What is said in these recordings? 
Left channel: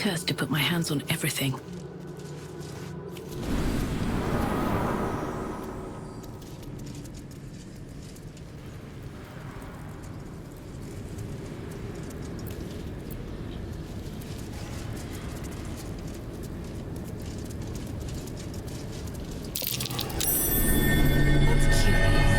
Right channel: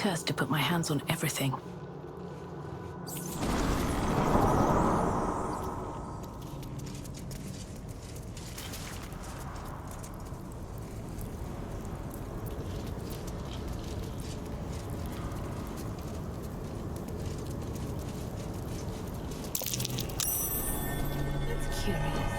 cursed to put my hands on everything. That's curious.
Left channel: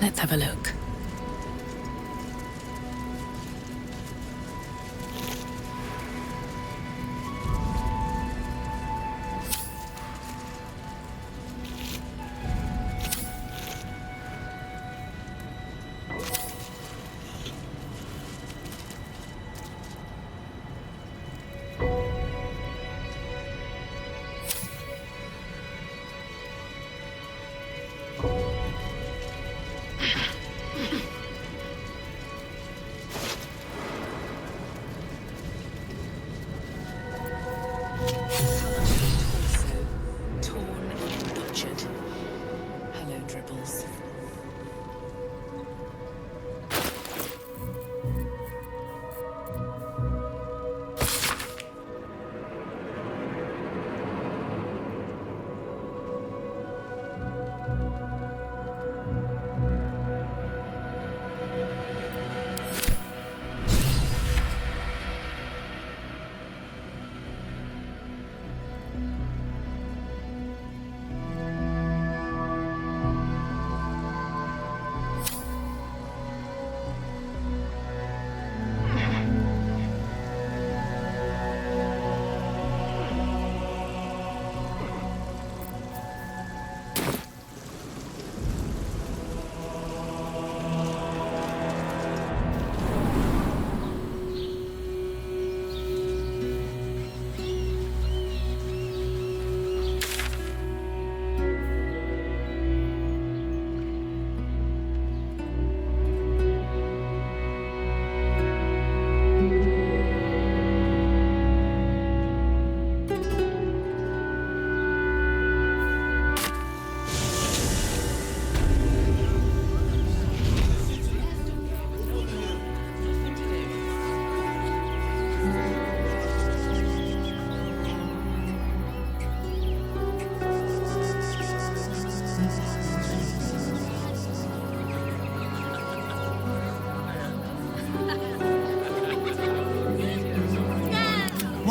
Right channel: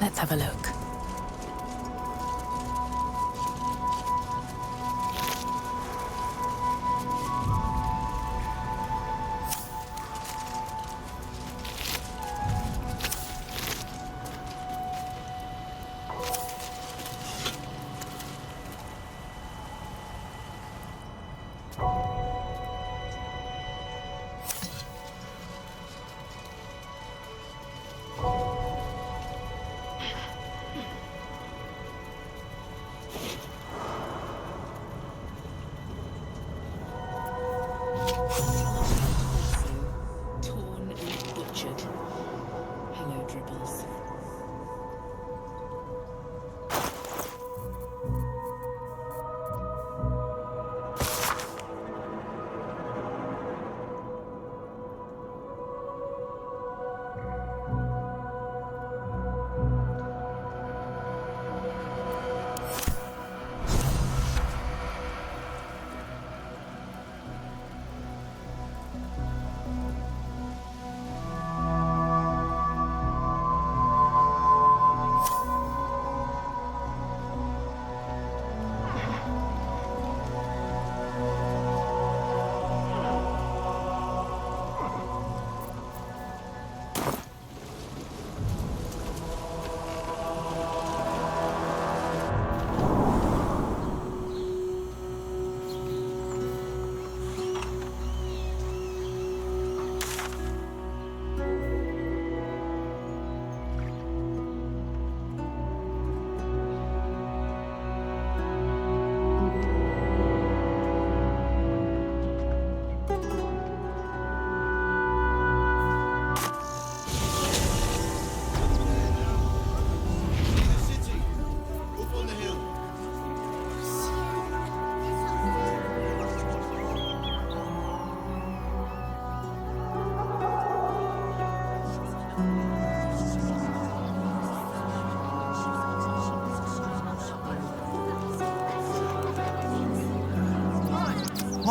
Let's have a look. Dribbles.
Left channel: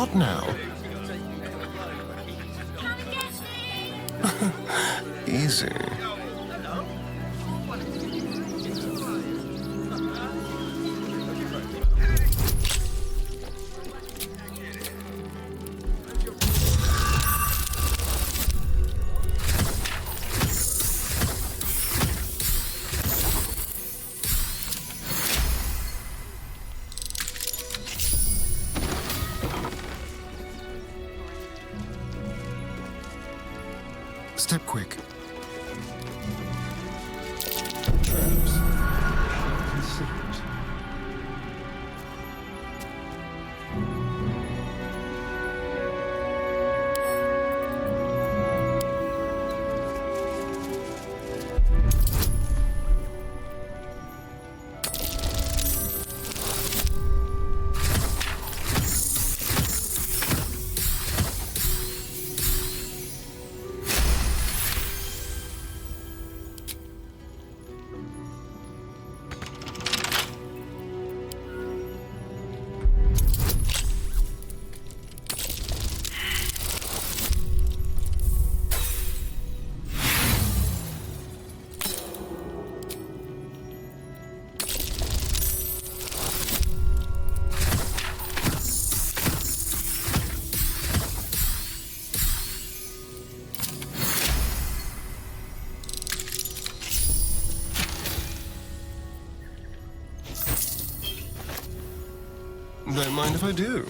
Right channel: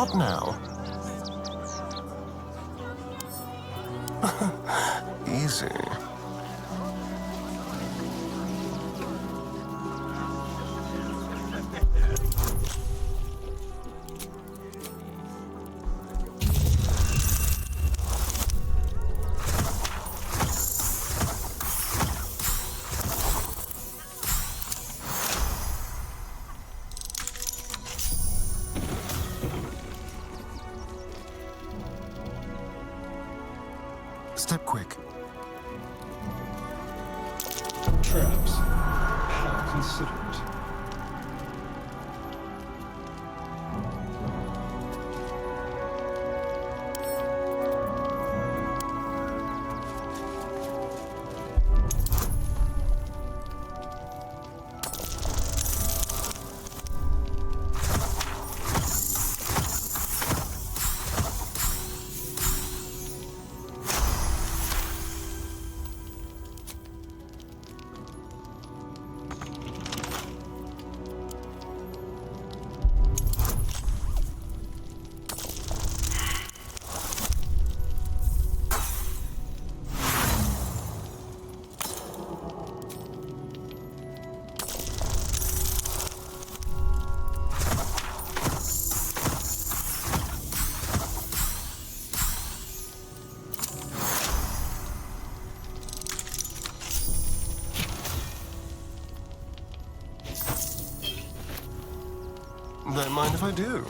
What now? Easy. Step quick. Traps. How considerate. Don't mind if I do.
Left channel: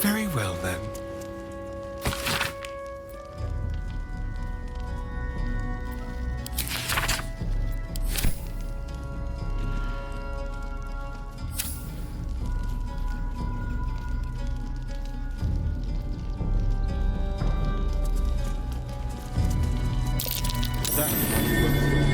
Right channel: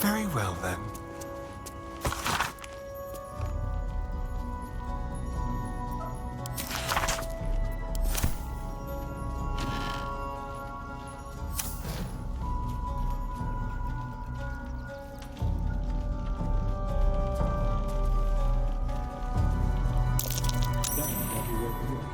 Very well, then. That might be worth it.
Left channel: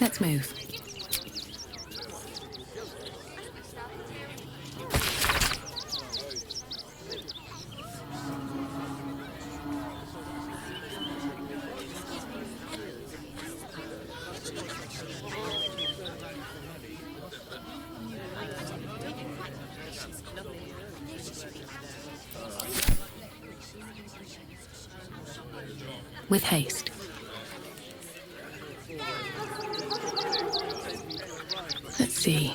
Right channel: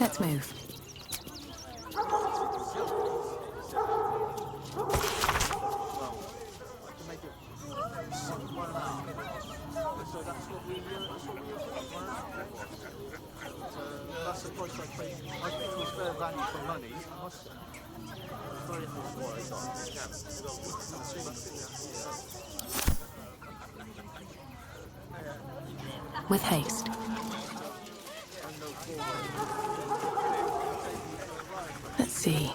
Let's move. With haste. Let's see.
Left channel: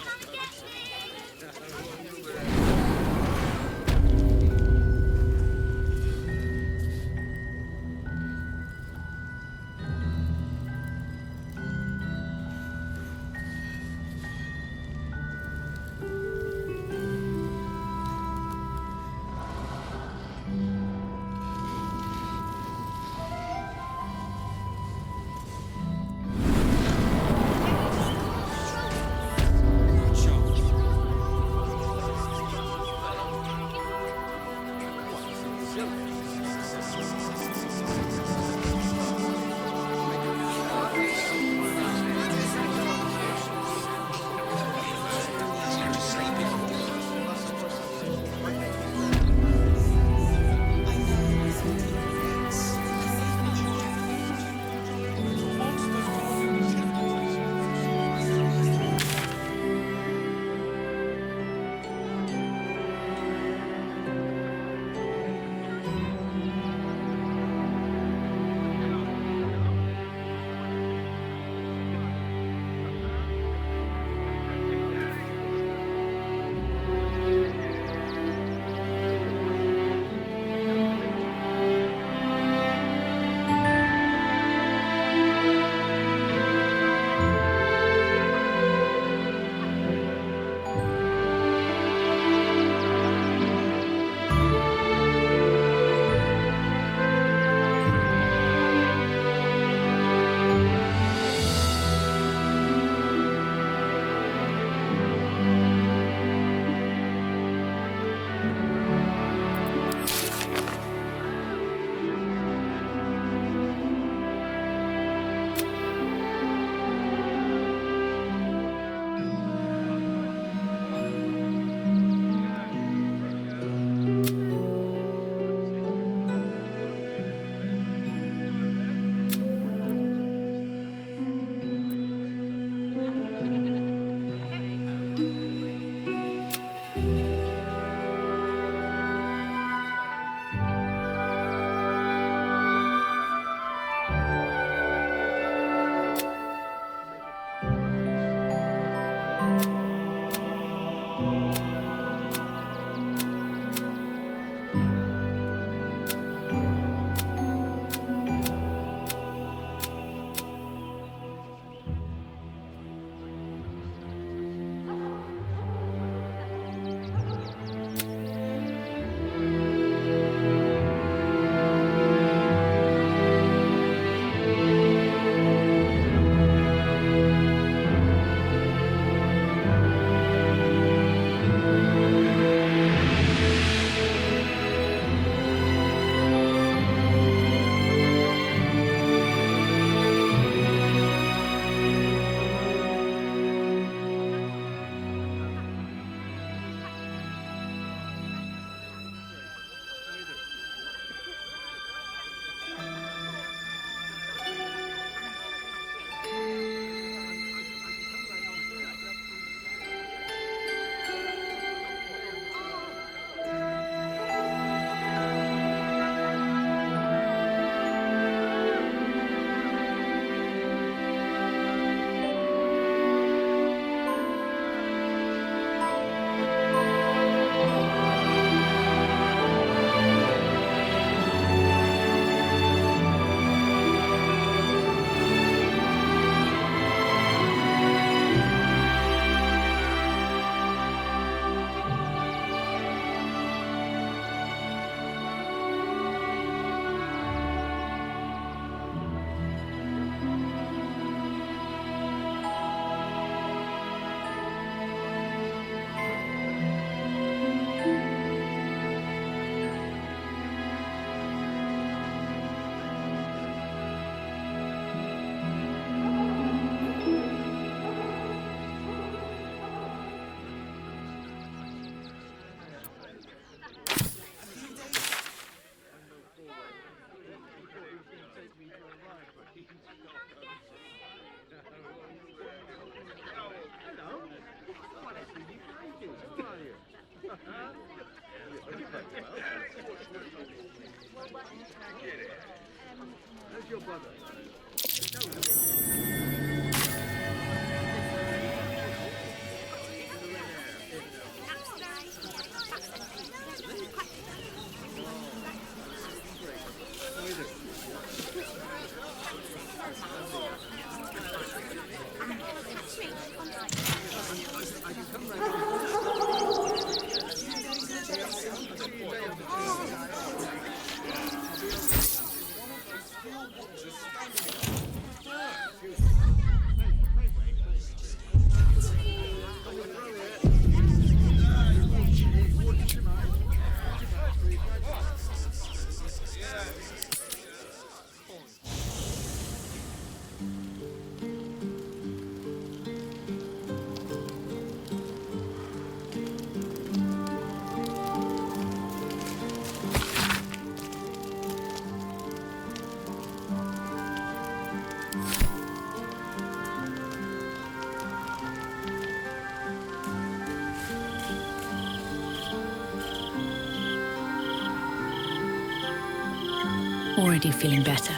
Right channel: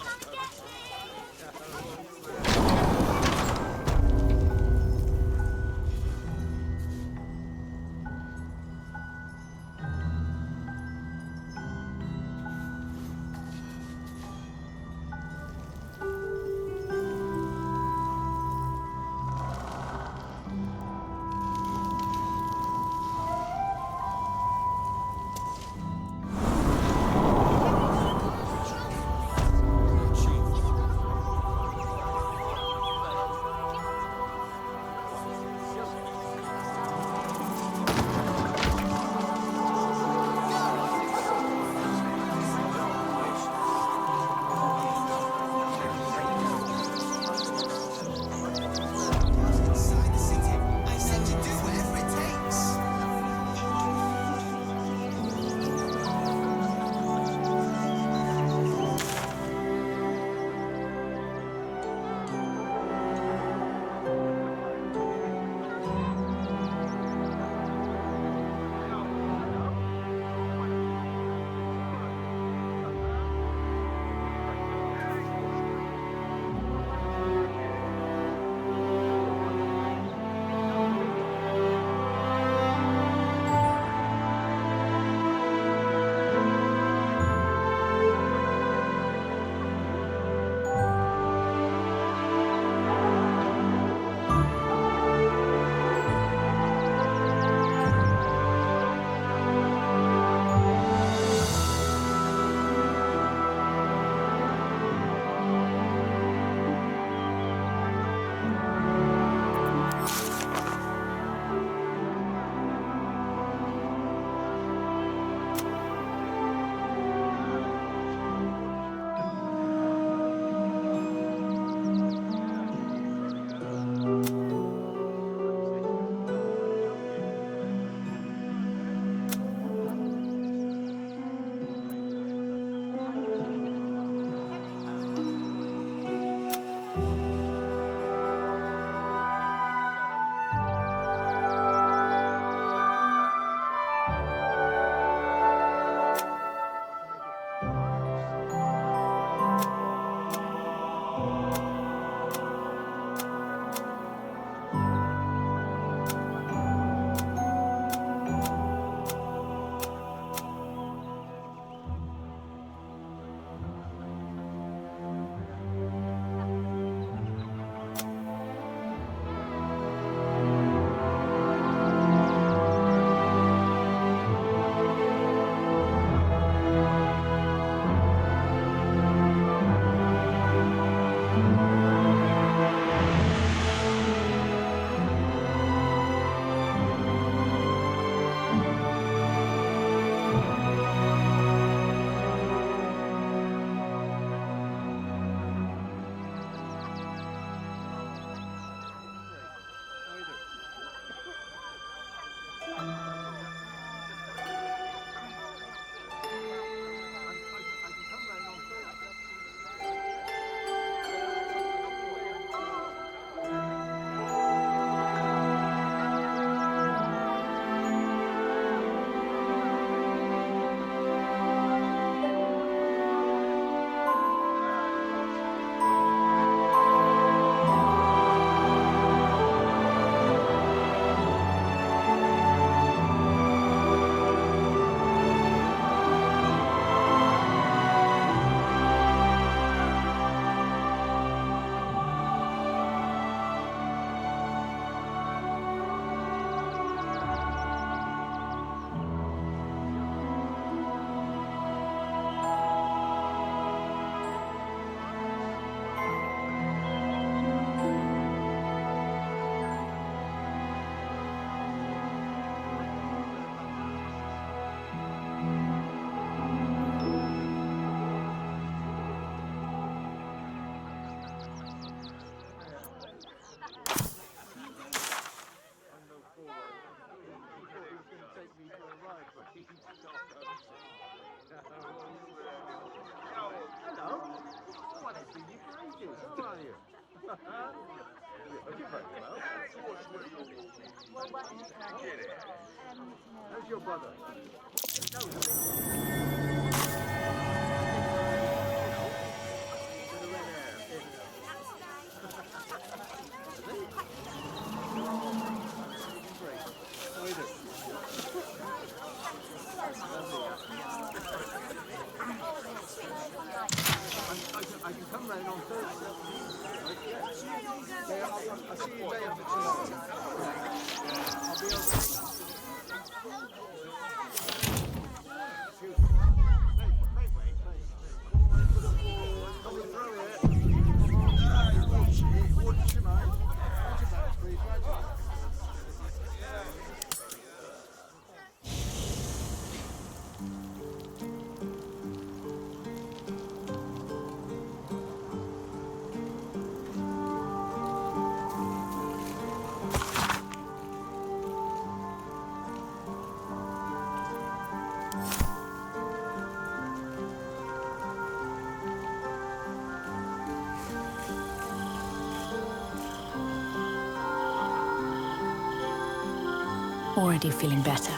Already feeling better.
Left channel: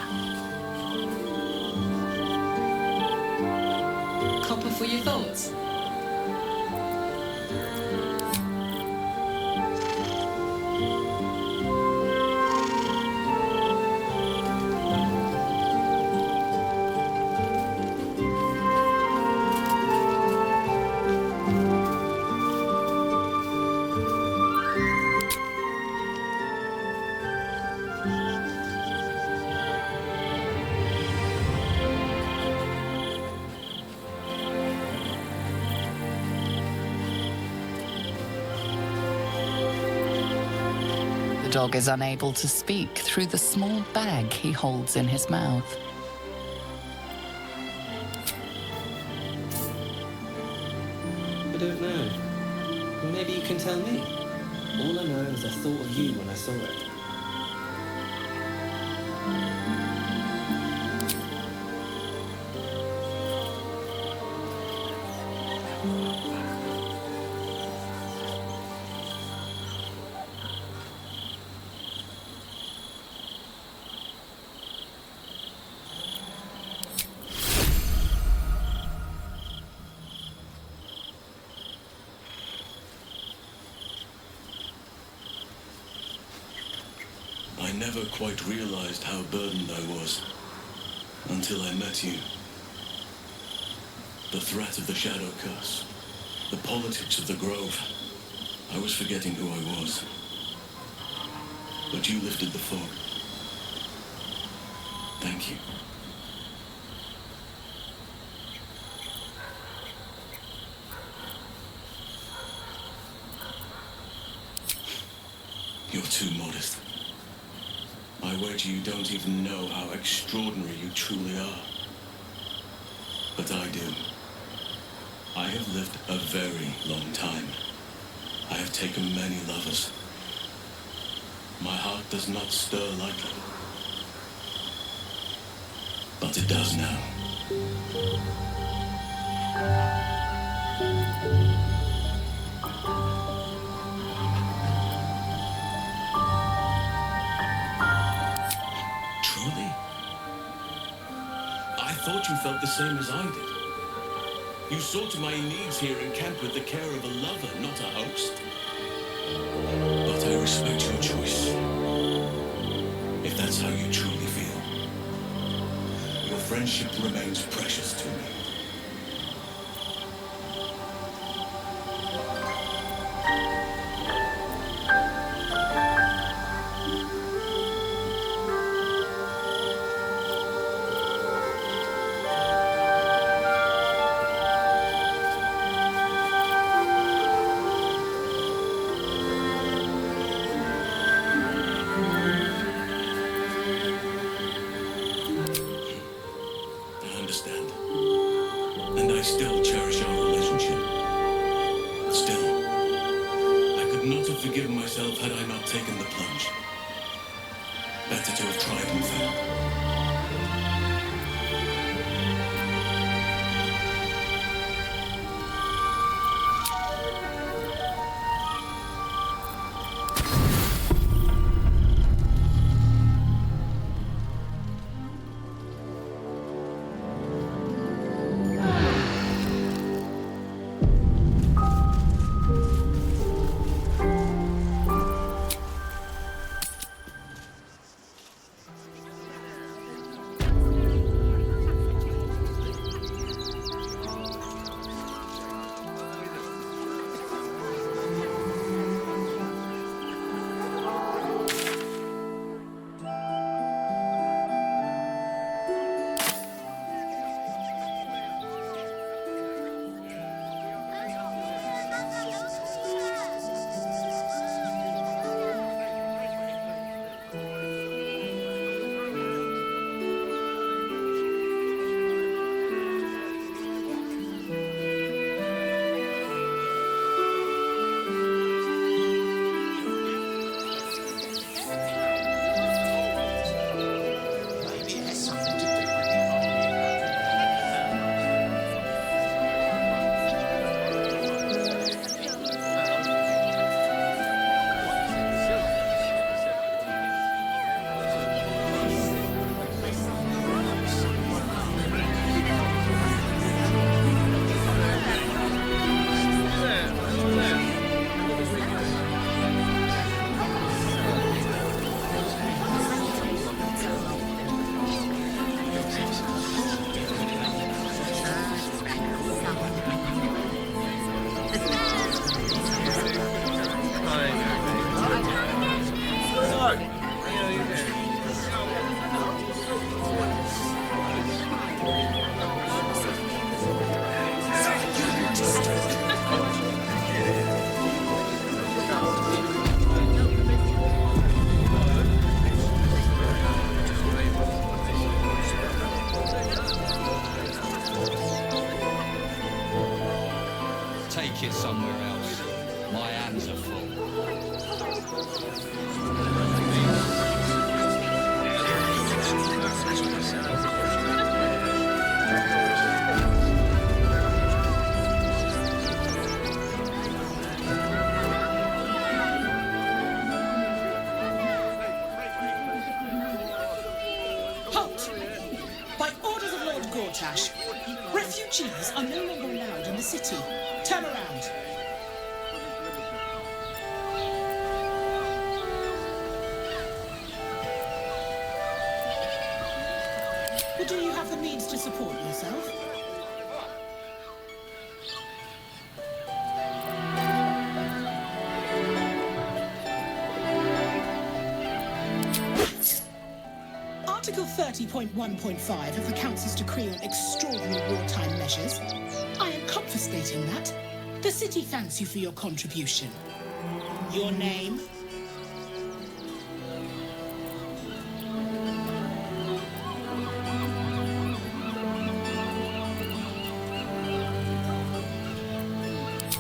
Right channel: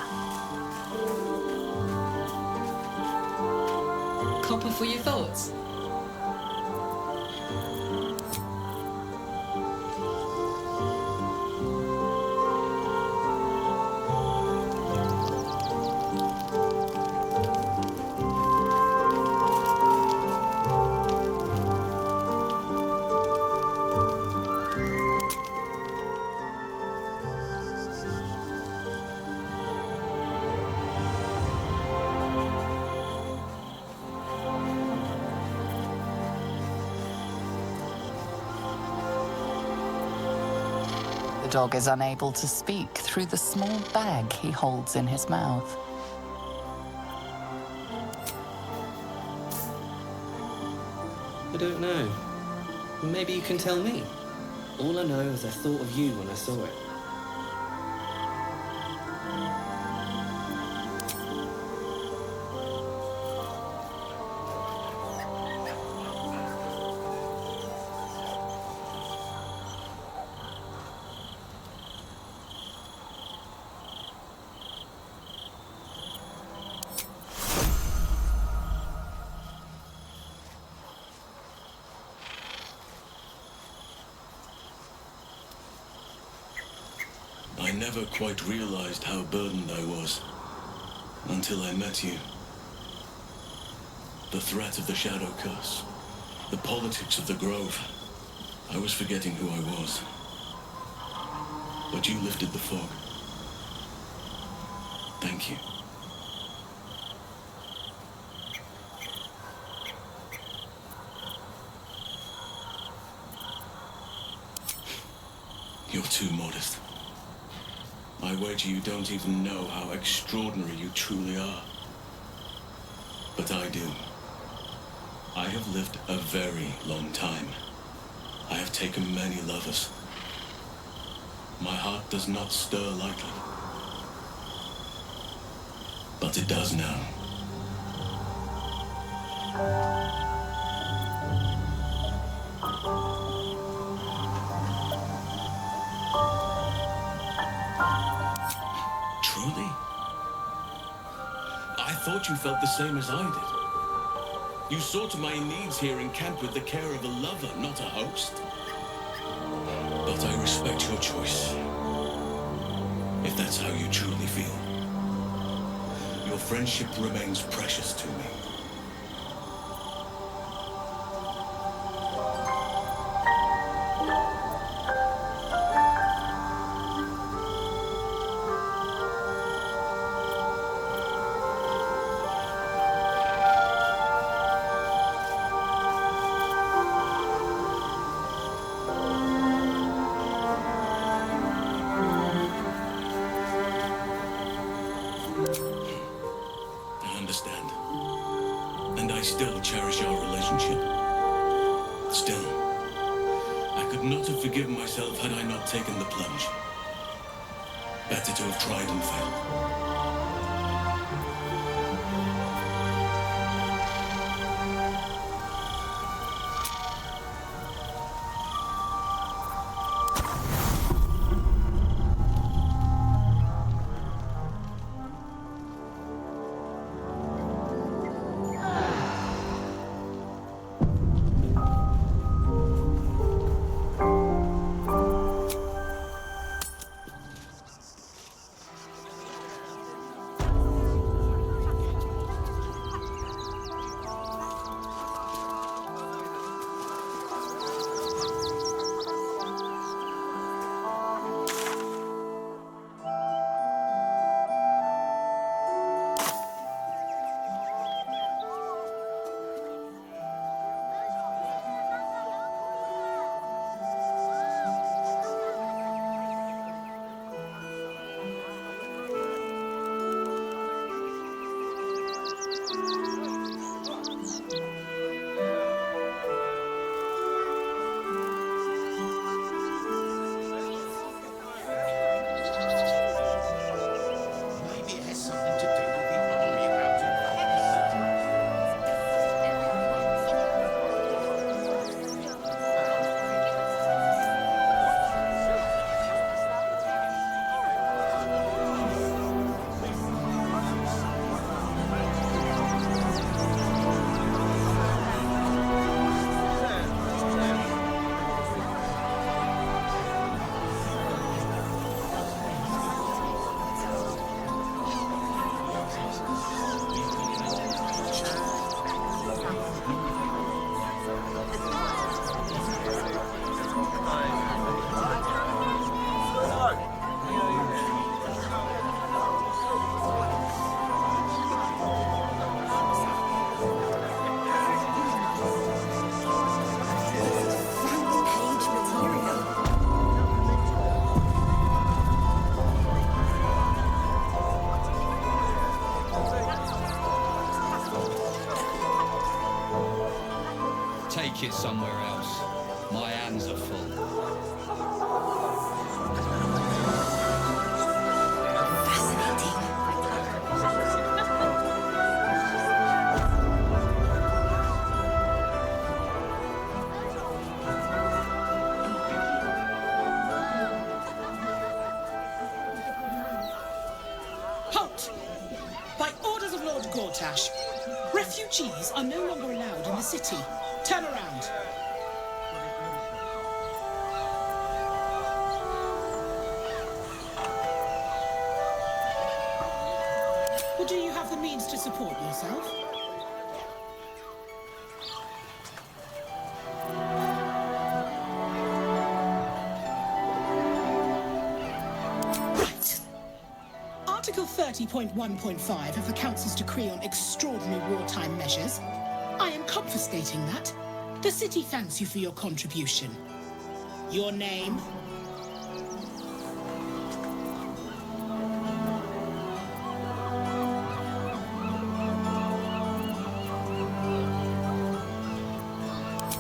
Copper for your thoughts. The dog is unable to speak through the small bag he holds in his mouth. I don't know. Maybe you can tell me. All I know is I thought of you when I saw it. I never quite realized how burdened I was until I met you. The threat of the Shadow Curse, the politics of the Grove. I was forgetting who I was. But you lifted the fog. Thank you. You're too modest. I wager you don't even know how extraordinary you truly are. But I do. I have lived a very long time. I have taken many lovers. My heart does not stir lightly. But it does now. Truly? I thought you felt the same as I did. You saw to my needs here in camp with the care of a lover, not a host. But I respect your choice. If that's how you truly feel. Your friendship remains precious to me. I understand. And I still cherish our relationship. Still, I could not have forgiven myself had I not taken the plunge. Better to have tried and failed. take it somewhere else. My hands are full. Halt! By orders of Lord Gortash, refugees are no longer allowed in the city. Turn around. Or do you have the means to support yourself? Right. Article 30.1.5 of the Council's Decree on Extraordinary Wartime Measures. I am confiscating that. The city thanks you for your contribution. Your name?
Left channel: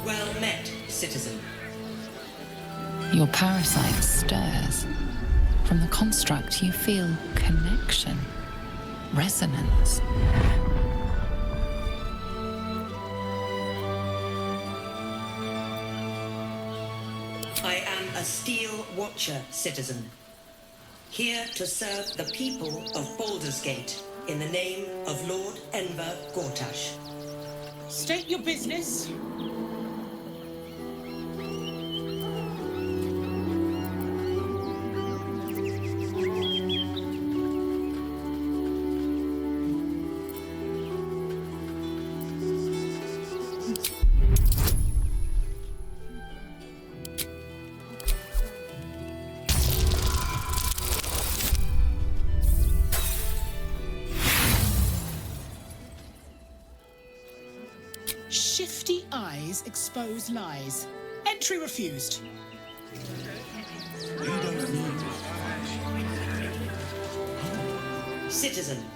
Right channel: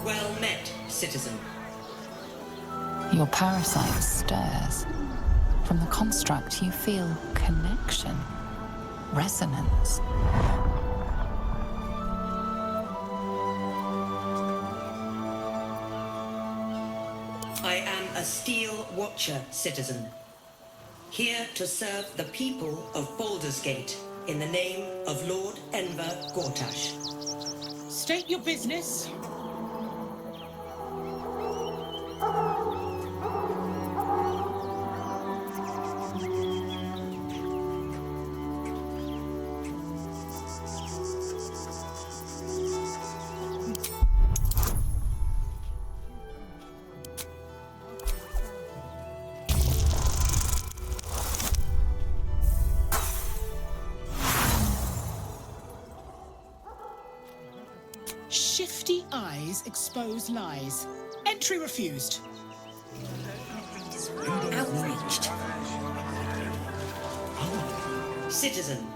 Well met, citizen. Your parasite stirs. From the construct, you feel connection, resonance. I am a Steel Watcher, citizen. Here to serve the people of Baldur's Gate in the name of Lord Enver Gortash. State your business. Shifty eyes expose lies. Entry refused. Citizen,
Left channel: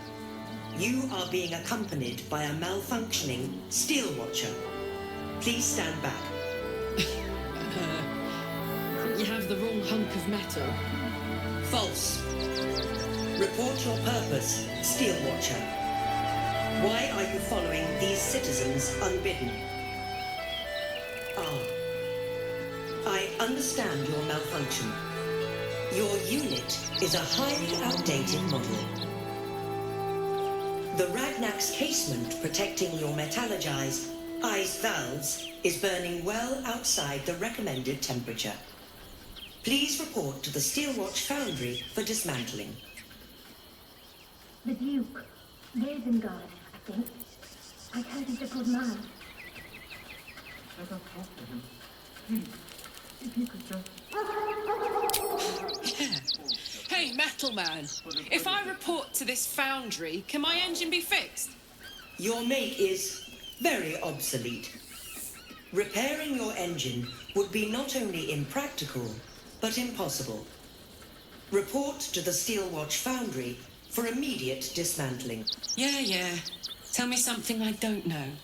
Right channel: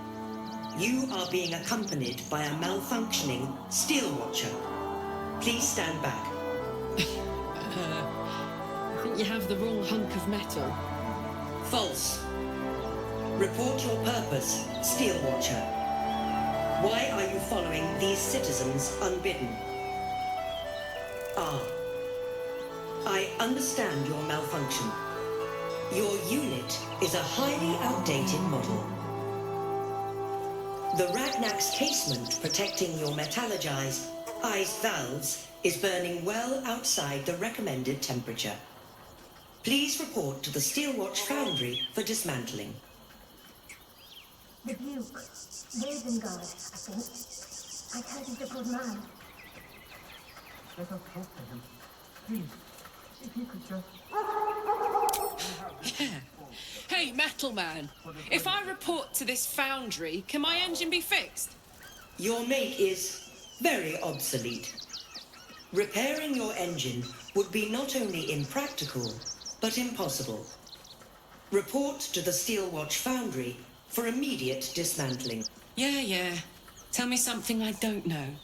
you are being accompanied by a malfunctioning Steel Watcher. Please stand back. I think you have the wrong hunk of metal. False. Report your purpose, Steel Watcher. Why are you following these citizens unbidden? Ah. I understand your malfunction. Your unit is a highly outdated model. The Ragnak's casement protecting your metallurgized ice valves is burning well outside the recommended temperature. Please report to the Steelwatch Foundry for dismantling. The Duke, Ravengard, I think. I heard he's a good man. Let us talk to him. Please, if you could just... Yeah. Hey, Metal Man, if I report to this foundry, can my engine be fixed? Your make is very obsolete. Repairing your engine would be not only impractical, but impossible. Report to the Steelwatch Foundry for immediate dismantling. Yeah. Tell me something I don't know.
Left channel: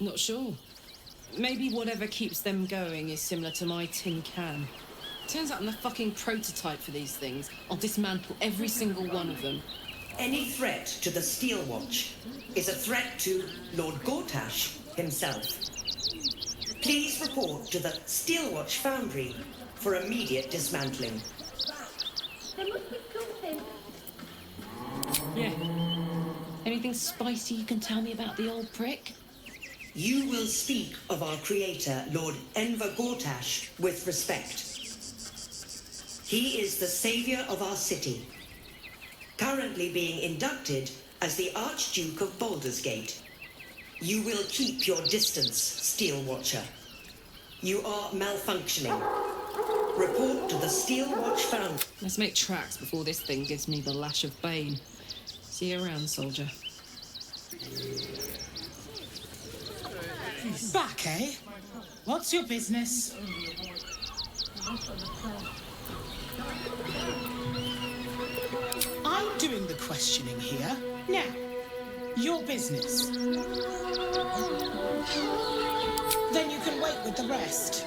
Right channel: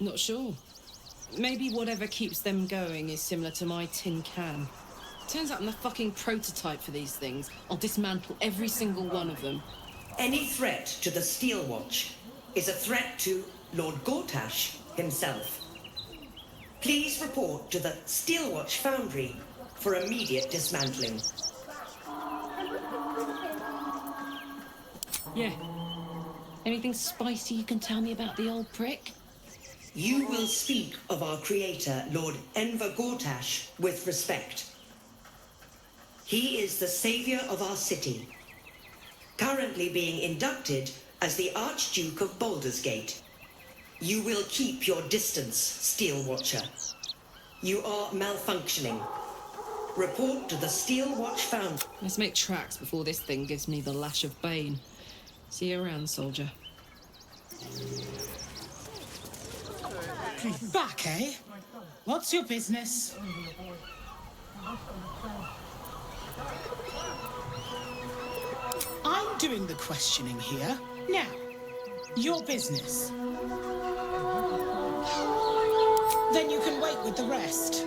Not sure. Maybe whatever keeps them going is similar to my tin can. Turns out I'm the fucking prototype for these things. I'll dismantle every single one of them. Any threat to the Steelwatch is a threat to Lord Gortash himself. Please report to the Steelwatch Foundry for immediate dismantling. Yeah. Anything spicy you can tell me about the old prick? You will speak of our creator, Lord Enver Gortash, with respect. He is the savior of our city, currently being inducted as the Archduke of Baldur's Gate. You will keep your distance, Steel Watcher. You are malfunctioning. Report to the Steel Watch Foundry. Let's make tracks before this thing gives me the lash of Bane. See you around, soldier. Back, eh? What's your business? I'm doing the questioning here. Now, your business. Then you can wait with the rest.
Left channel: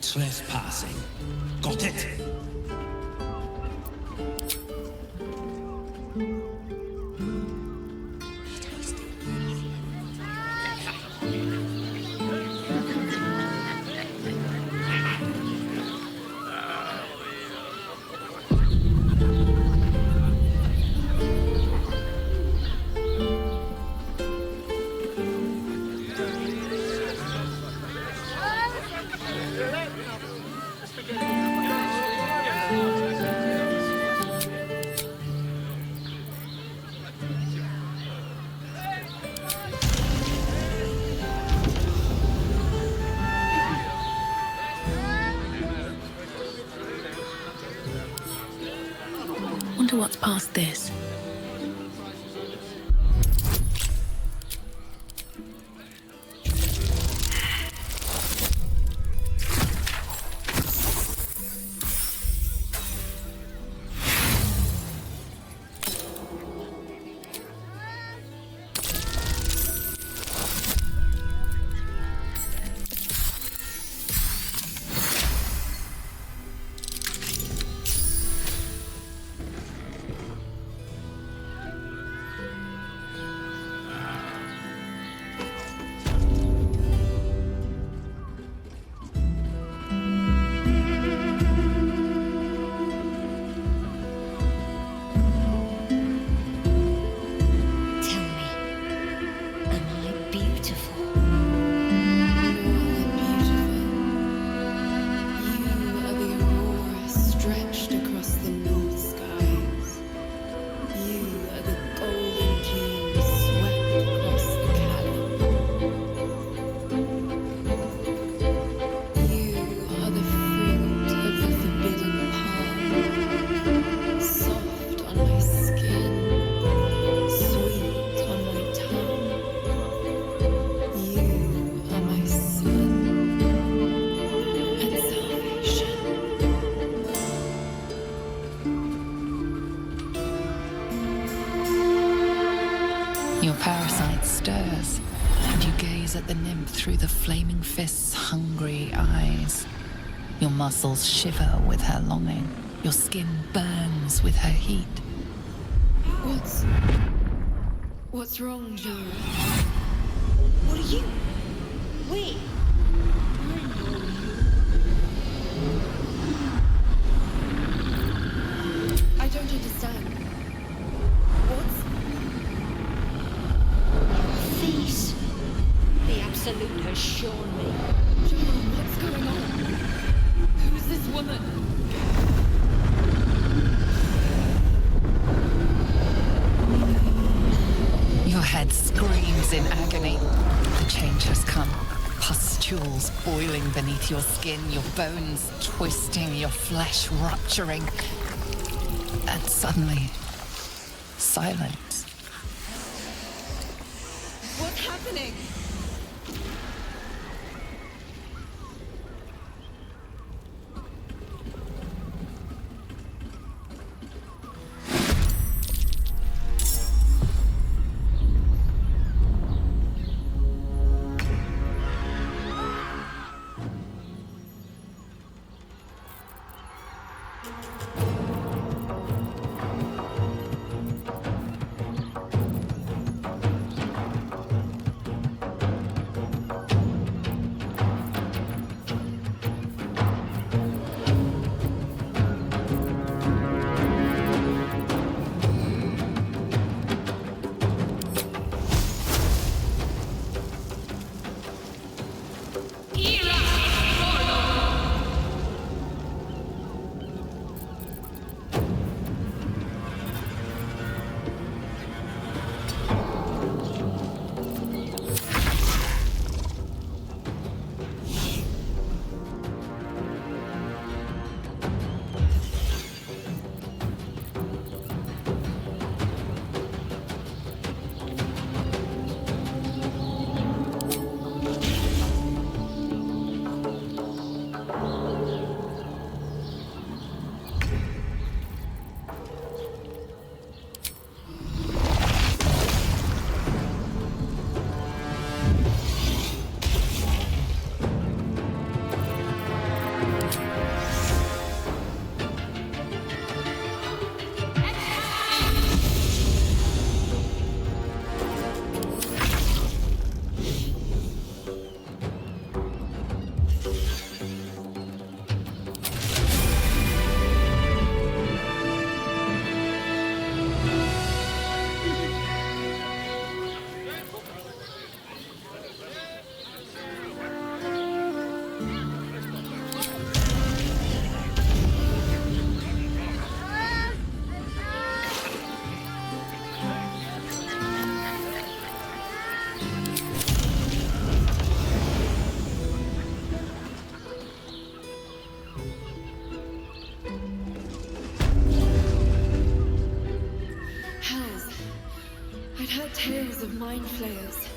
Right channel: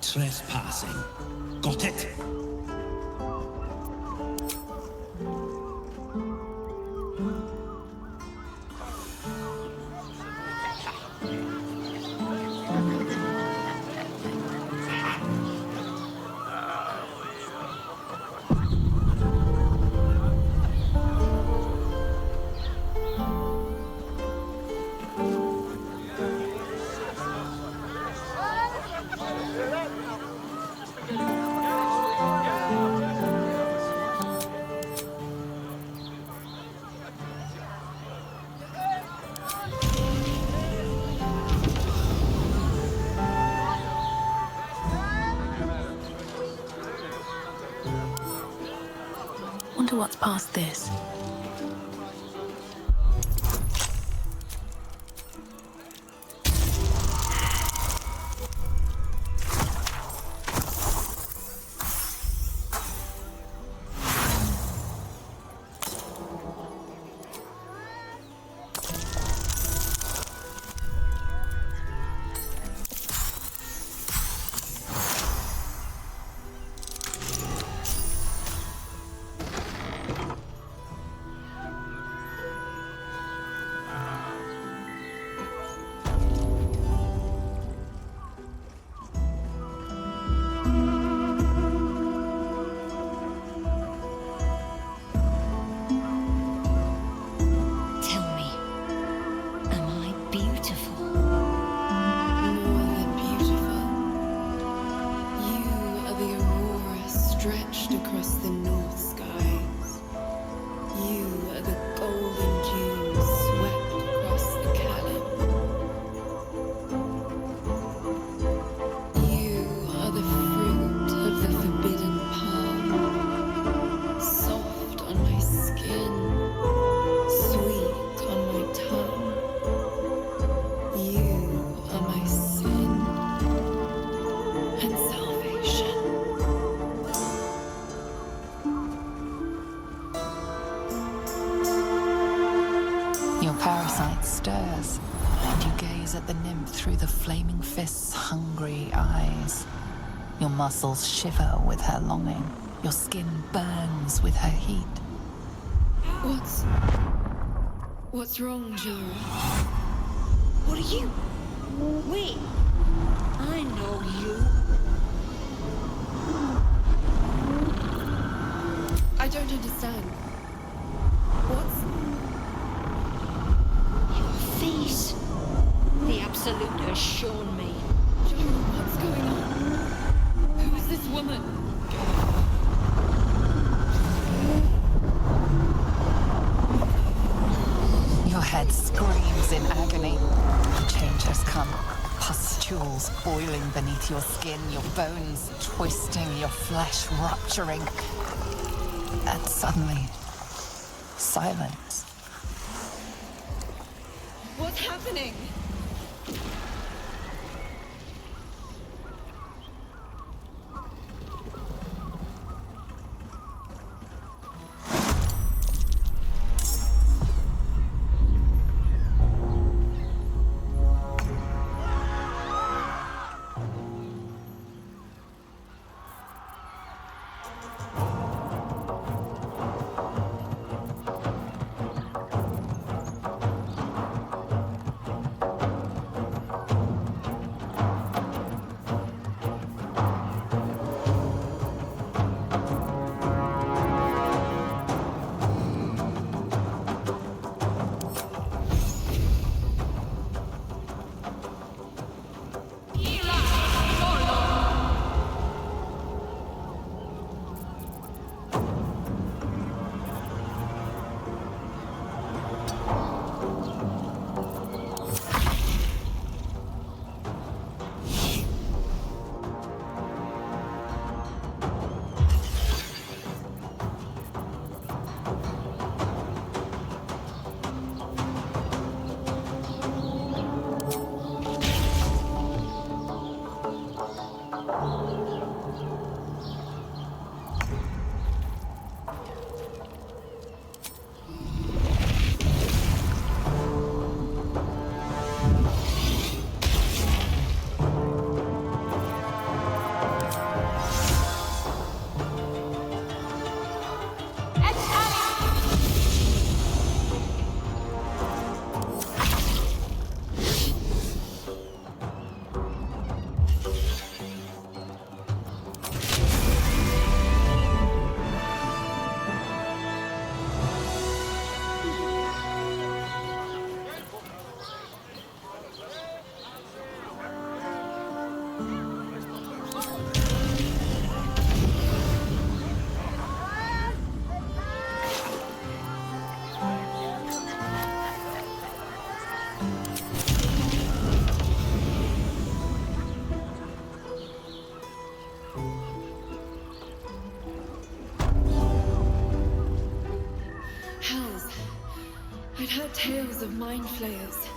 Trespassing. Got it? Wonder what's past this. Stretched across the north skies. You are the golden dunes swept across the Callan. You are the fruit of the forbidden palm, soft on my skin, sweet on my tongue. You are my sin and salvation. Your parasite stirs, and you gaze at the nymph through the flaming fist's hungry eyes. Your muscles shiver with her longing. Your skin burns with her heat. What's wrong, Jara? What are you? Wait, I know you. I don't understand. What's... Your face. The Absolute has shown me. John, what's going on? Who's this woman? Your head screams in agony. Change has come. Pustules boiling beneath your skin, your bones twisting, your flesh rupturing. And suddenly, silence. What's happening? I'd heard tales of mind flayers,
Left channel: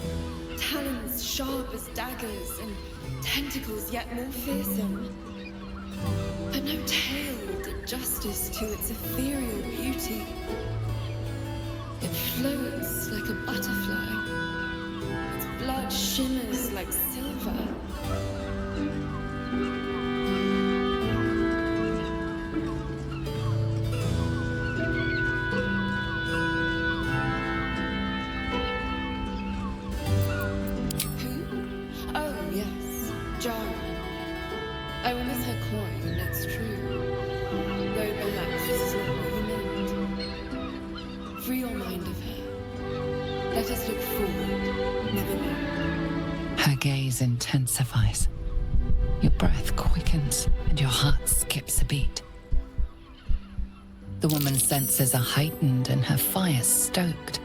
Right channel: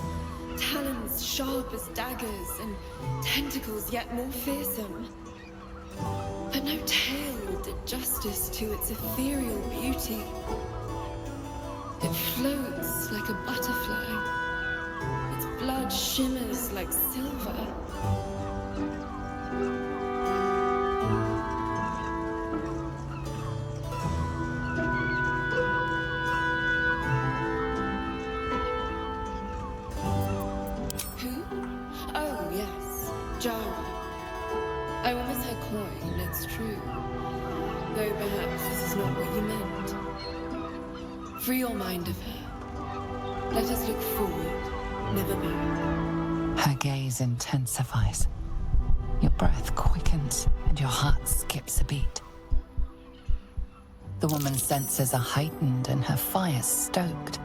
talons sharp as daggers, and tentacles yet more fearsome. But no tale did justice to its ethereal beauty. It floats like a butterfly. Its blood shimmers like silver. Jara. I will miss her coin, it's true. Though perhaps this is not what you meant. Free your mind of her. Let us look forward, never back. Her gaze intensifies. Your breath quickens and your heart skips a beat. The woman's senses are heightened and her fire stoked.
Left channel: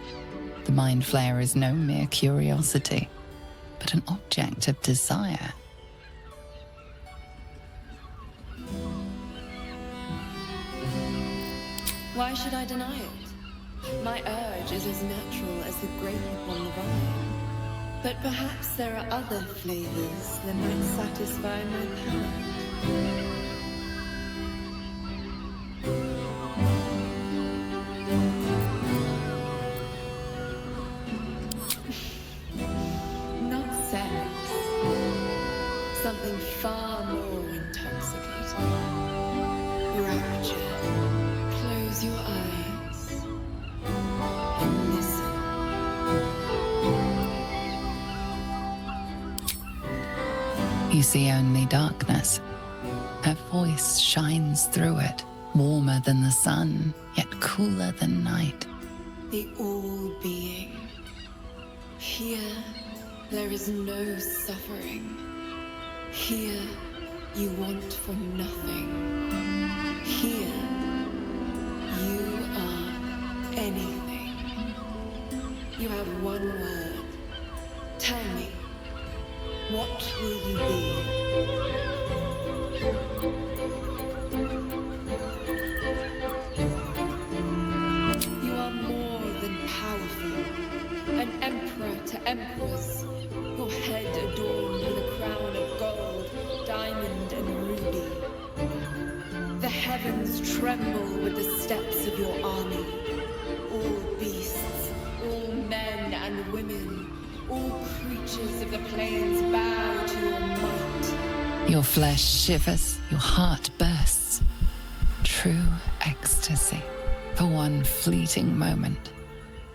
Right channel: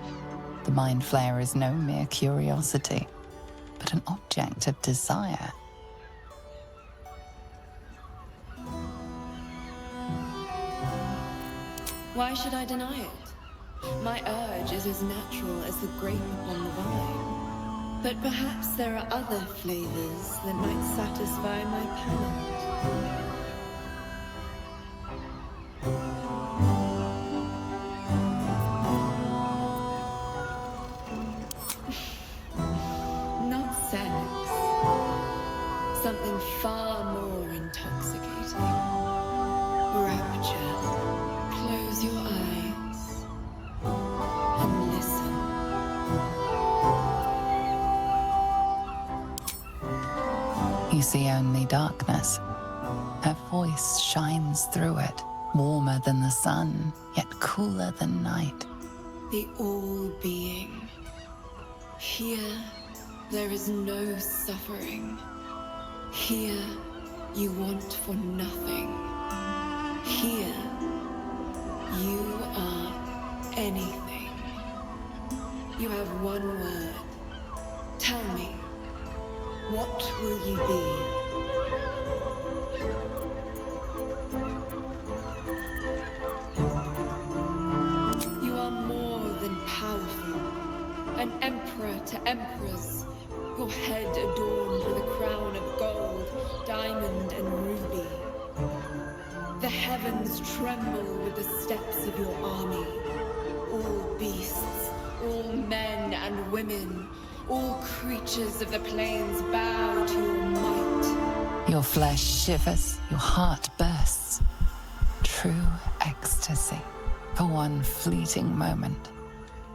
The mind flayer is no mere curiosity, but an object of desire. Why should I deny it? My urge is as natural as the grape upon the vine. But perhaps there are other flavors that might satisfy my palate. Not sex. Something far more intoxicating. Rapture. Close your eyes and listen. You see only darkness. Her voice shines through it, warmer than the sun, yet cooler than night. The all-being. Here, there is no suffering. Here, you want for nothing. Here, you are anything. You have one word. Tell me, what will you be? You are more than powerful. An emperor to emperors. Your head adorned with a crown of gold, diamond and ruby. The heavens tremble with the steps of your army. All beasts, all men and women, all creatures of the plains bow to your might. Your flesh shivers, your heart bursts. True ecstasy for one fleeting moment.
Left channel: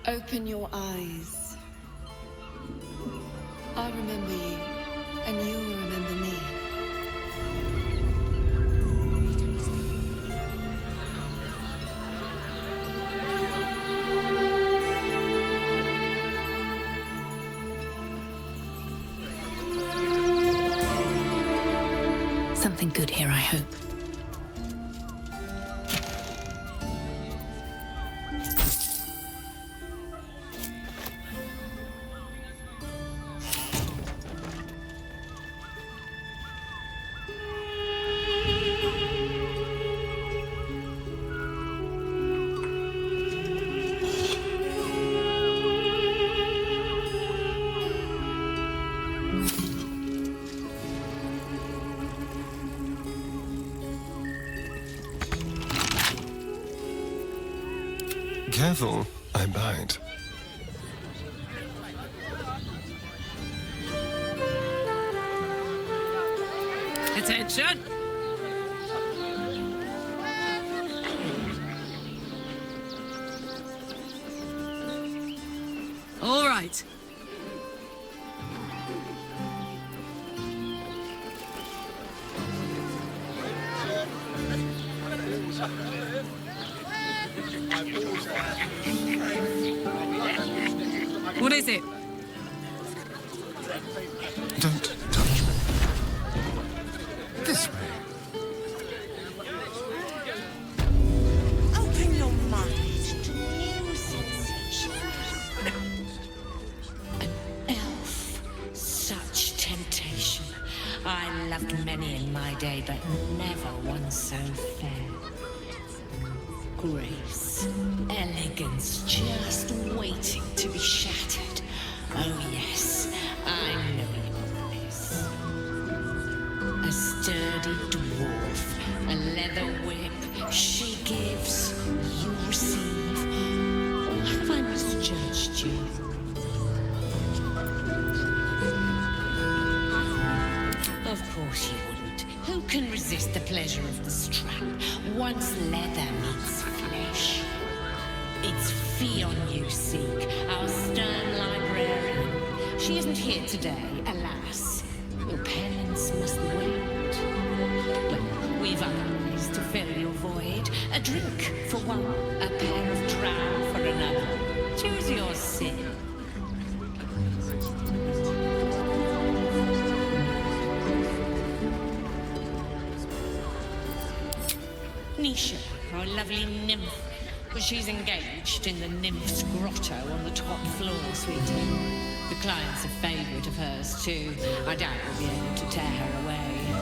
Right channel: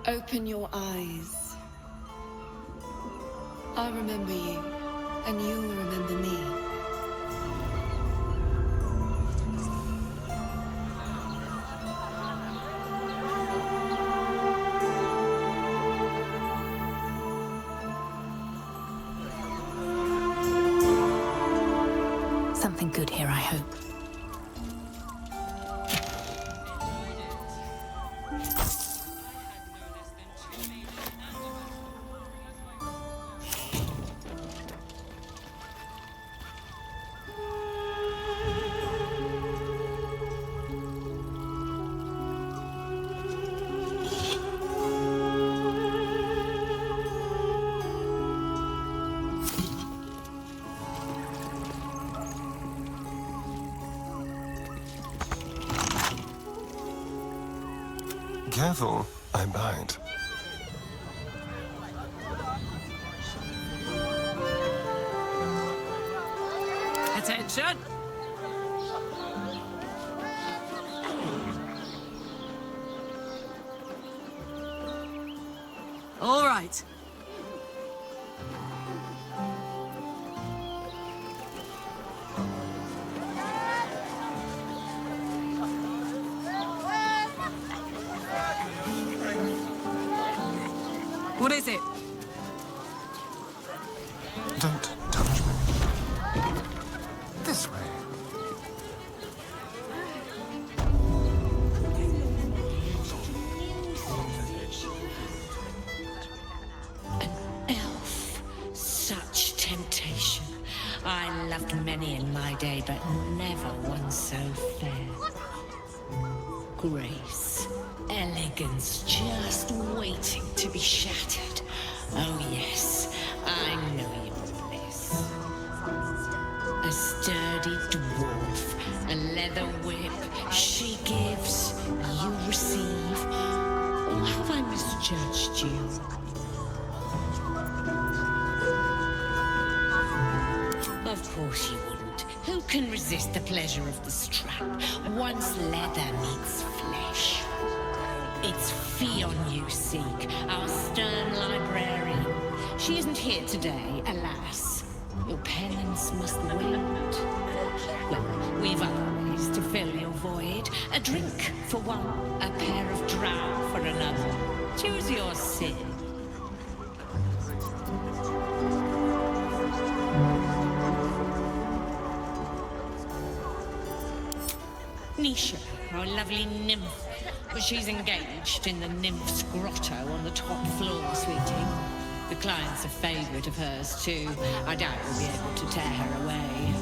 Open your eyes. I remember you, and you'll remember me. Something good here, I hope. Careful, I bite. Attention! All right. What is it? Don't touch me. This way. Open your mind to new sensations. An elf. Such temptation. I loved many in my day, but never one so fair. Grace, elegance, just waiting to be shattered. Oh yes, I know your bliss. A sturdy dwarf, a leather whip, she gives, you receive. Or have I misjudged you? Of course you wouldn't. Who can resist the pleasure of the strap once leather meets flesh? It's Fion you seek, our stern librarian. She isn't here today, alas. Your penance must wait. Well, we've other ways to fill your void. A drink for one, a pair of drow for another. Choose your sin. Nisha, our lovely nymph. But she's engaged in the nymph's grotto on the top floor, sweetie. The client's a favorite of hers, too. I doubt we'll be able to tear her away.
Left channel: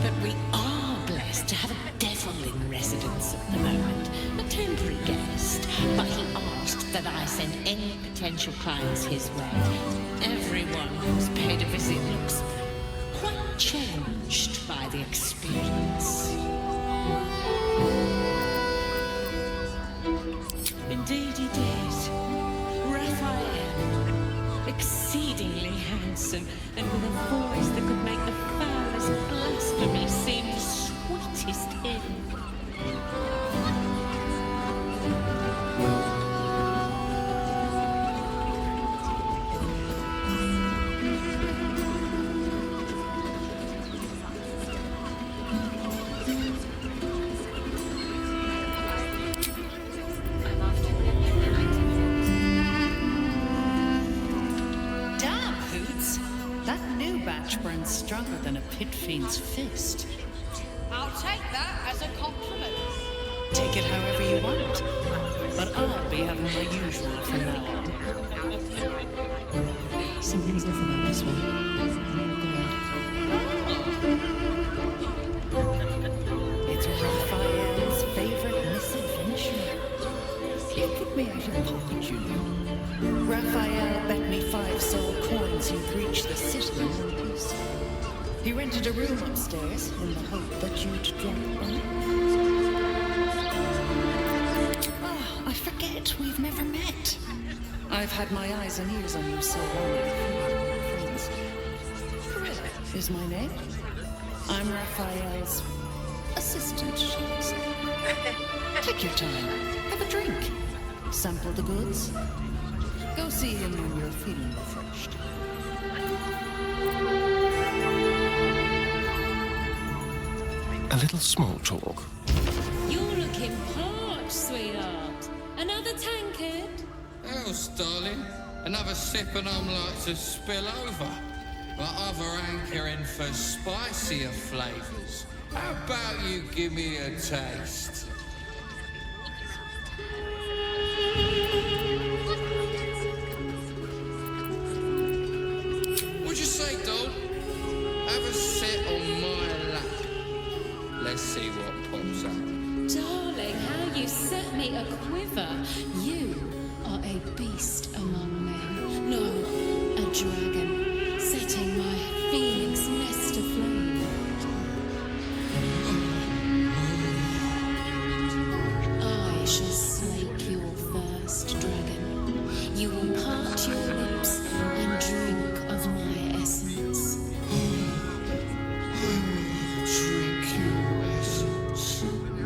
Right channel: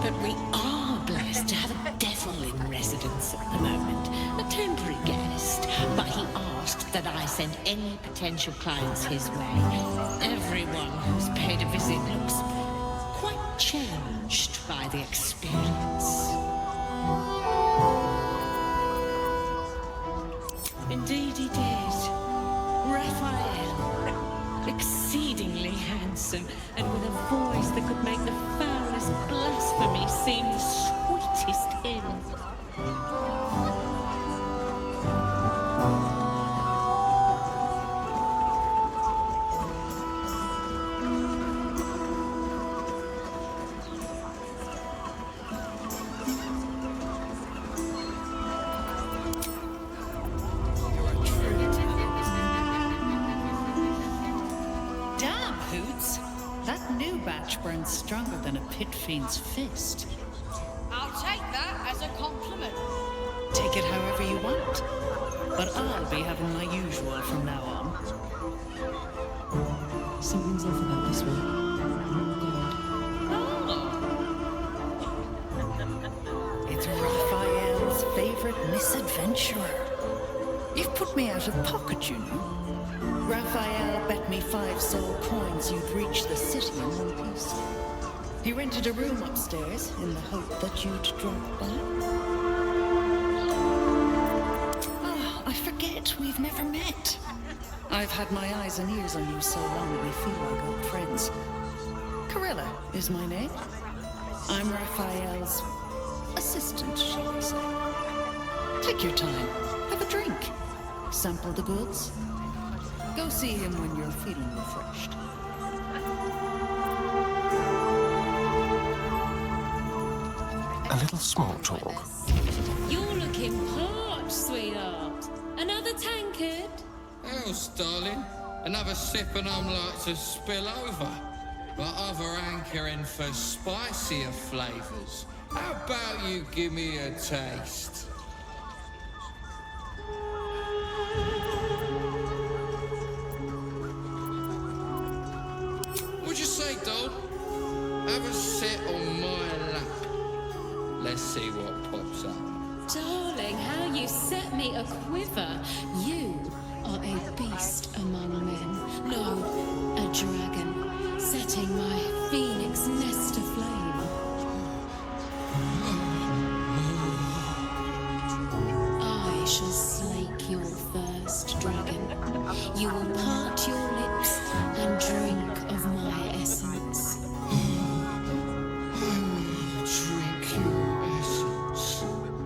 But we are blessed to have a devil in residence at the moment. A temporary guest. But he asked that I send any potential clients his way. Everyone who's paid a visit looks quite changed by the experience. Indeed he did. Raphael. Exceedingly handsome, and with a voice that could make the foulest blasphemy seem the sweetest hymn. Hoots. That new batch burns stronger than a pit fiend's fist. I'll take that as a compliment. Take it however you want. But I'll be having my usual from now on. Something's off about this one. Oh. It's Raphael's favorite misadventurer. You've put me out of pocket, you know. Raphael bet me 5 soul coins you'd reach the city in one piece. He rented a room upstairs in the hope that you'd drop by. Ah, I forget we've never met. I've had my eyes and ears on you so long we feel like old friends. Corella is my name. I'm Raphael's assistant, shall we say. Take your time. Have a drink. Sample the goods. Go see him when you're feeling refreshed. A little small talk. You're looking parched, sweetheart. Another tankard? Else, darling. Another sip and I'm like to spill over. But other hankering for spicier flavours. How about you give me a taste? What'd you say, doll? Have a sit on my lap. Let's see what pops up. Darling, how you set me a quiver. You are a beast among men. No, a dragon, setting my phoenix nest aflame. I shall slake your thirst, dragon. You will part your lips and drink of my essence. I will drink your essence.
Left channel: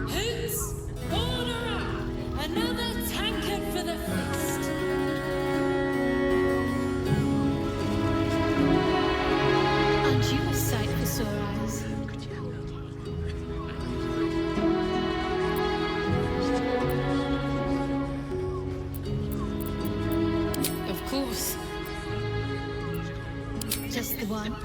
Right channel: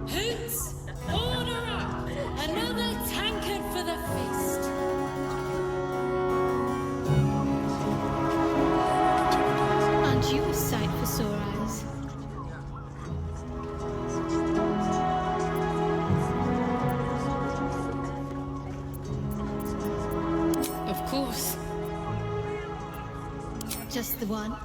Hoots, order up! Another tankard for the fist. Aren't you a sight for sore eyes? Of course. Just the one?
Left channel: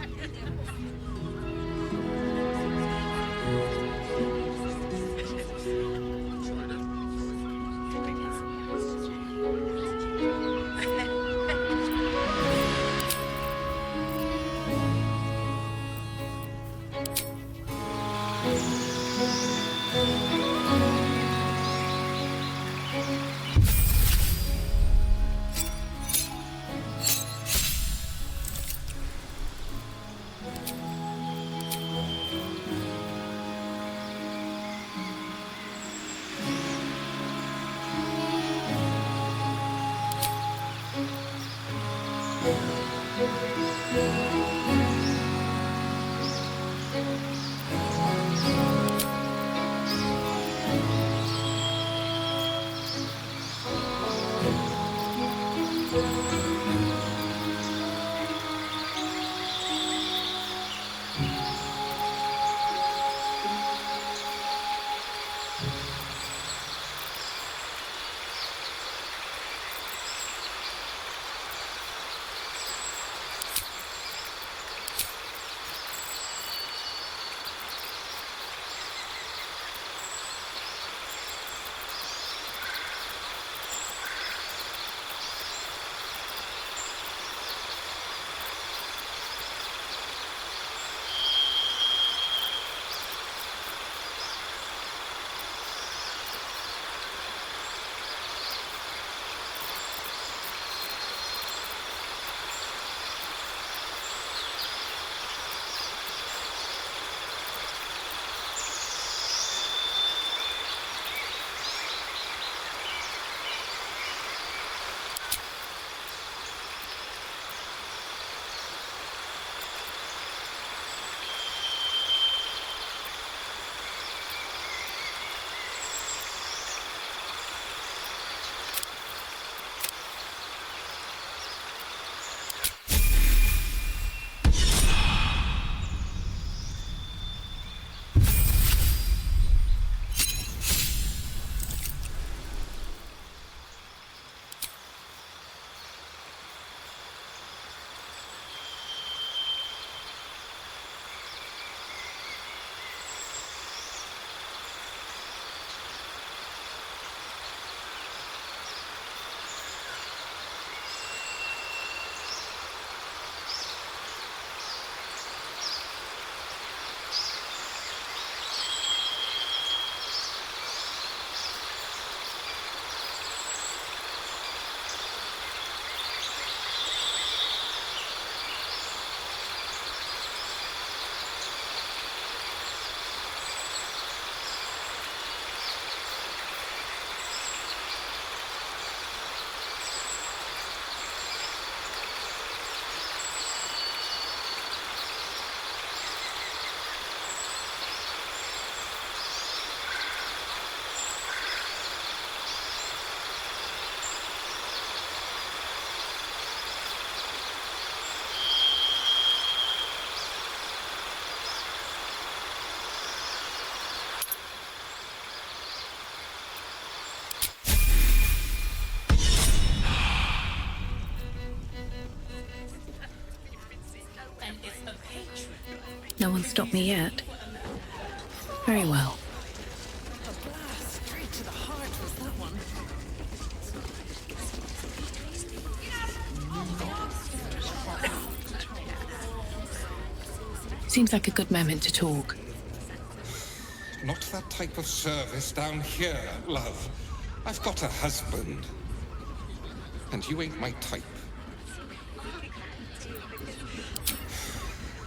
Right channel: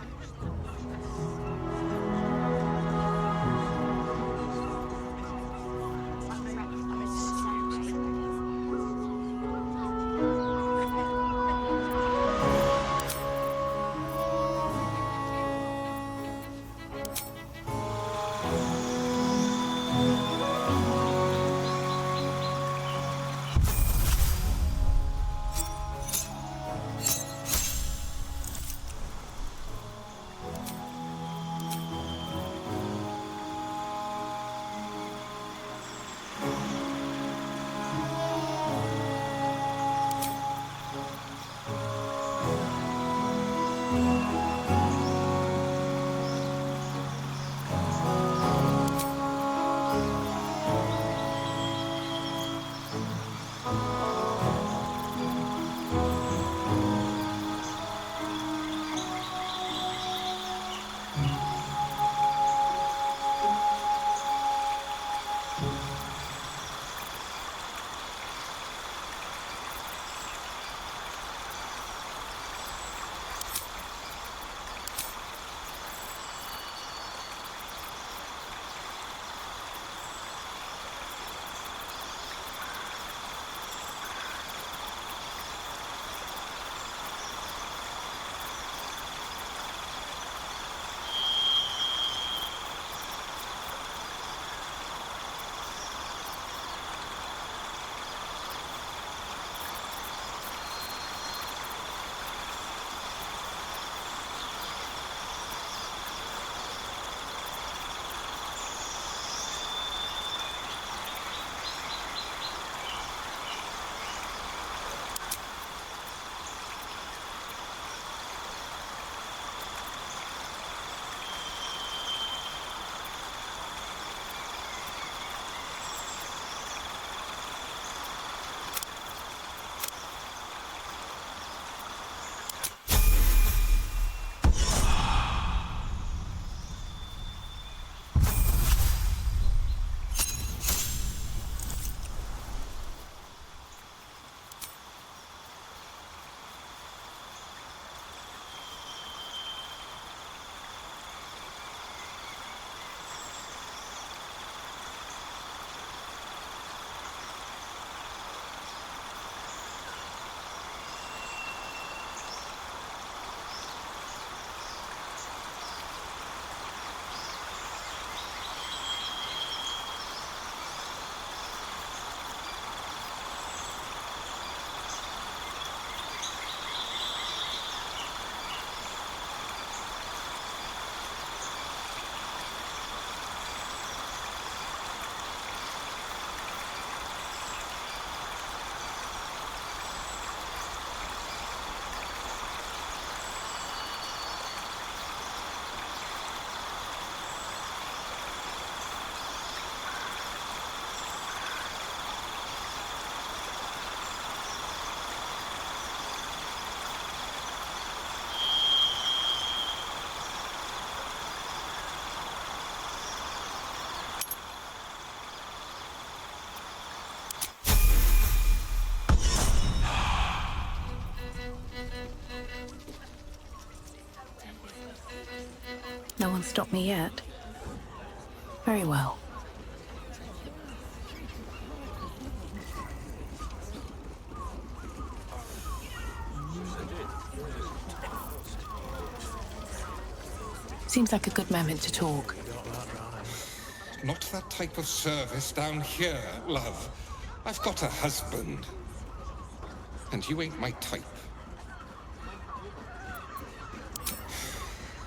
No one stopped me yet. Very well. Seems like a good moment to talk. Not that type of service down here, love. I've got a husband. And you ain't my type.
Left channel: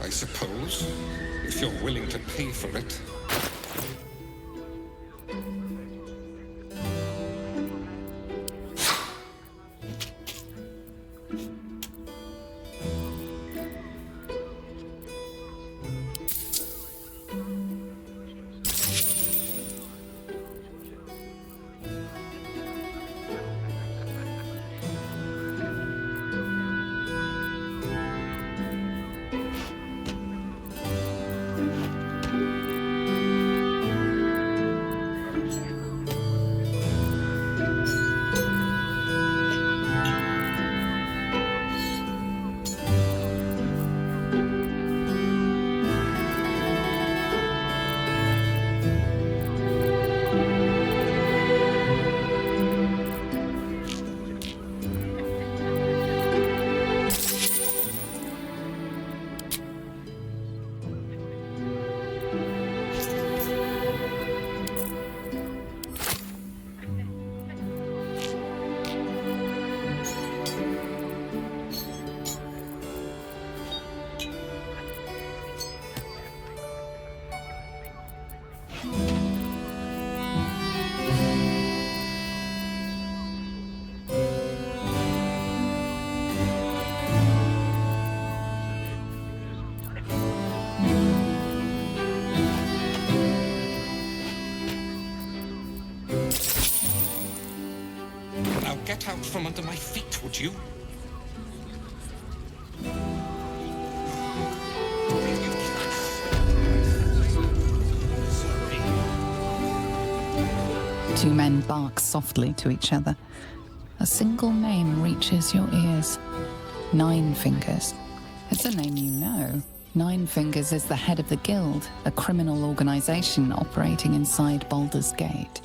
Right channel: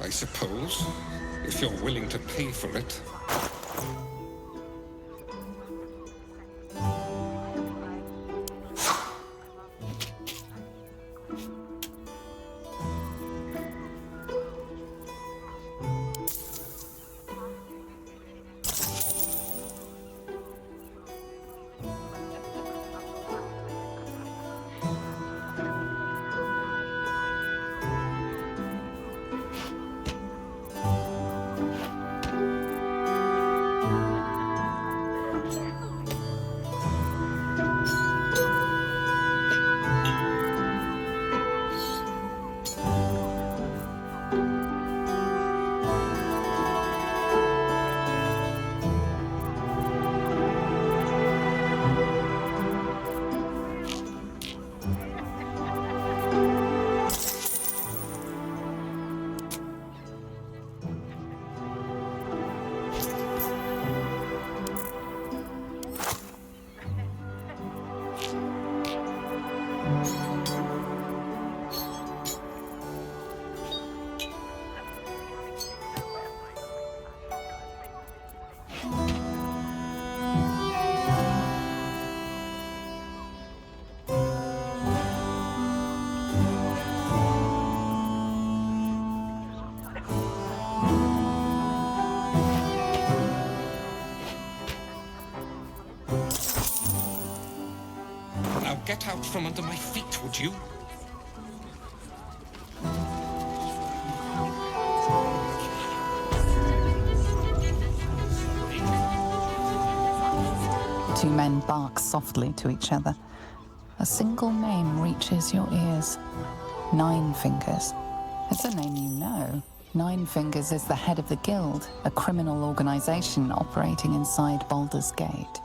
I suppose, if you're willing to pay for it. Now get out from under my feet, would you? Two men bark softly to each other. A single name reaches your ears. Nine Fingers. It's a name you know. Nine Fingers is the head of the Guild, a criminal organization operating inside Baldur's Gate.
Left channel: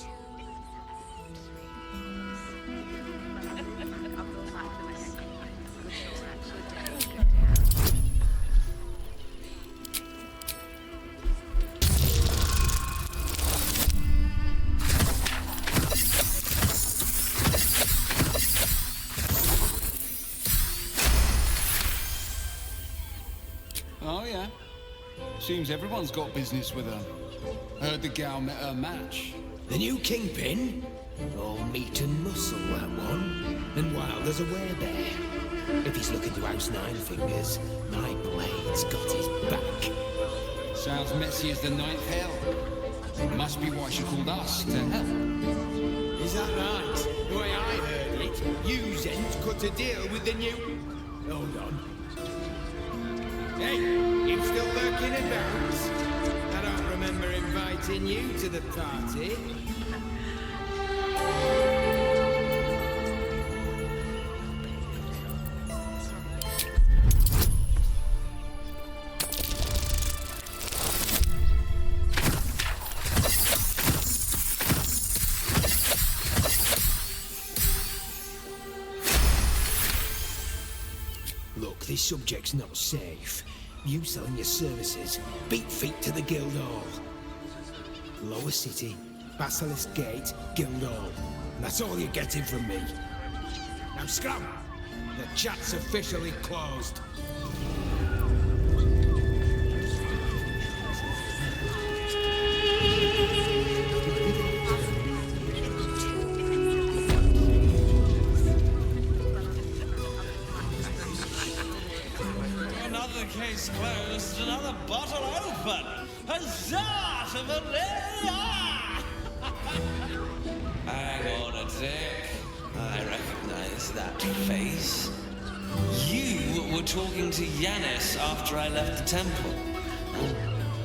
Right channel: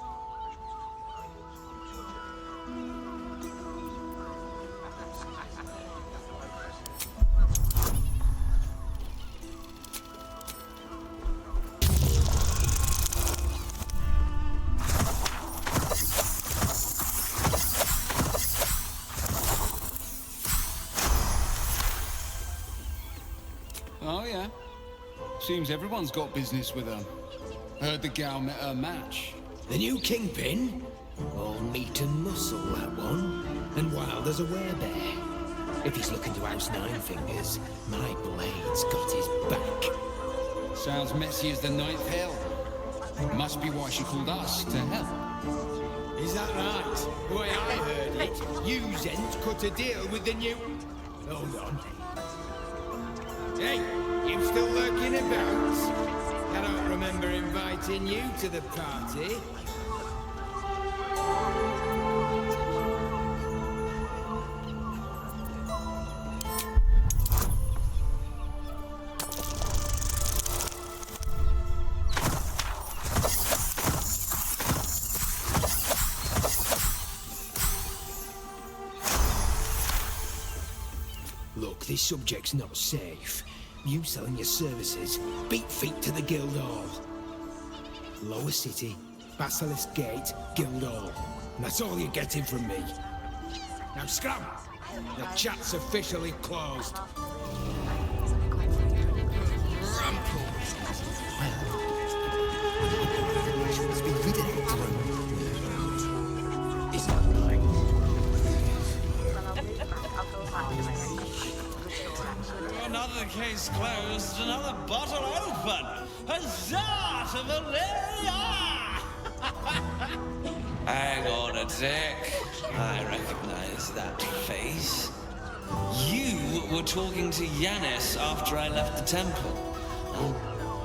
Oh, yeah. Seems everyone's got business with her. Heard the gal met her match. The new kingpin? All meat and muscle, that one. And wild as a werebear. If he's looking to oust Nine Fingers, my blade's got his back. Sounds messy as the ninth hell. Must be why she called us to help. Is that right? The way I heard it, you Zent cut a deal with the new... Hold on. Hey, you still lurking about? I don't remember inviting you to the party. Look, this subject's not safe. You selling your services, beat feet to the Guildhall. Lower City, Basilisk Gate, Guildhall. And that's all you're getting from me. Now scram! The chat's officially closed. Another case closed, another bottle open. Huzzah to Valeria! Hang on a tick. I recognize that face. You were talking to Yanis after I left the temple. I'll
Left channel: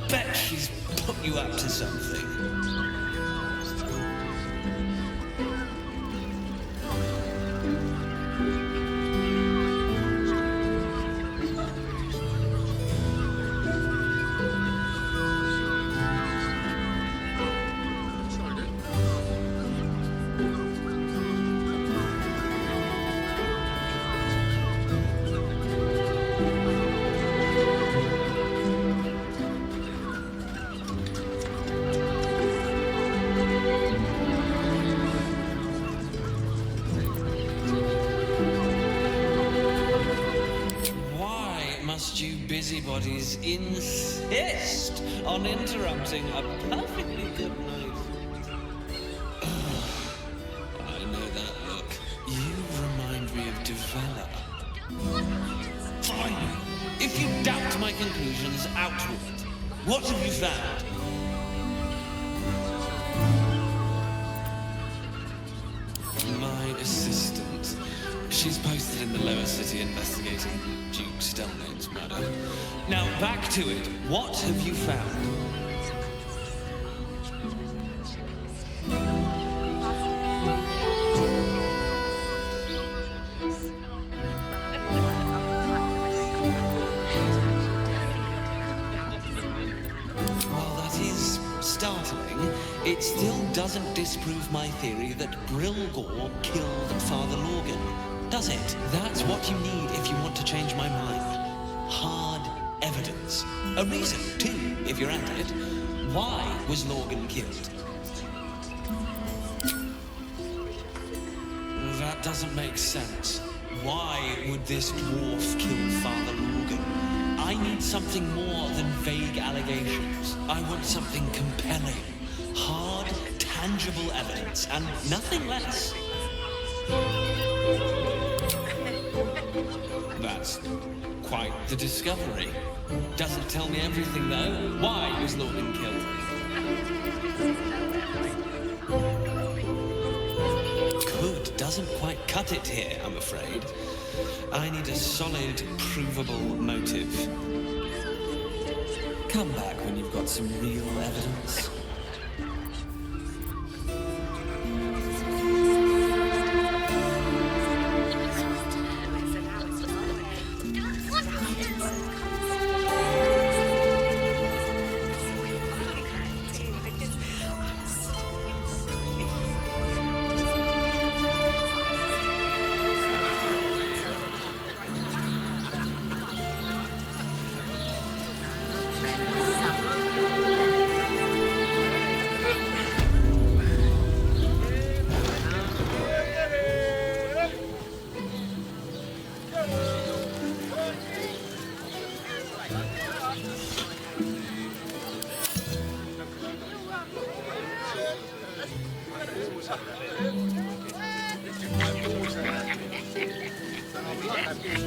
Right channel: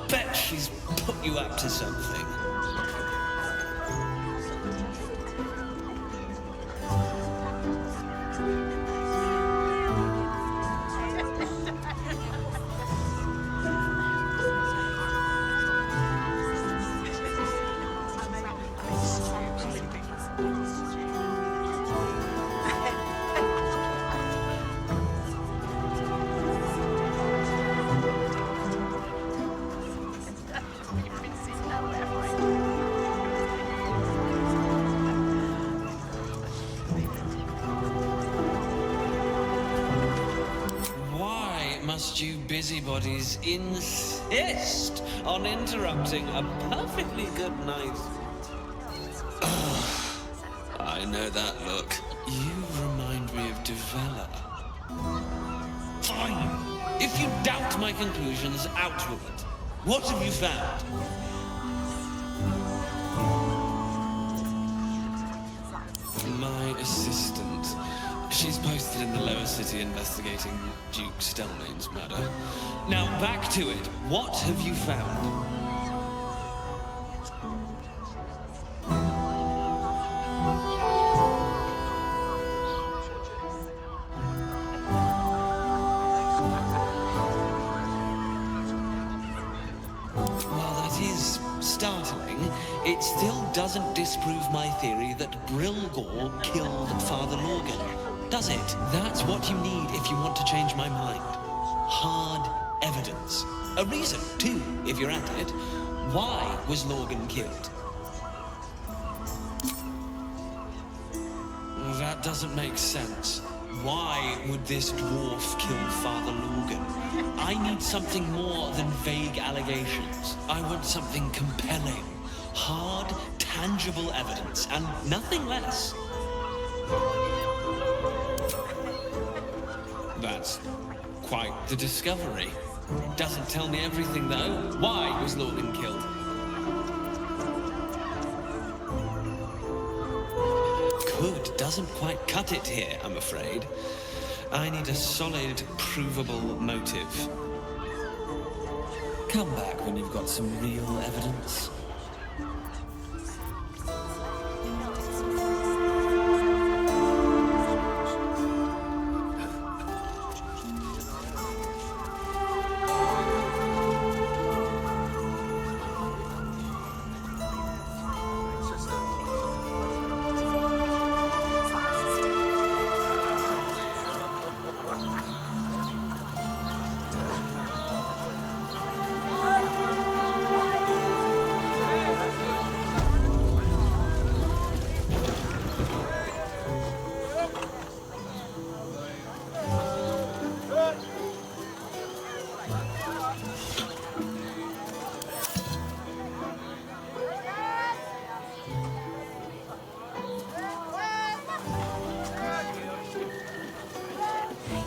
bet she's put you up to something. must you busybodies insist on interrupting a perfectly good night? I know that look. You remind me of Devella. Fine! If you doubt my conclusions, out with it. What have you found? My assistant. She's posted in the lower city investigating Duke Stelmane's murder. Now, back to it. What have you found? While that is startling, it still doesn't disprove my theory that Brilgor killed Father Lorgan, does it? That's what you need if you want to change my mind. Hard evidence. A reason, too, if you're at it. Why was Lorgan killed? That doesn't make sense. Why would this dwarf kill Father Lorgan? I need something more than vague allegations. I want something compelling. Hard, tangible evidence, and nothing less. That's quite the discovery. Doesn't tell me everything, though. Why was Lorgan killed? Could doesn't quite cut it here, I'm afraid. I need a solid, provable motive. Come back when you've got some real evidence.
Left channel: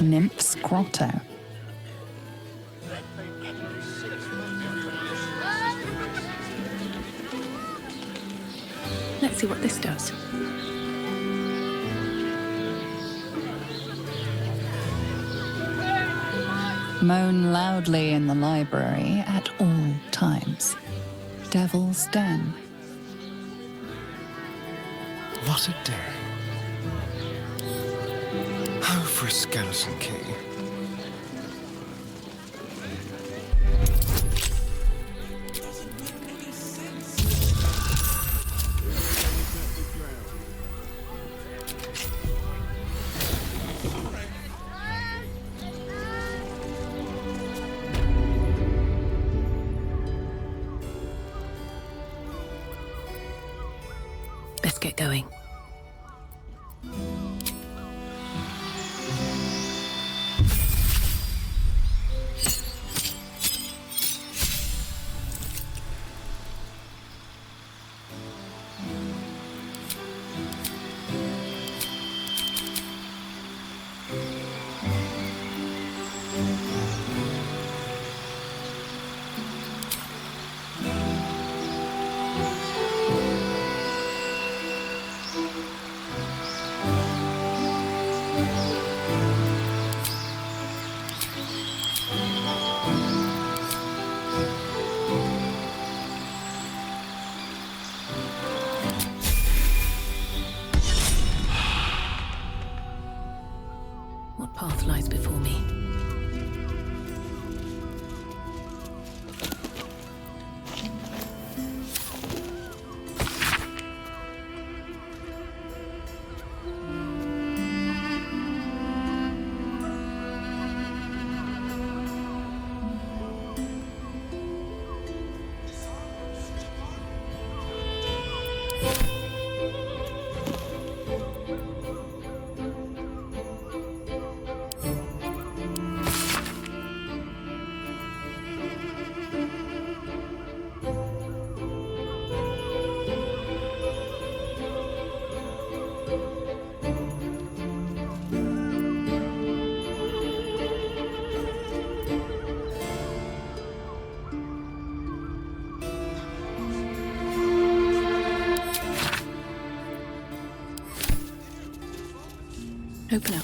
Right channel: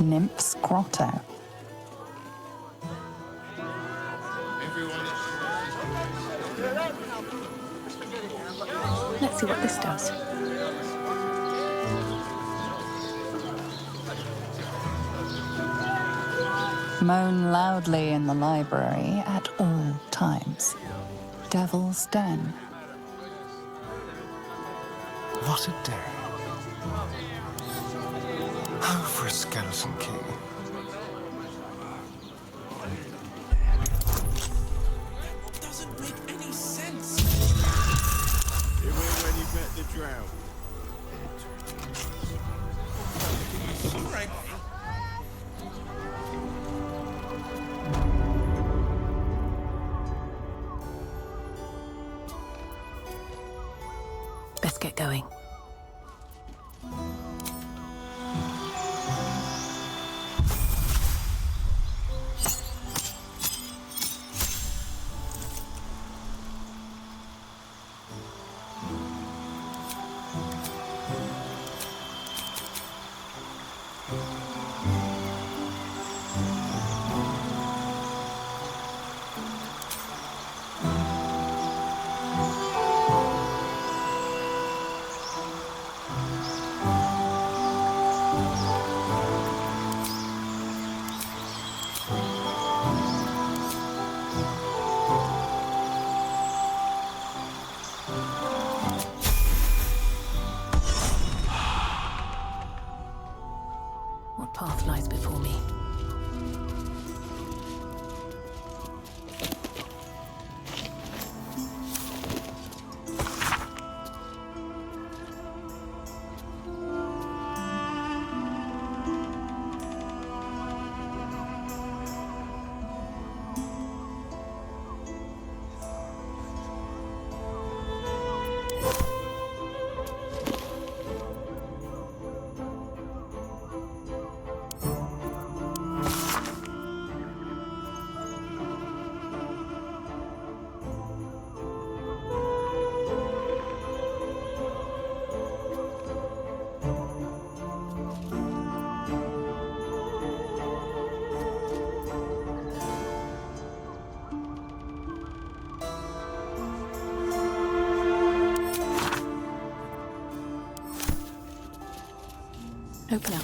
Nymph's Grotto. Let's see what this does. Moan loudly in the library at all times. Devil's Den. What a day. Oh, for a skeleton key. Doesn't make any sense. It was when you met the drow. All right. Let's get going. Open up.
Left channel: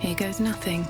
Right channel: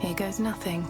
Here goes nothing.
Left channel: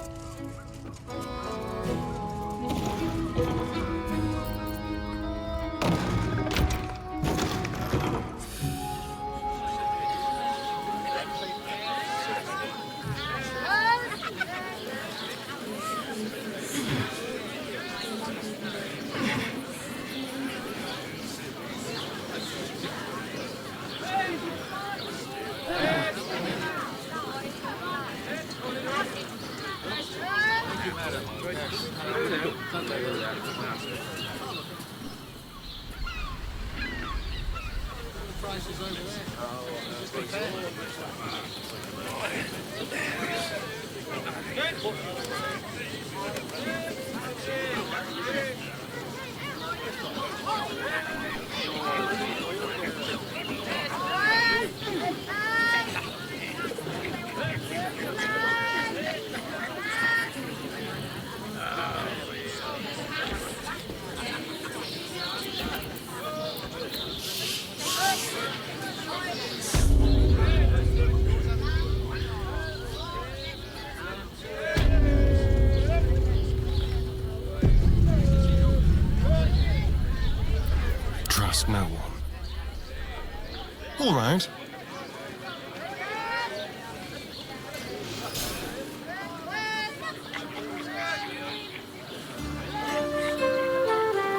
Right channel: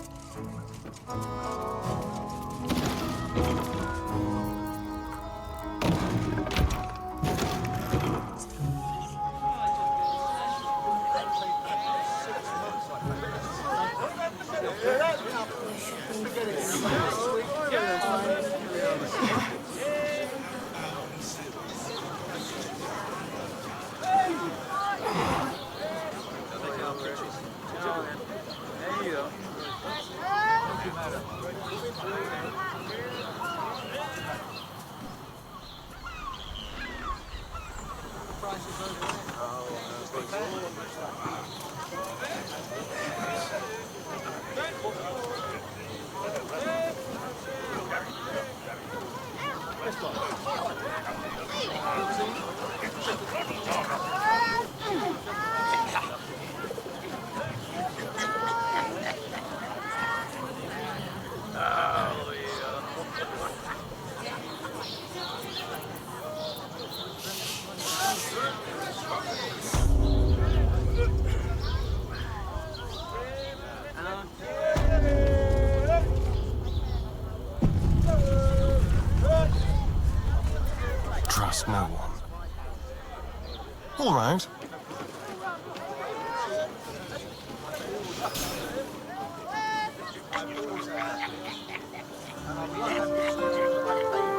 Trust no one. All right.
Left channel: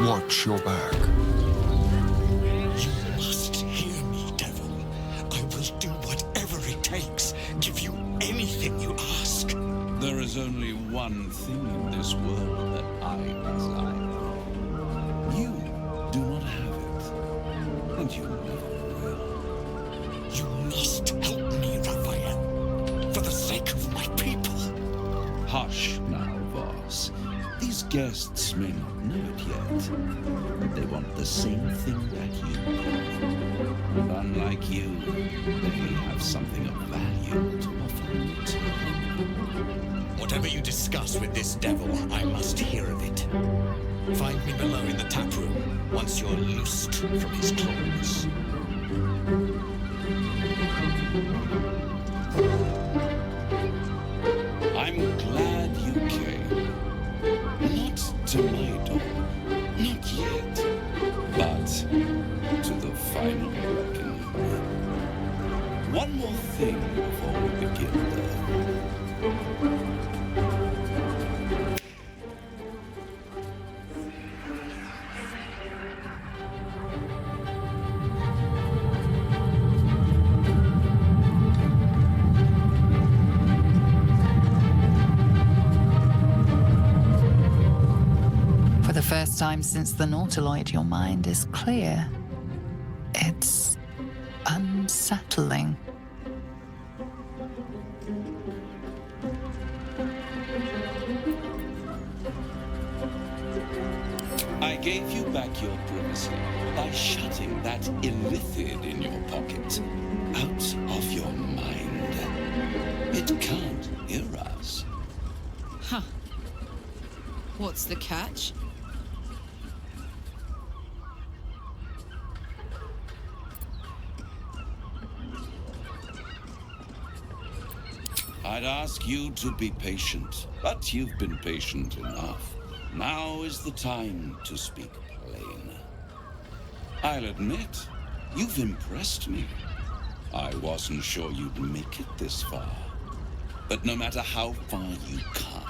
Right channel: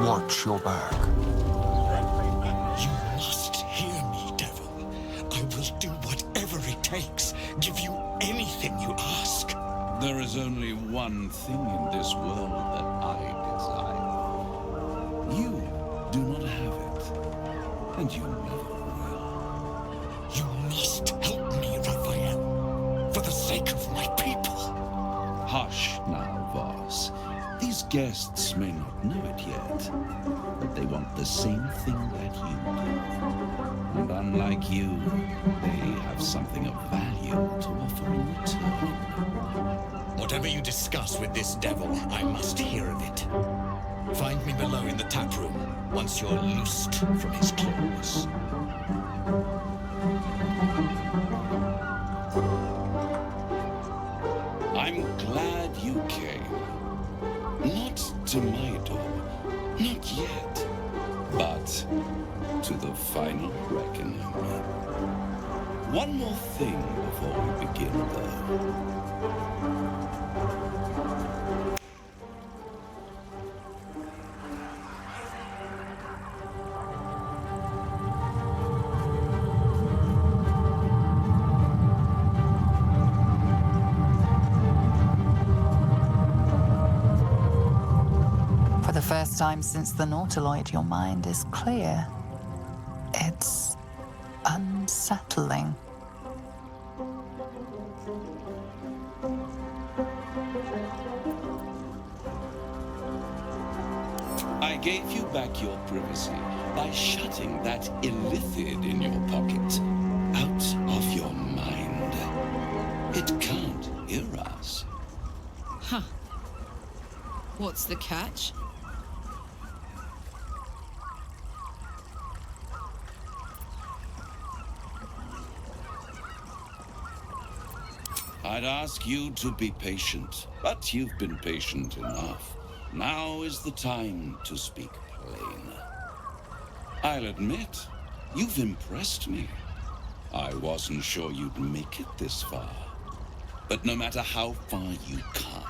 Watch your back. You must hear me, devil. I will do whatever it takes. Give you anything you ask. There is only one thing in this world that I desire. You do not have it, and you never will. You must help me, Raphael, for the sake of my people. Hush now, Voss. These guests may not know it yet, but they want the same thing that you do. And unlike you, they have something of value to offer in return. Whatever you discuss with this devil, I must hear of it. Find me below in the tap room, once you're loosed from his claws. I'm glad you came. Not to my door, not yet, but to the final reckoning. One more thing before we begin, though. For the first time since the Nautiloid, your mind is clear. It's unsettling. I gave you back your privacy by shutting that illithid in your pocket out of your mind. It can't hear us. Huh. What's the catch? I'd ask you to be patient, but you've been patient enough. Now is the time to speak plain. I'll admit, you've impressed me. I wasn't sure you'd make it this far. But no matter how far you come,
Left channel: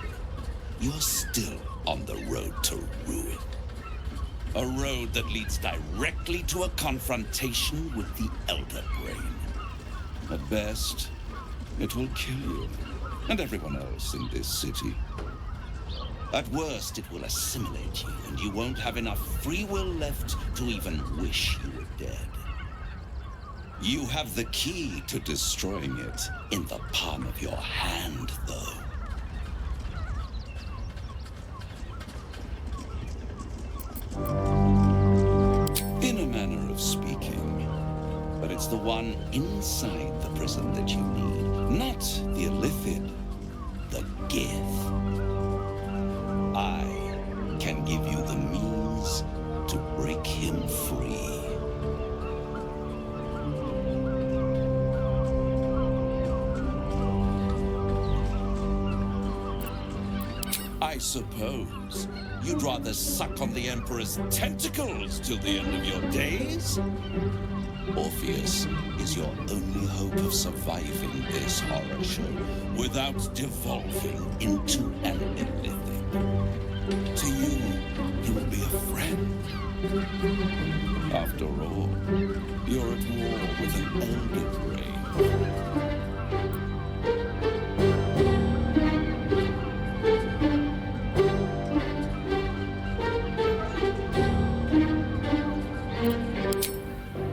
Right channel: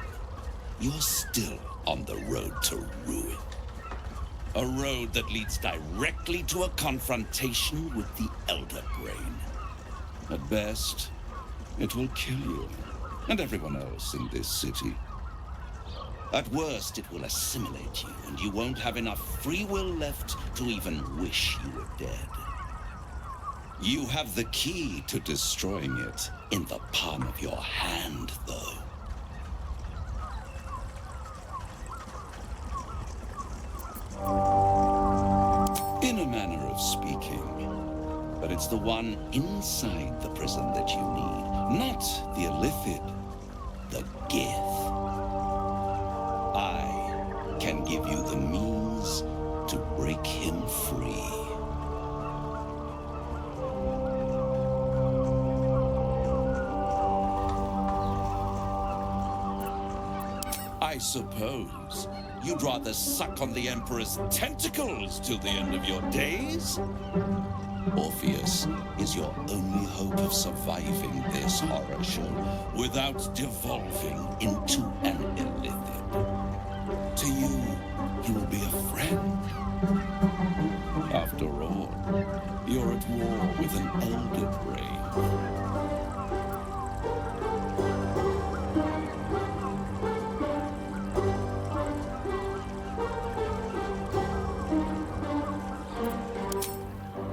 you're still on the road to ruin. A road that leads directly to a confrontation with the Elder Brain. At best, it will kill you, and everyone else in this city. At worst, it will assimilate you, and you won't have enough free will left to even wish you were dead. You have the key to destroying it in the palm of your hand, though. In a manner of speaking. But it's the one inside the prison that you need, not the illithid, the Gith. I can give you the means to break him free. I suppose you'd rather suck on the Emperor's tentacles till the end of your days? Orpheus is your only hope of surviving this horror show without devolving into an illithid. To you, he will be a friend. After all, you're at war with an Elder Brain.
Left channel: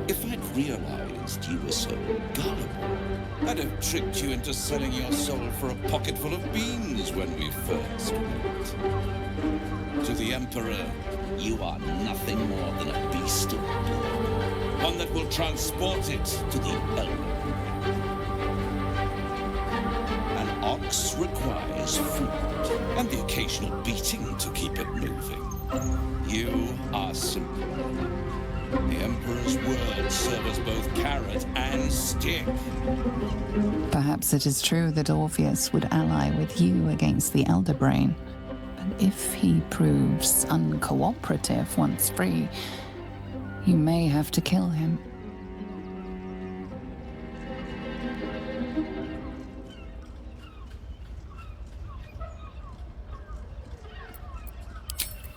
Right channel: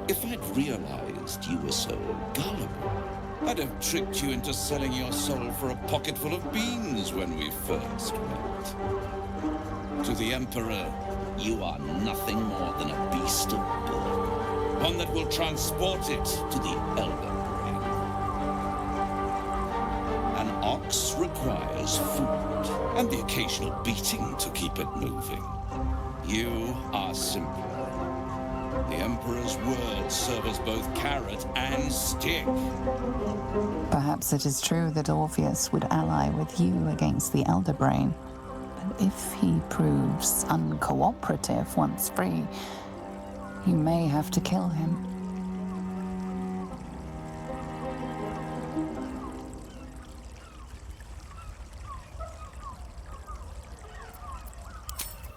If I'd realized you were so gullible, I'd have tricked you into selling your soul for a pocketful of beans when we first met. To the Emperor, you are nothing more than a beast of burden, one that will transport it to the Elder Brain. An ox requires food, and the occasional beating to keep it moving. You are simpler. The Emperor's words serve as both carrot and stick. Perhaps it is true that Orpheus would ally with you against the Elder Brain. But if he proves uncooperative once free, you may have to kill him.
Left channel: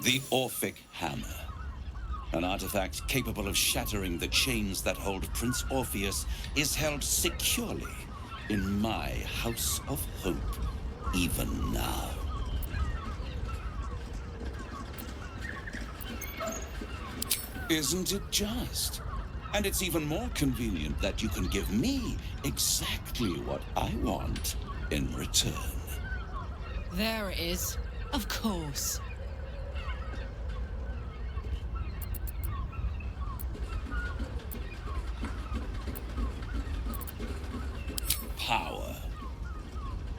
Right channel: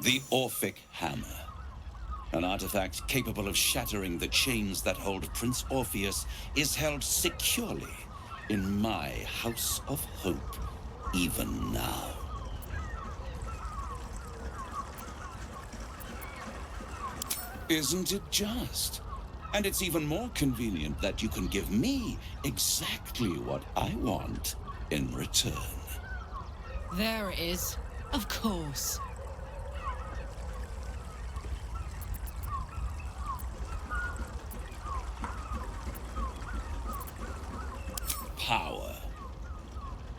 The Orphic Hammer. An artifact capable of shattering the chains that hold Prince Orpheus is held securely in my House of Hope, even now. Isn't it just? And it's even more convenient that you can give me exactly what I want in return. There it is. Of course. power.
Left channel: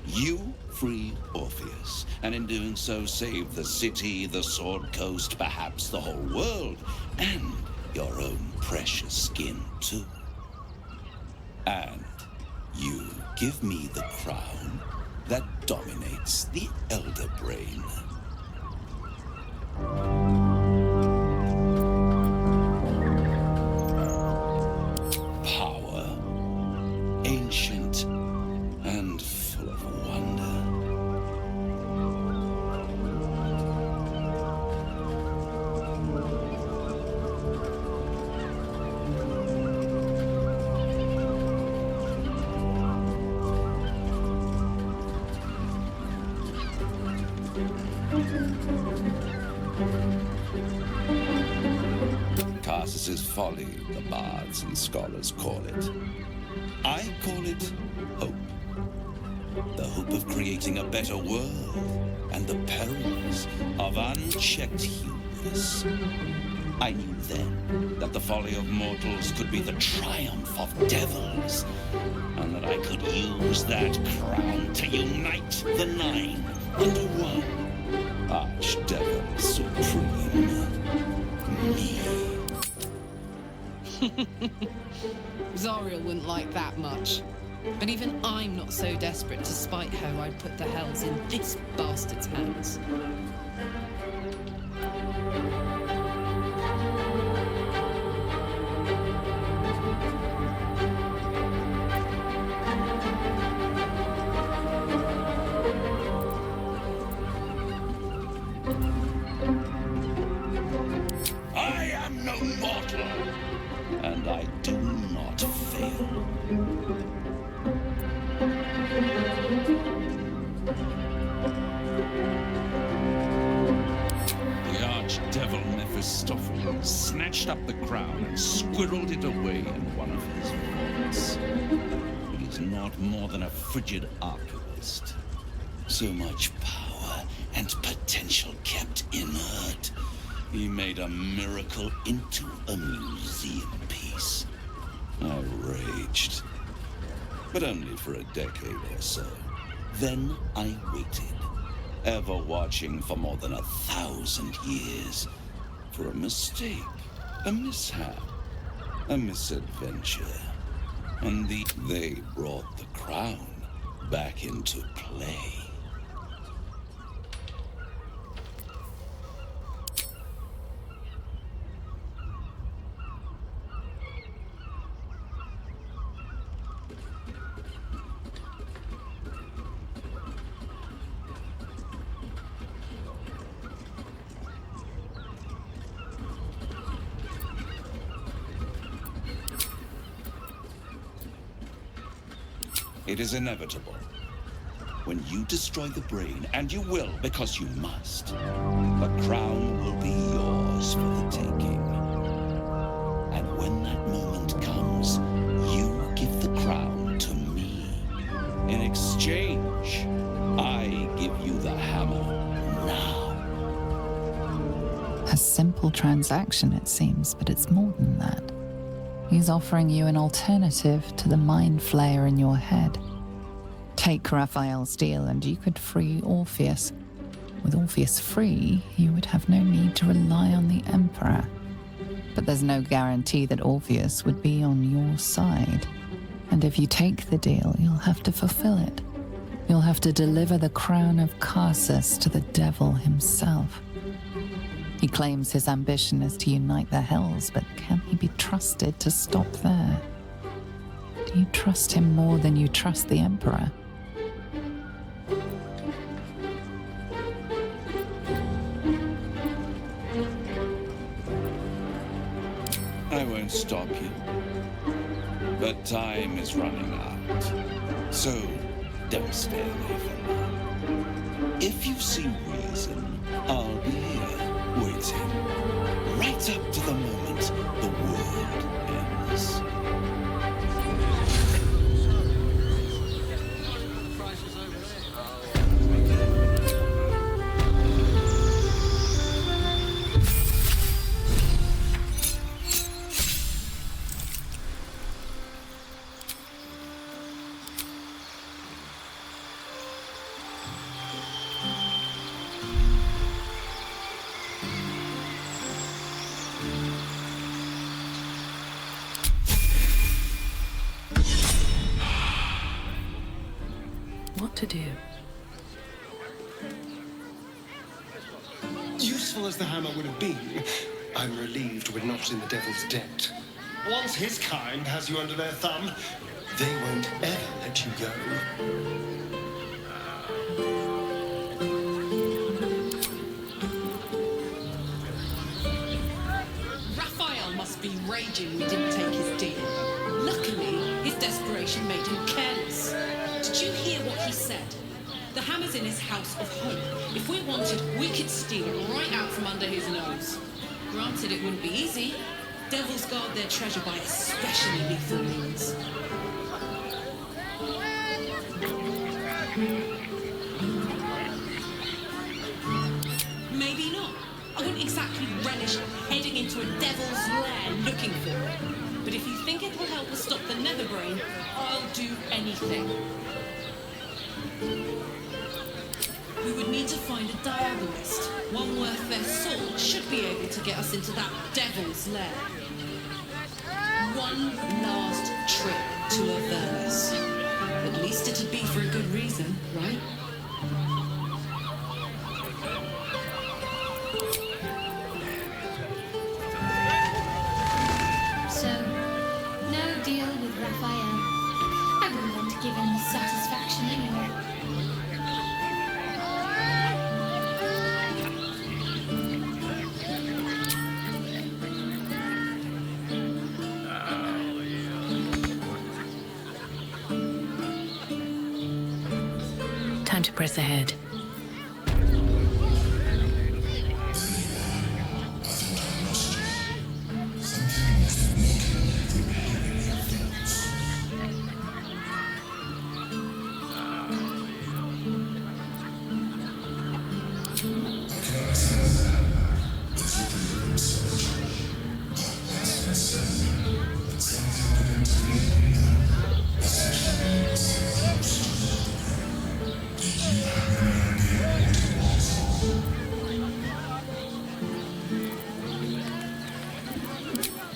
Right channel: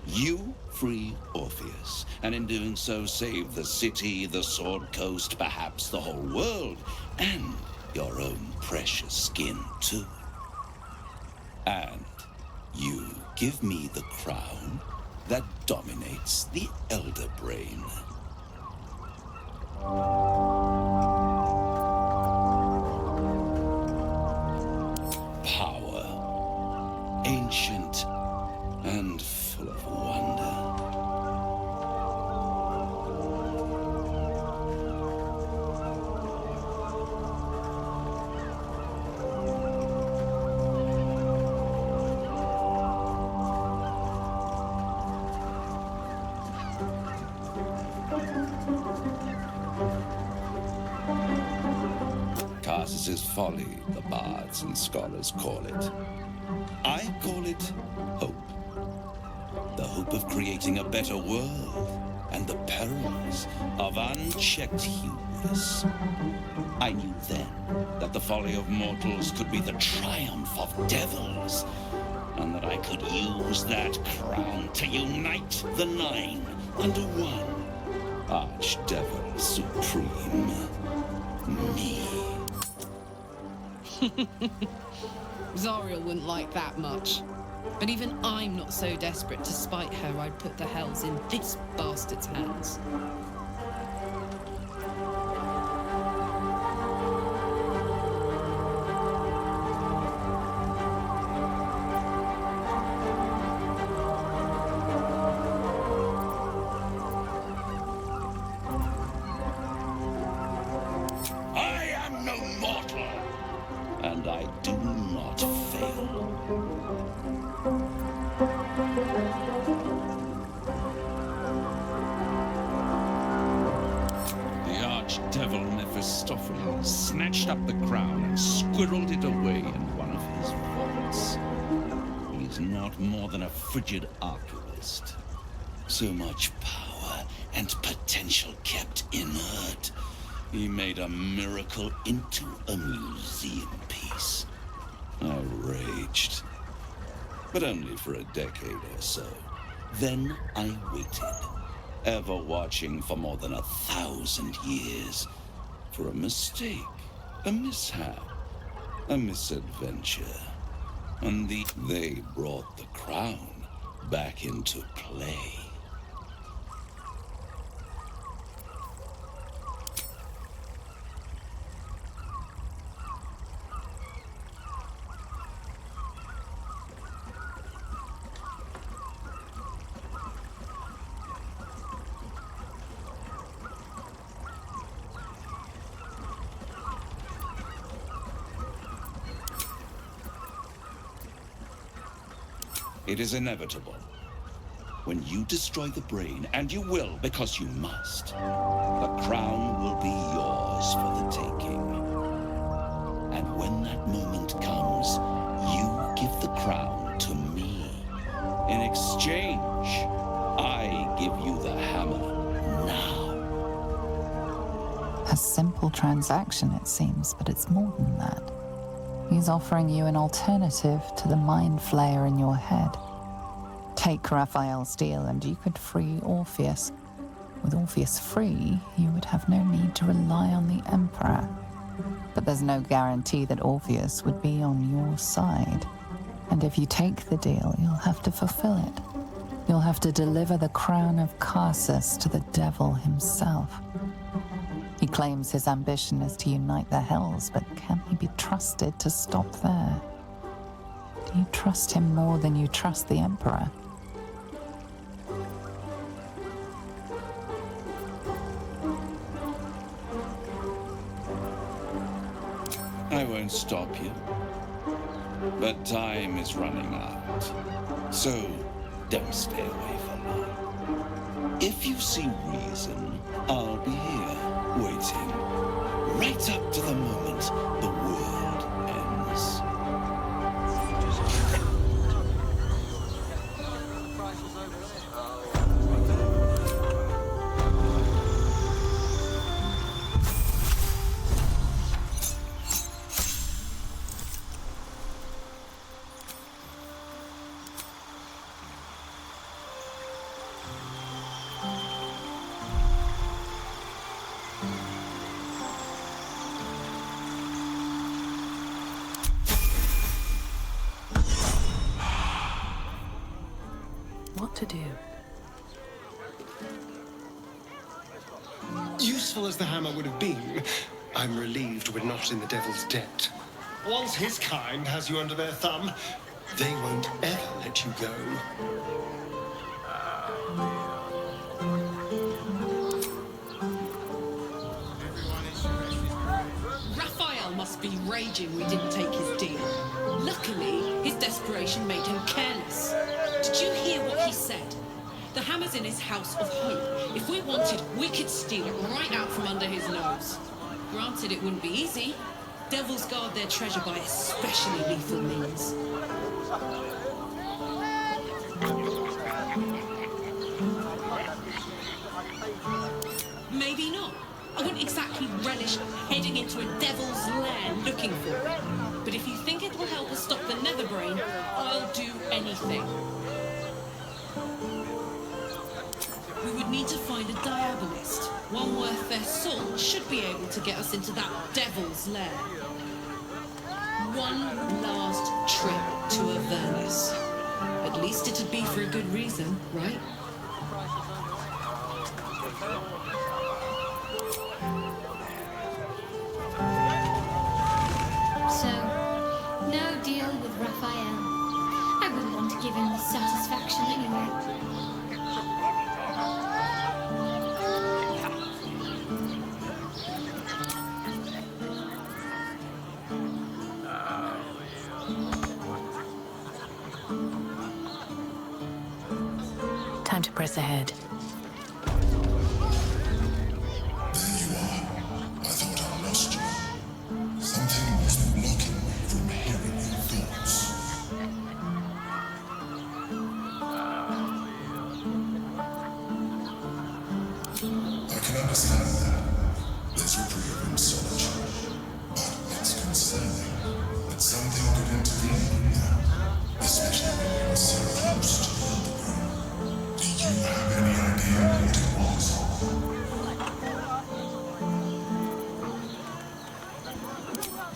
You free Orpheus, and in doing so save the city, the Sword Coast, perhaps the whole world, and your own precious skin too. And you give me the crown that dominates the Elder Brain. Power, ancient and full of wonder. Tarsus's folly, the bards and scholars call it. I call it hope. The hope of creating a better world, and the perils of unchecked hubris. I knew then that the folly of mortals could be the triumph of devils, and that I could use that crown to unite the Nine under one Archdevil Supreme. Me. Zariel wouldn't like that much. But even I'm not so desperate to spite her I'd put the hells in this bastard's hands. I am no mortal, and I do not fail. The archdevil Mephistopheles snatched up the crown and squirreled it away in one of his vaults. He's not more than a frigid archivist. So much power and potential kept inert. He made a miracle into a museum piece. I raged. But only for a decade or so. Then I waited, ever watching for more than 1,000 years, for a mistake, a mishap, a misadventure. And they brought the crown back into play. It is inevitable. When you destroy the brain, and you will because you must, the crown will be yours for the taking. And when that moment comes, you give the crown to me. In exchange, I give you the hammer now. A simple transaction, it seems, but it's more than that. He's offering you an alternative to the mind flayer in your head. Take Raphael's deal and you could free Orpheus. With Orpheus free, you would have no need to rely on the Emperor. But there's no guarantee that Orpheus would be on your side. And if you take the deal, you'll have to fulfill it. You'll have to deliver the crown of Carsus to the devil himself. He claims his ambition is to unite the Hells, but can he be trusted to stop there? Do you trust him more than you trust the Emperor? I won't stop you. But time is running out. So, don't stay away for long. If you see reason, I'll be here, waiting. Right up to the moment the world ends. to do. Useful as the hammer would have been, I'm relieved we're not in the devil's debt. Once his kind has you under their thumb, they won't ever let you go. Raphael must be raging we didn't take his deal. Luckily, his desperation made him careless. Did you hear what he said? The hammer's in his house of hope. If we wanted, we could steal it right out from under his nose. Granted, it wouldn't be easy. Devils guard their treasure by especially lethal means. Maybe not. I wouldn't exactly relish heading into a devil's lair looking for it. But if you think it will help us stop the Netherbrain, I'll do anything. We would need to find a diabolist. One worth their salt should be able to get us into that devil's lair. One last trip to Avernus. At least it'd be for a good reason, right? So, no deal with Raphael. I wouldn't want to give him the satisfaction anyway. Time to press ahead. There you are. I thought I lost you. Something was blocking me from hearing your thoughts. I can understand that. There's reprieve in solitude. But it's concerning that something could intervene right now, especially when you're so close to the Netherbrain. Do you have any idea what it was?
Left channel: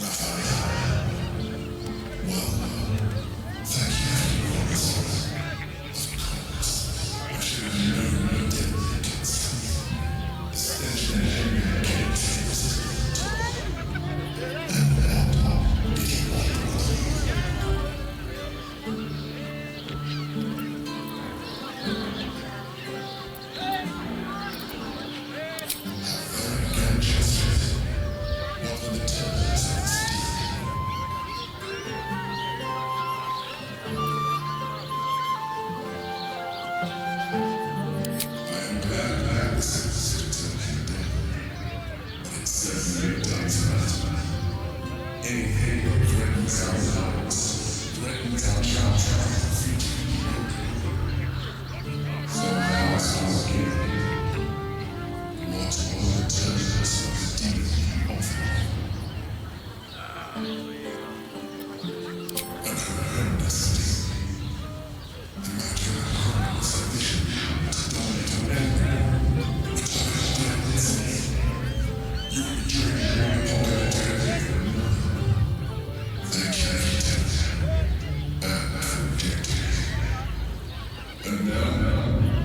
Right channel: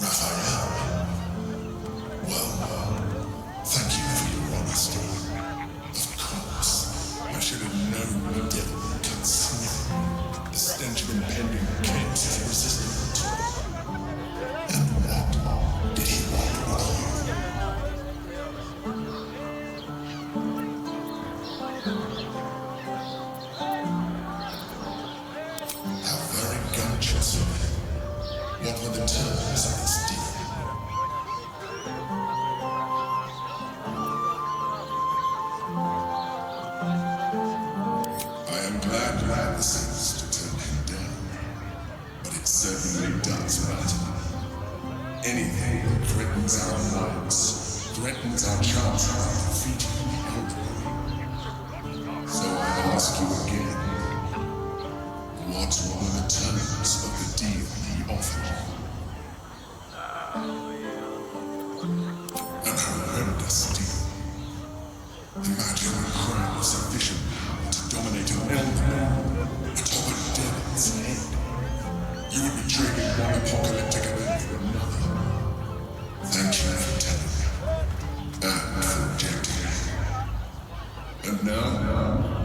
Raphael? Well, thank you for your honesty. Of course, I should have known the devil could sniff. The stench of impending chaos is irresistible to it. And what did he want with you? How very gun-chested. What were the terms of this deal? I am glad you had the sense to turn him down, but it certainly does matter. Anything that threatens our lives, threatens our chances of defeating the Elder. So I ask you again, what were the terms of the deal he offered? An horrendous deal. Imagine a crime of sufficient power to dominate an elder atop a devil's head. You would be trading one apocalyptic event for another. Thank you for telling me, and for rejecting me. And now,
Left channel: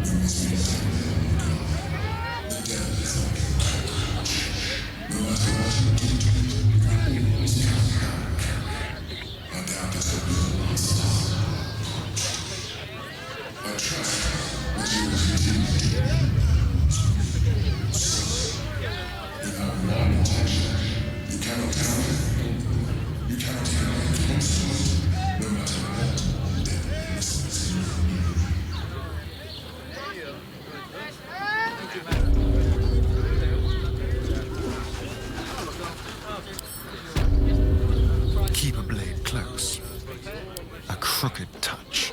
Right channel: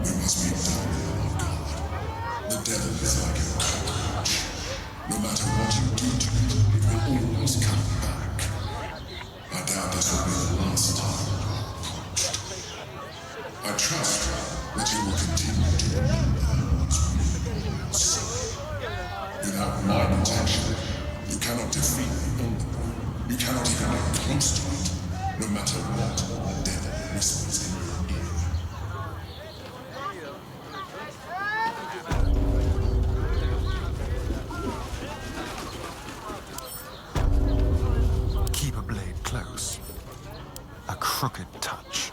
we must be done on guard. The devil is like a cockroach. No matter what you do to it, it will always come back. I doubt this will be the last time you're approached. I trust that you will continue to remember who's really your son. Without my protection, you cannot defeat the Elder. You cannot even get close to it, no matter what the devil whispers in your ear. Keep a blade close. A crooked touch.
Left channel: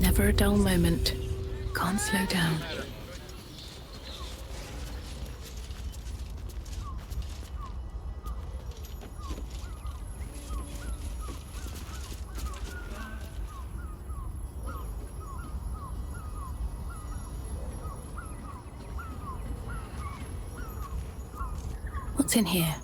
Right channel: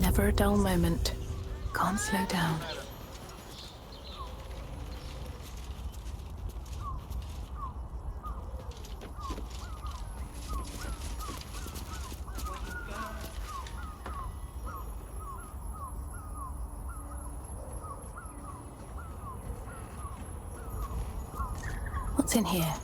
Never a dull moment. Can't slow down. What's in here?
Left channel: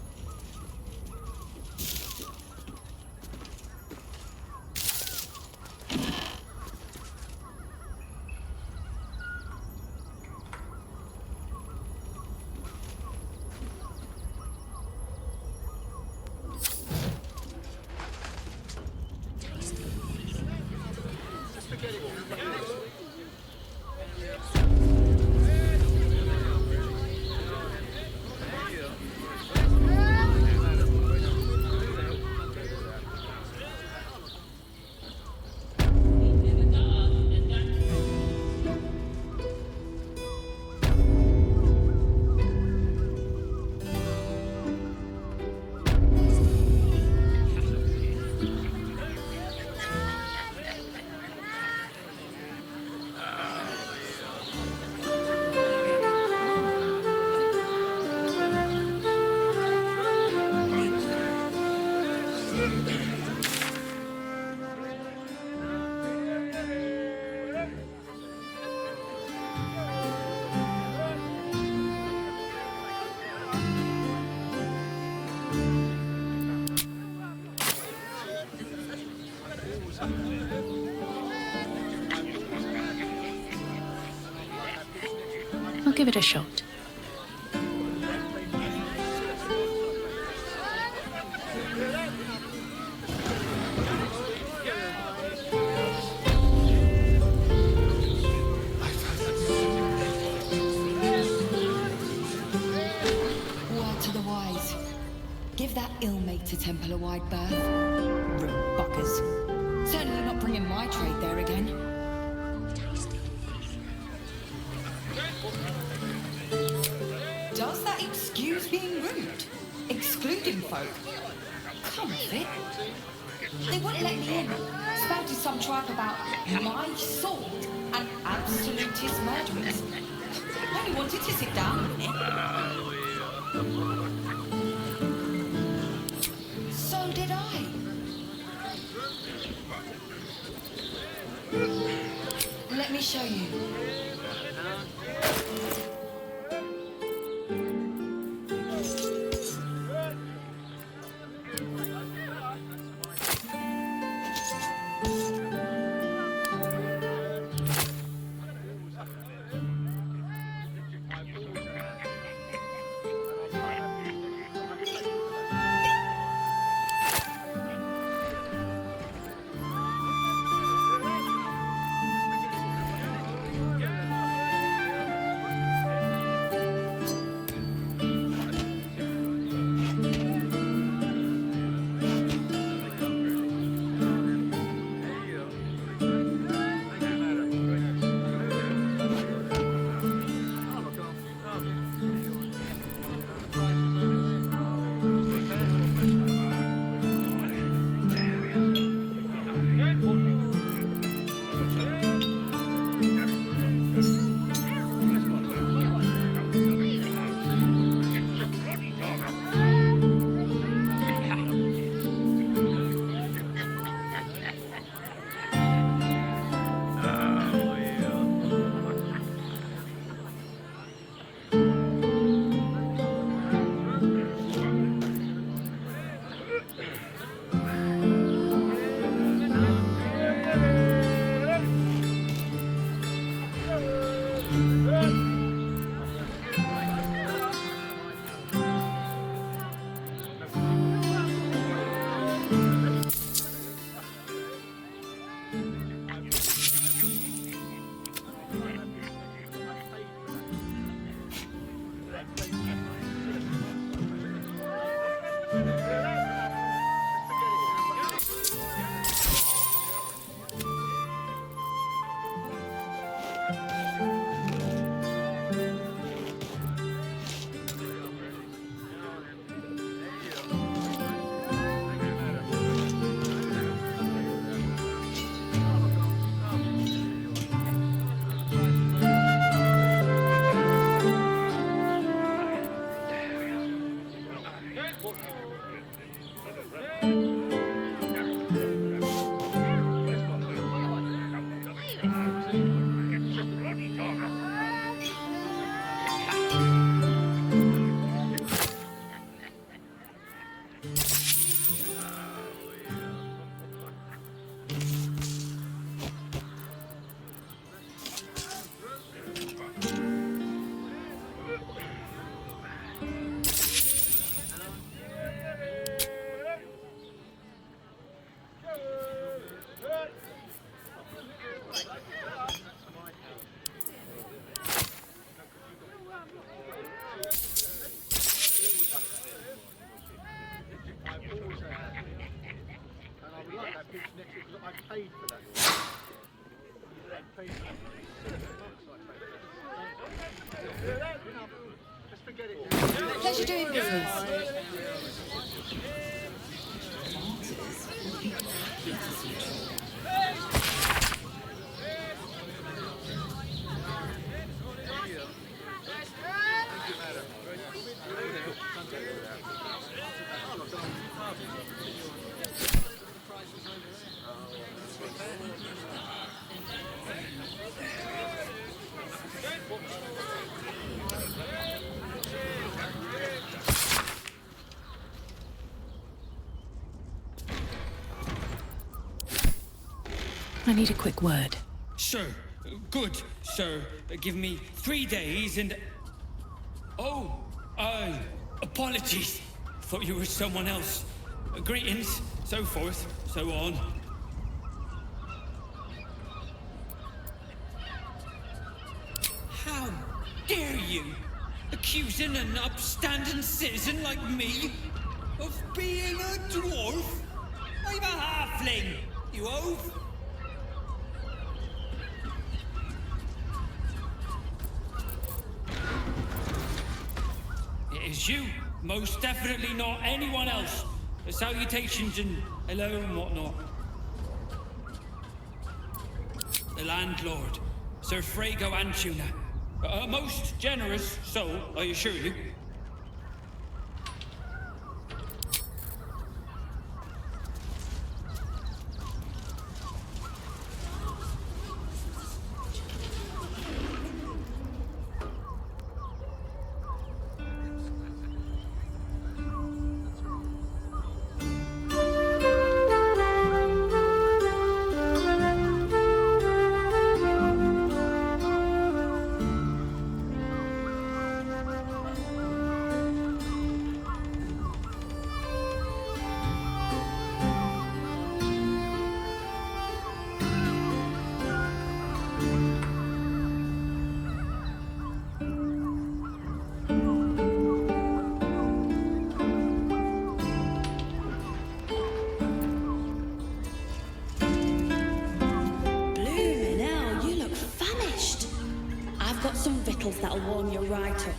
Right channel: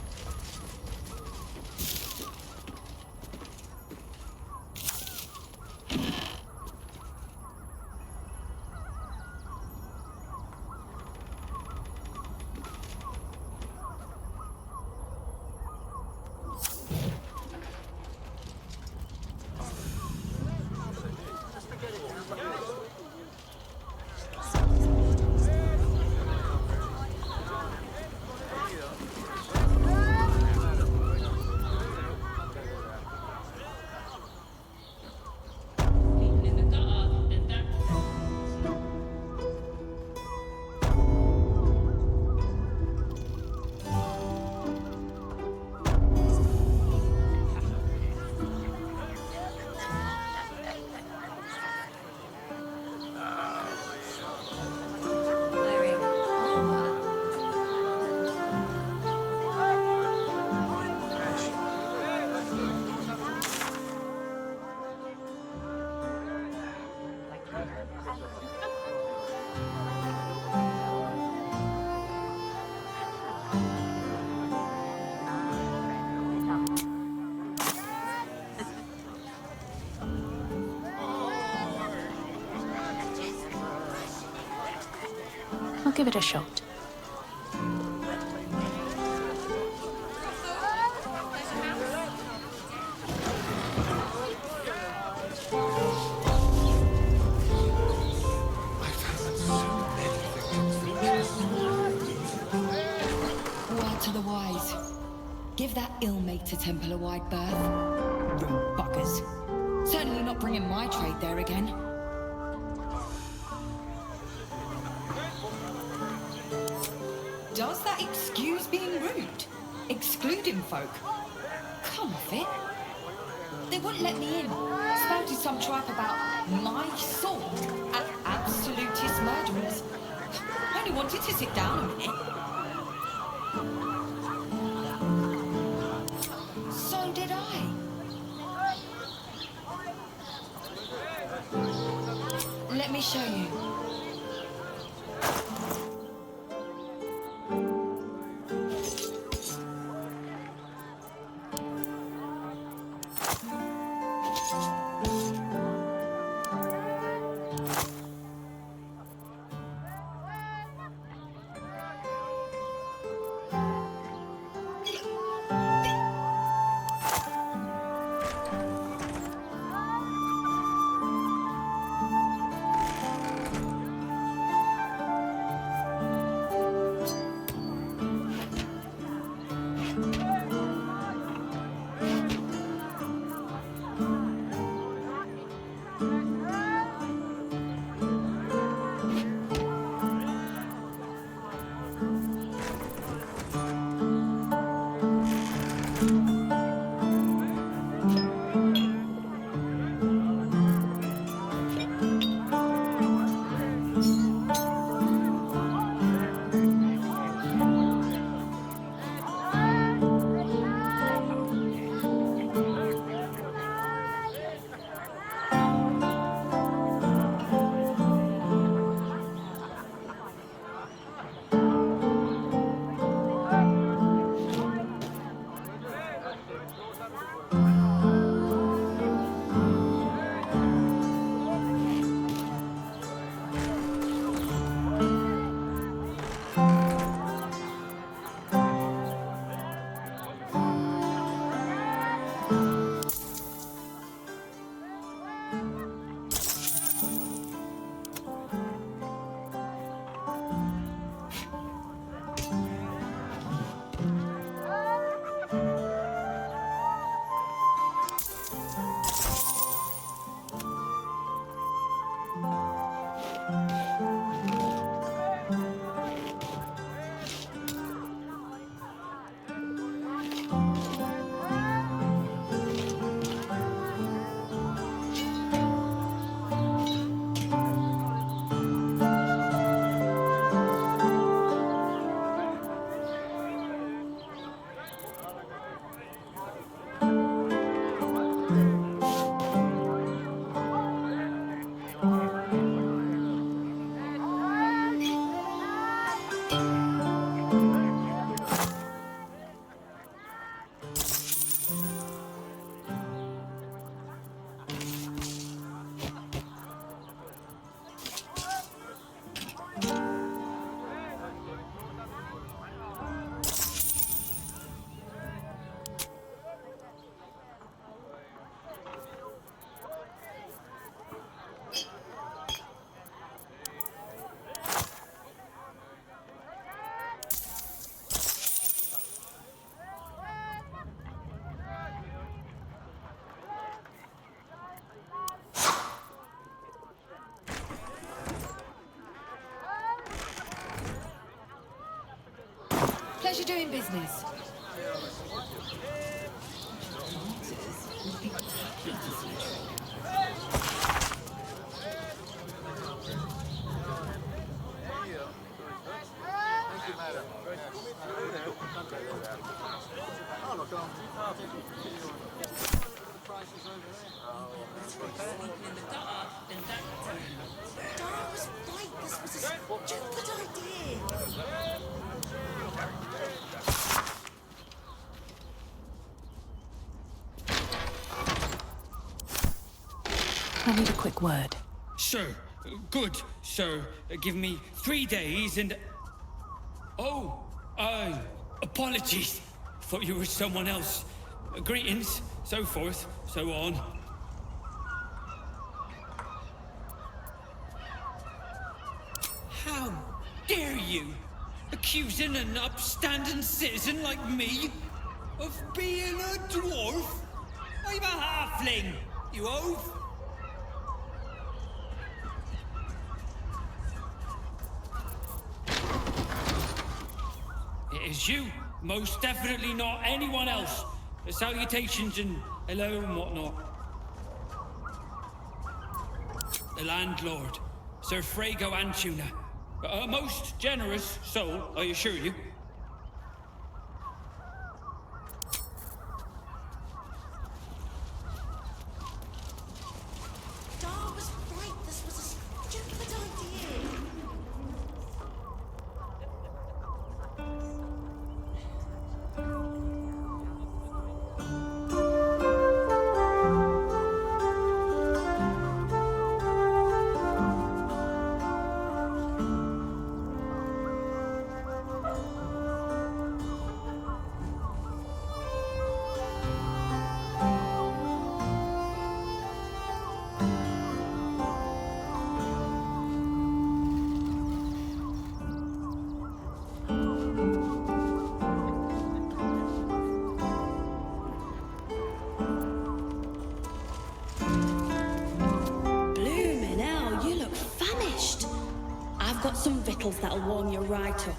I'll give it a shot. Word to the wise. Give that ill-mated temple a wide berth. Rude buggers. Certainly not bringing my trade there again. Does that excuse being rude? Excluding folk? Come off it. They wouldn't let me in. Spouted some tripe about my sword and absolutist murderers. I only wanted to sit down a minute. So did I. Let me show you. Pleasure doing business. Martyrs would be happy to see a trader. I need a quick word. Sir, good, sir. Give me 3 days and... Oh, apologies. Thought you were someone else. Greetings, so forth, so on. How dare you? Accusing an upstanding citizen like me of being a dwarf? I'm a halfling, you oaf! It is you, most definitely not anyone else. Salutations and hello and whatnot. The landlord, Sir Frago Antuna. A most generous soul, I assure you. Blooming hell, you look famished. I've got some victuals that'll warm you right up.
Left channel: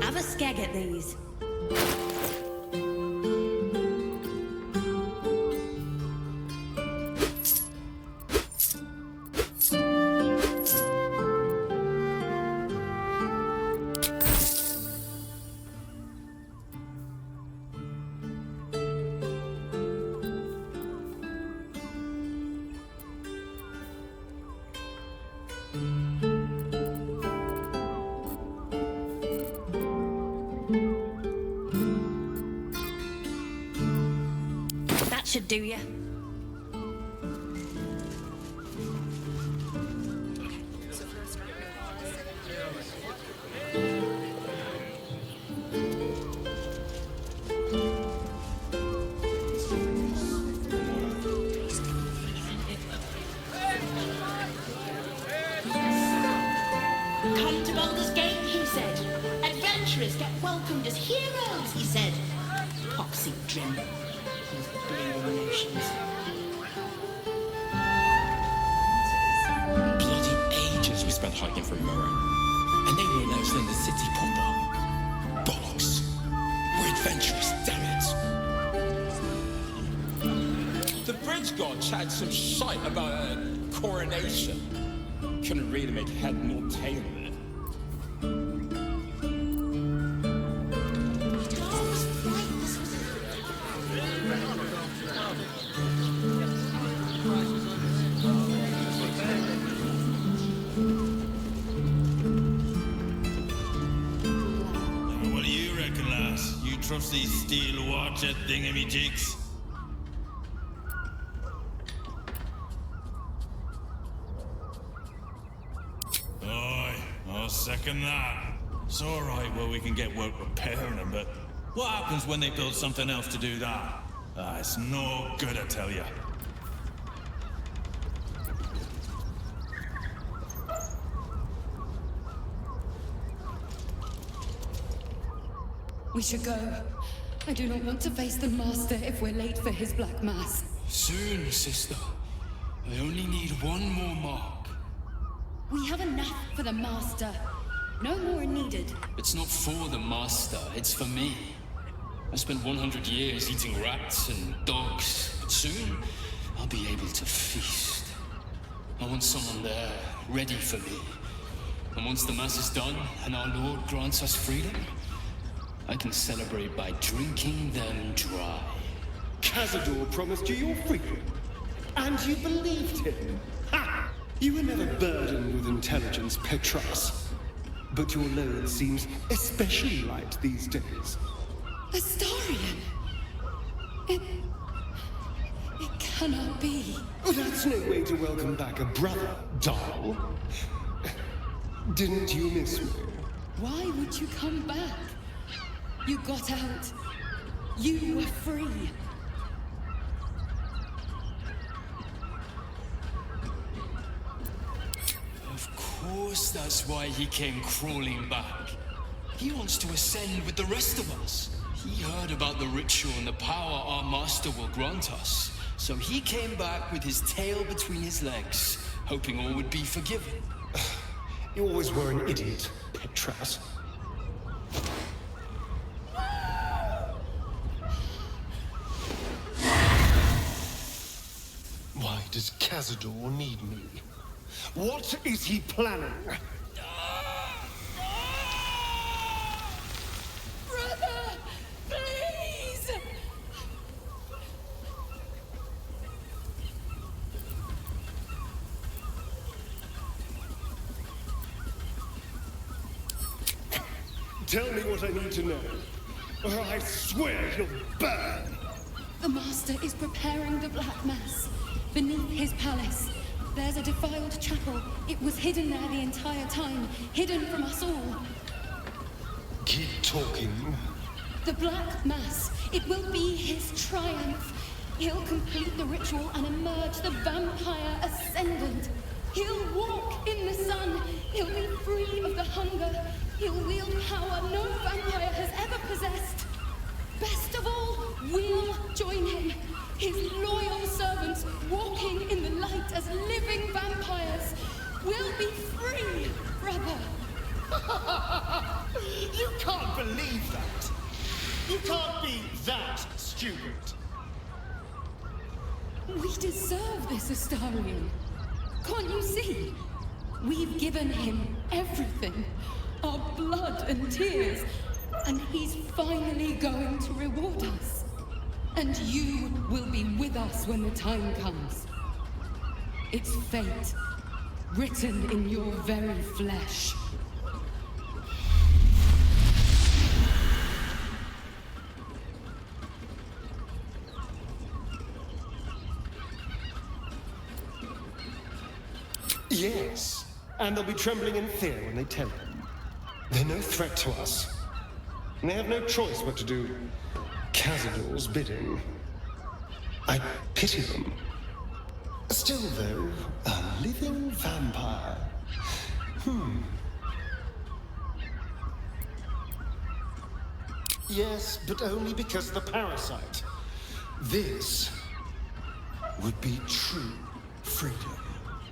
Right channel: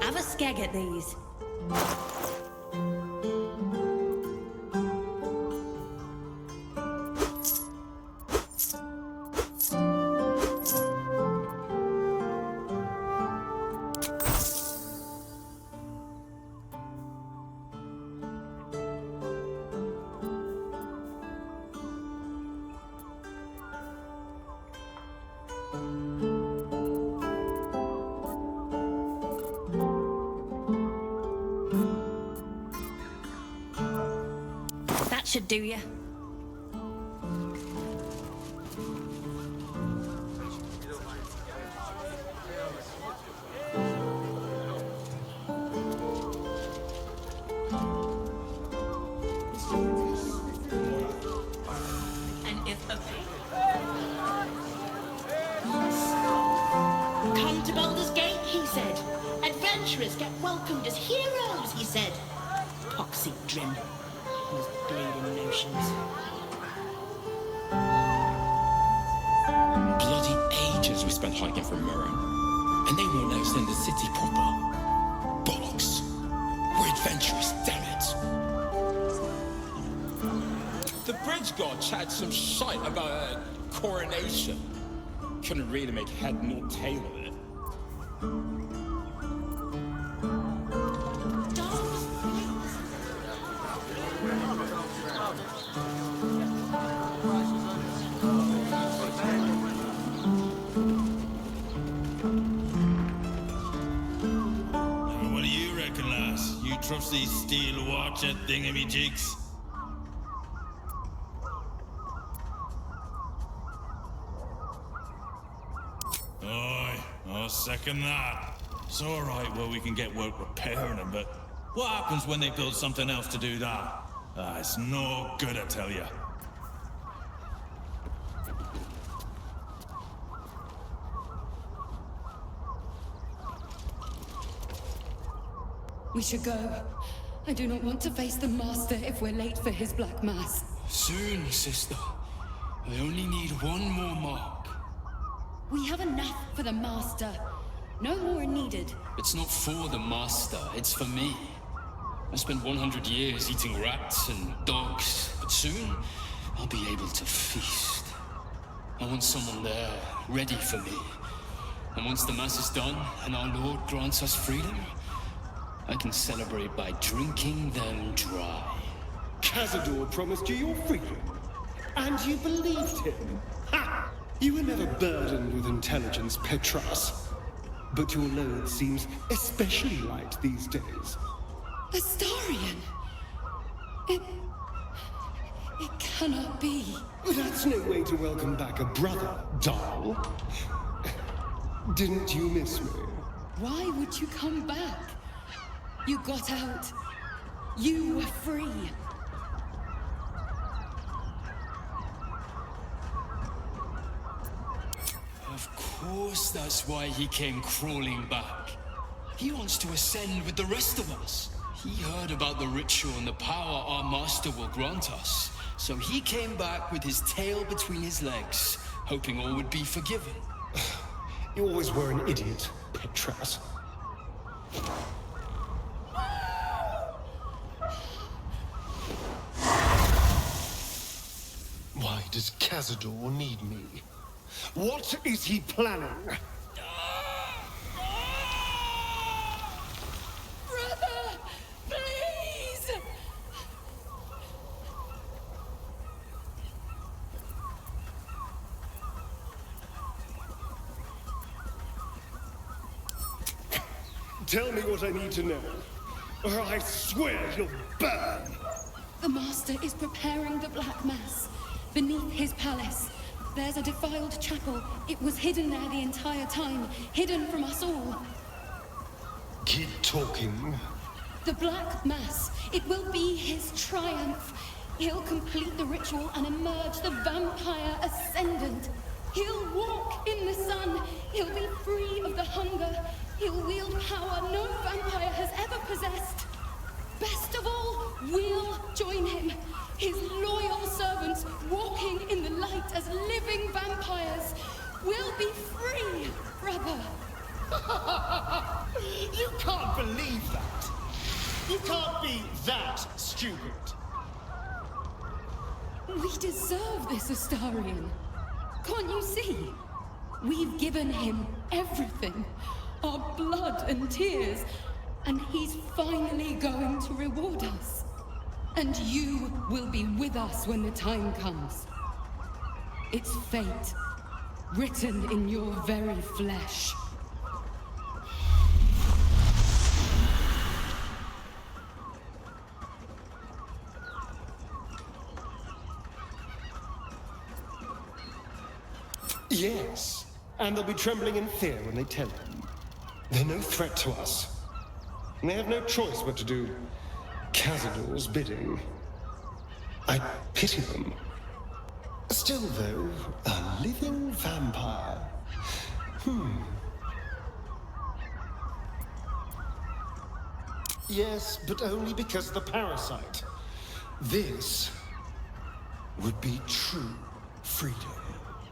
Have a skeg at these. That should do you. Come to Baldur's Gate, he said. Adventurers get welcomed as heroes, he said. Poxy Drim. His bleeding notions. Bloody ages we spent hiking from Murren. And they won't let us in the city proper. Bollocks. We're adventurous, damn it. The bridge god chatted some shite about a coronation. Couldn't really make head nor tail of it. Now, what do you reckon, lass? You trust these steel watcher thingamy-jigs? Aye, I'll second that. It's alright where we can get work repairing them, but what happens when they build something else to do that? It's no good, I tell ya. We should go. I do not want to face the Master if we're late for his Black Mass. Soon, sister. I only need one more mark. We have enough for the Master. No more are needed. It's not for the Master, it's for me. I spent 100 years eating rats and dogs, but soon I'll be able to feast. I want someone there, ready for me. And once the Mass is done, and our Lord grants us freedom, I can celebrate by drinking them dry. Cazador promised you your freedom, and you believed him. Ha! You were never burdened with intelligence, Pt46. But your load seems especially light these days. Astarion! It cannot be. That's no way to welcome back a brother, doll. Didn't you miss me? Why would you come back? You got out. You were free. Of course that's why he came crawling back. He wants to ascend with the rest of us. He heard about the ritual and the power our Master will grant us. So he came back with his tail between his legs, hoping all would be forgiven. You always were an idiot, Pt46. Why does Cazador need me? What is he planning? Brother! Please! Tell me what I need to know, or I swear you'll burn! The Master is preparing the Black Mass. Beneath his palace, there's a defiled chapel. It was hidden there the entire time, hidden from us all. Keep talking. The Black Mass, it will be his triumph. He'll complete the ritual and emerge the vampire ascendant. He'll walk in the sun. He'll be free of the hunger. He'll wield power no vampire has ever possessed. Best of all, we'll join him. His loyal servants walking in the light as living vampires. We'll be free, brother. You can't believe that. You can't be that stupid. We deserve this, Astarion. Can't you see? We've given him everything. Our blood and tears. And he's finally going to reward us. And you will be with us when the time comes. It's fate, written in your very flesh. Yes, and they'll be trembling in fear when they tell him. They're no threat to us. And they have no choice but to do Cazador's bidding. I pity them. Still, though, a living vampire. Yes, but only because of the parasite. This would be true freedom.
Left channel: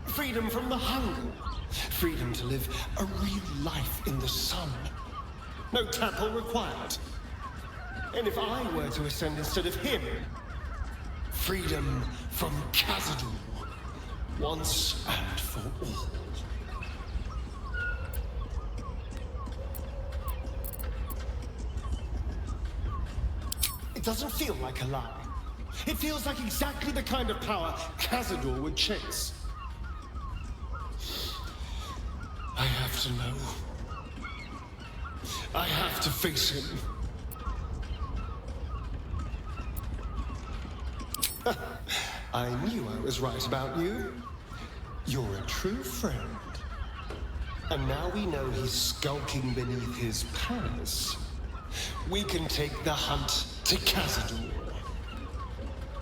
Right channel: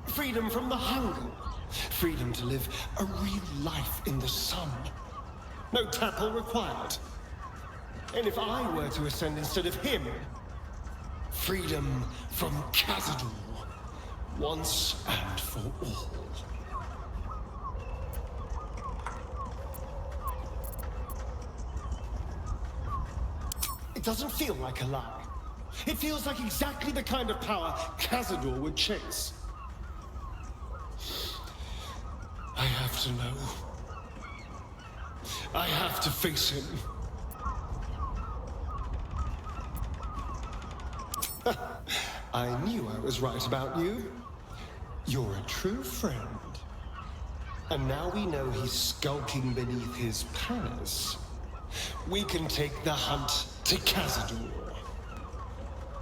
Freedom from the hunger. Freedom to live a real life in the sun. No temple required. And if I were to ascend instead of him, freedom from Cazador, once and for all. It doesn't feel like a lie. It feels like exactly the kind of power Cazador would chase. I have to know. I have to face him. I knew I was right about you. You're a true friend. And now we know he's skulking beneath his palace. We can take the hunt to Cazador.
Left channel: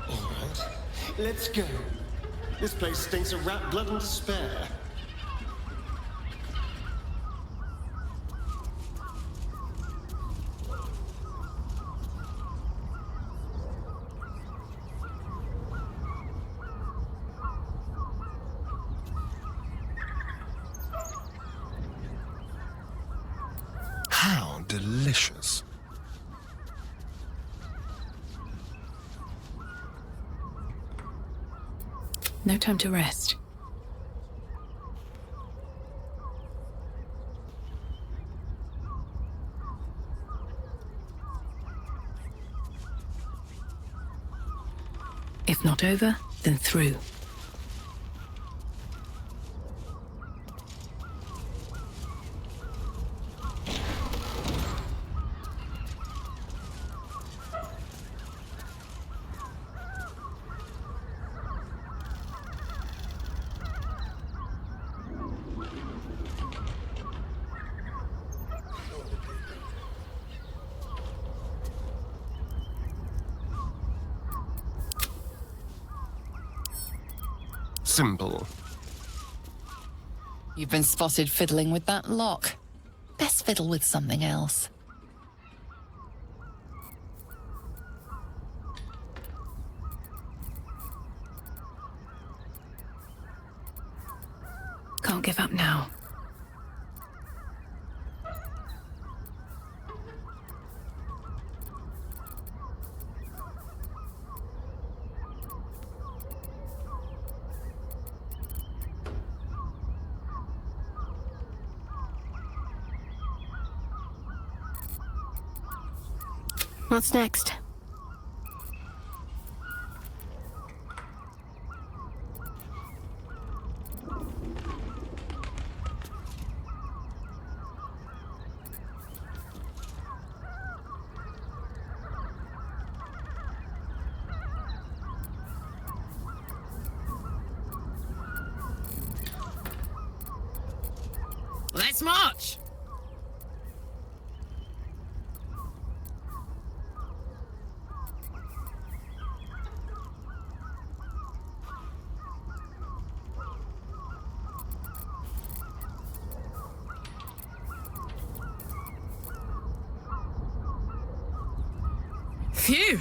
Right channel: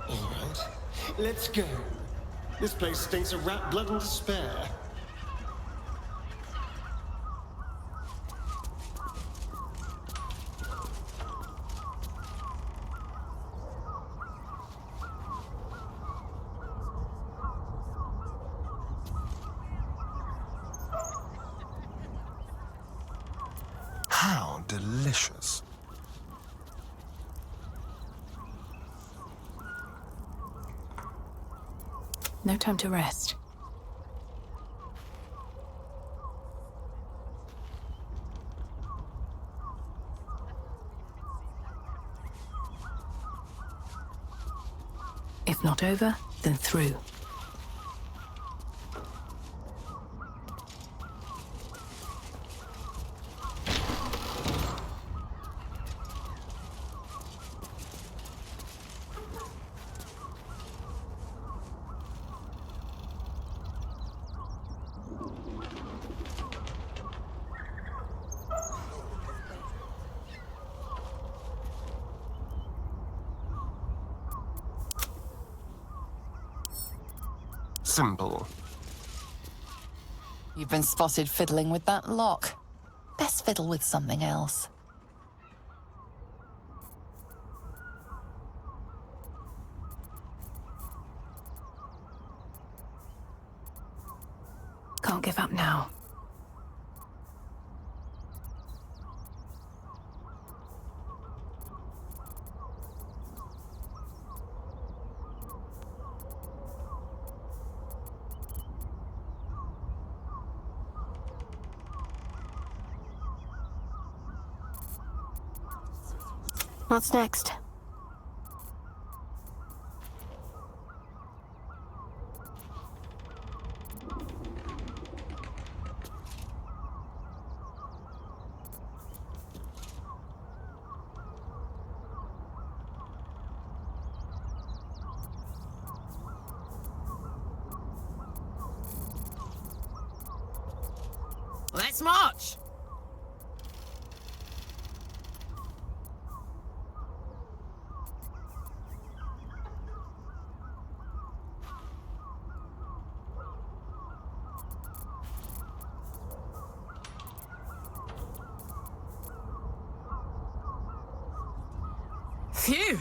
All right, let's go. This place stinks of rat blood and despair. delicious. No time to rest. If not over, then through. Simple. You've been spotted fiddling with that lock. Best fiddle with something else. Can't give up now. What's next? Let's march! Phew!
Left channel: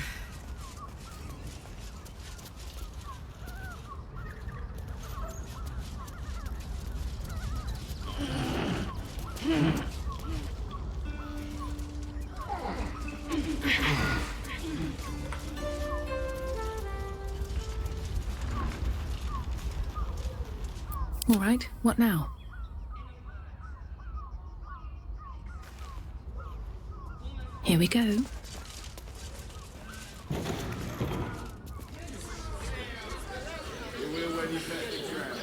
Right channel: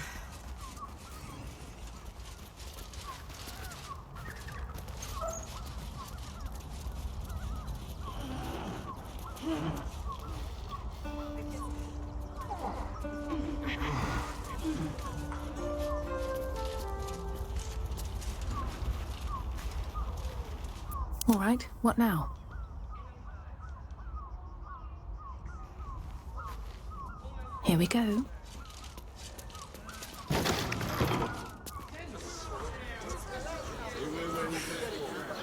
All right, what now? Here we go. You will when you met the trap.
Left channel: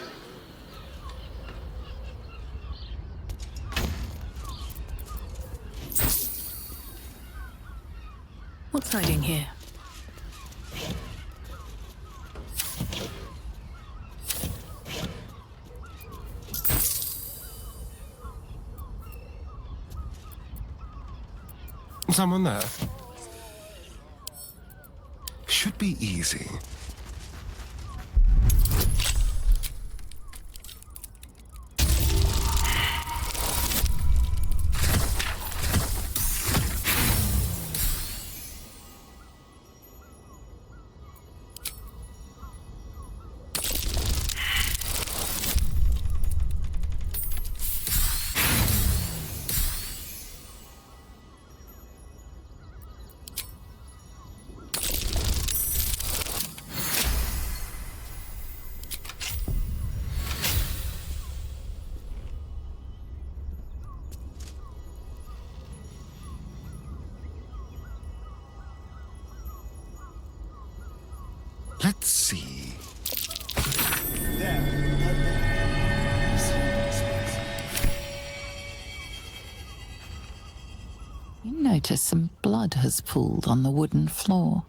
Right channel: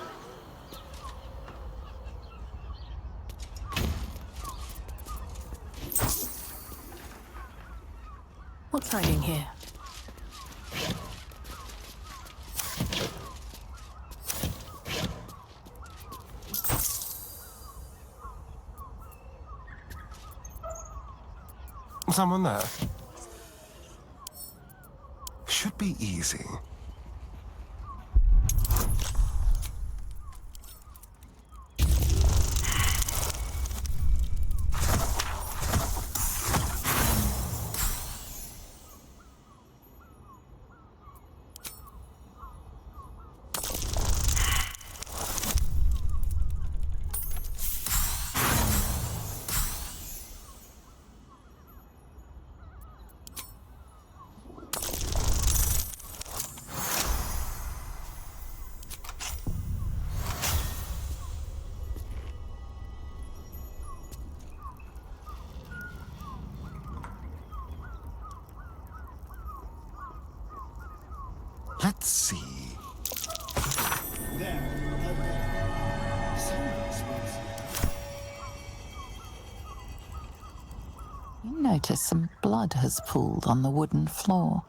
What's hiding here? Someone there. Should be easy. Let's see. There, You notice some blood has pooled on the wooden floor.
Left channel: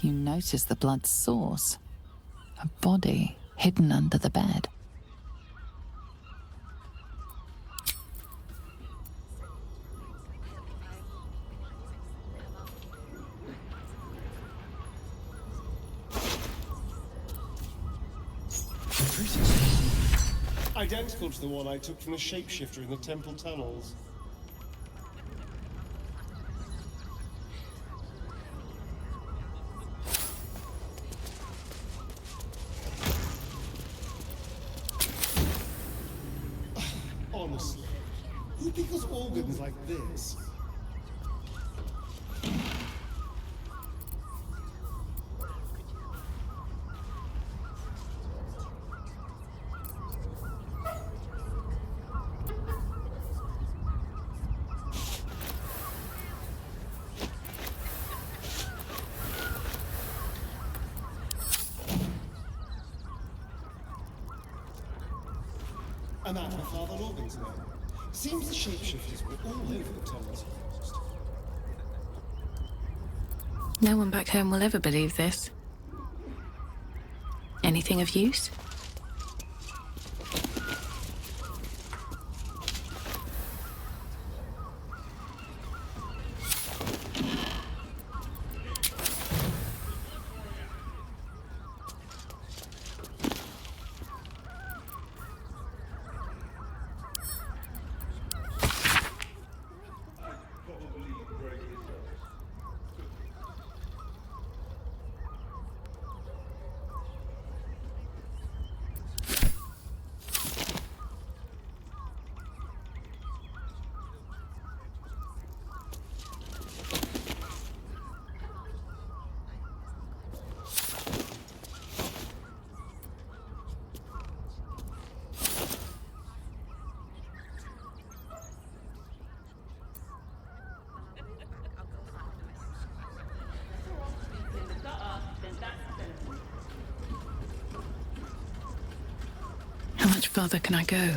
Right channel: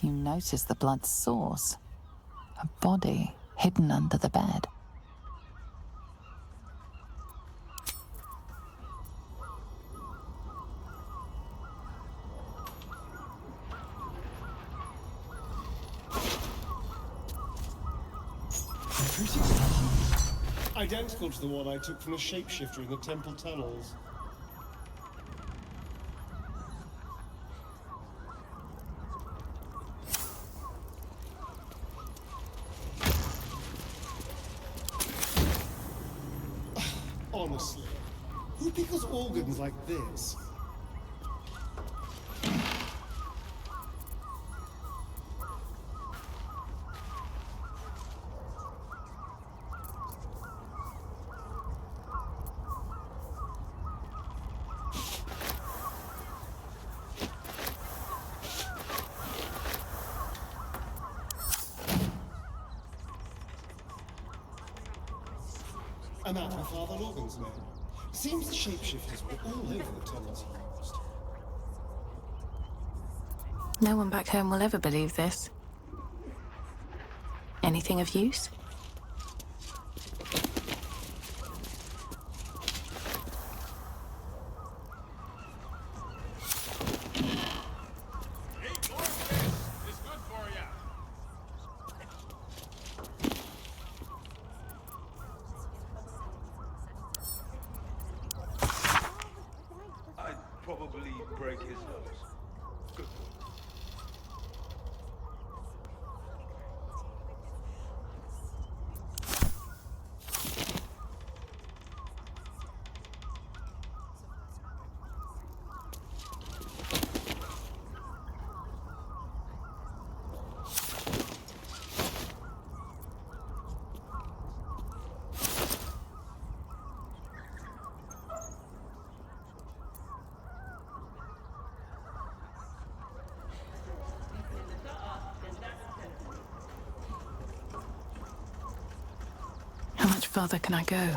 You notice the blood's source. A body hidden under the bed. Identical to the one I took from the shapeshifter in the temple tunnels. honestly, who pickles organs like this? I'm at my Father Logan's name. Seems the shapeshifters were all over the tunnels he used. No one back home will ever believe this. Anything of use? I'd probably break his nose. Good. How much further can I go?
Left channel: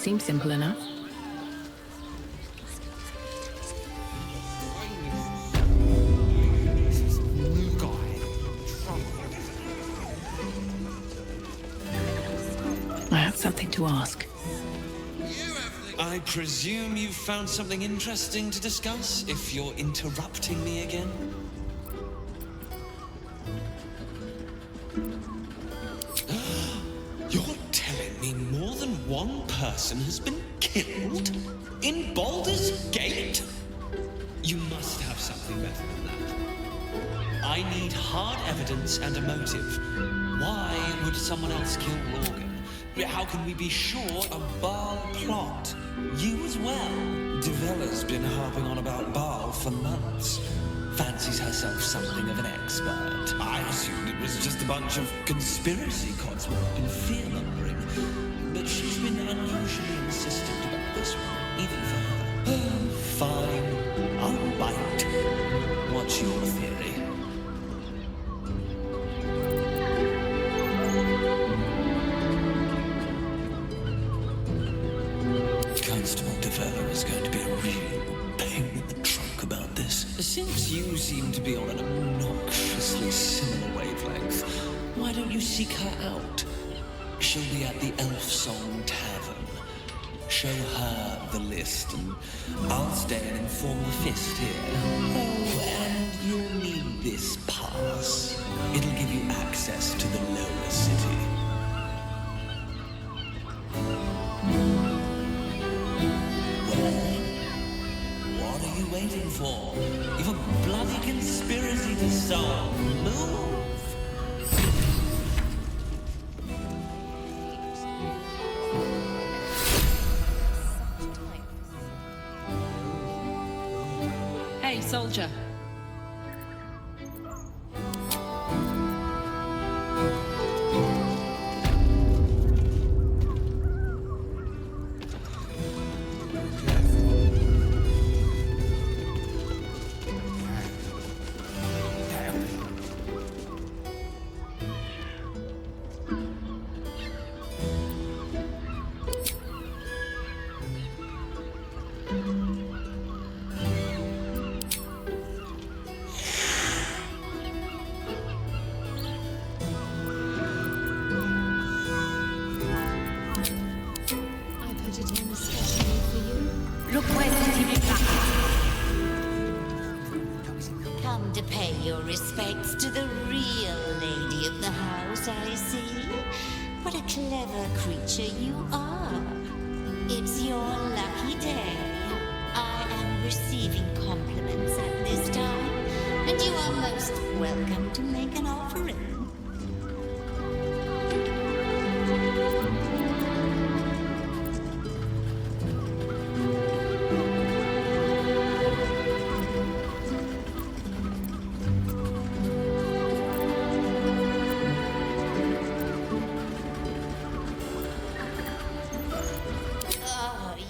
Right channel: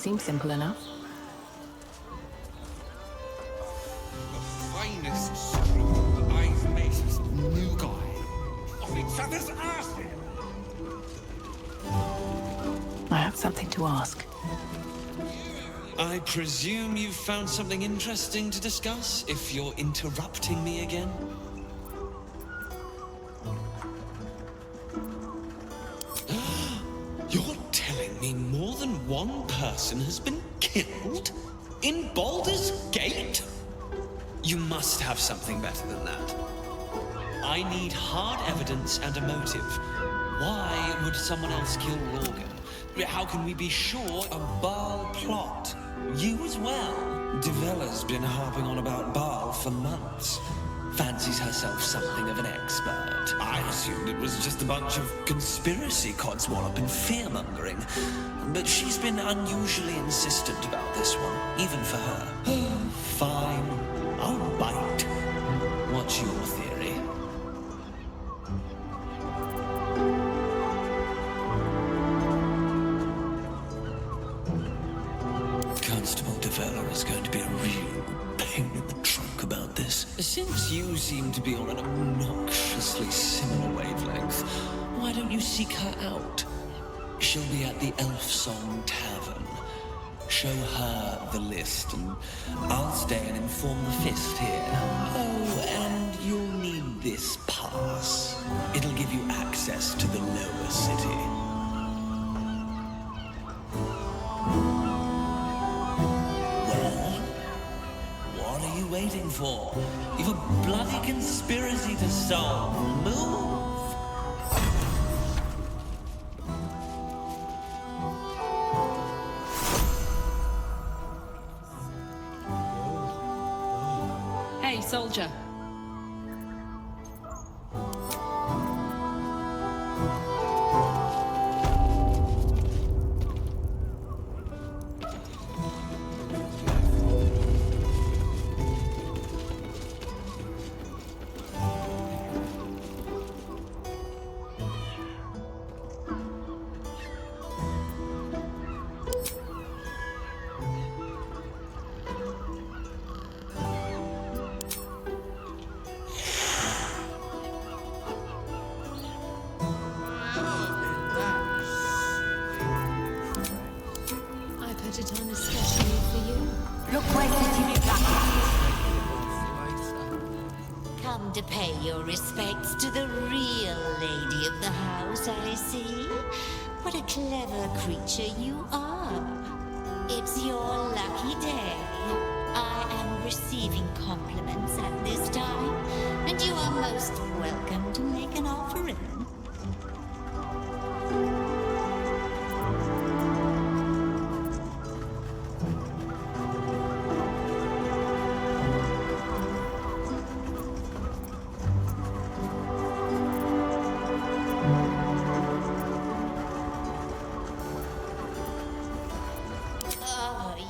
Seems simple enough. Finest I've met. New guy. Each other's ass. I have something to ask. I presume you've found something interesting to discuss, if you're interrupting me again? You're telling me more than one person has been killed? In Baldur's Gate? You must have something better than that. I need hard evidence and a motive. Why would someone else kill Lorgan? How can we be sure a Baal plot? You as well? Devella's been harping on about Baal for months. Fancies herself something of an expert. I assumed it was just a bunch of conspiracy codswallop and fear-mongering. But she's been unusually insistent about this one, even for her. Fine, I'll bite. What's your theory? Constable Devella is going to be a real pain in the trunk about this. Since you seem to be on an obnoxiously similar wavelength, why don't you seek her out? She'll be at the Elf Song Tavern. Show her the list, and I'll stay and inform the Fist here. Oh, and you'll need this pass. It'll give you access to the lower city. What are you waiting for? You've a bloody conspiracy to solve. Move! Hey, soldier. Put it on especially for you. Look where come to pay your respects to the real lady of the house, I see. What a clever creature you are. It's your lucky day. I am receiving compliments at this time, and you are most welcome to make an offering.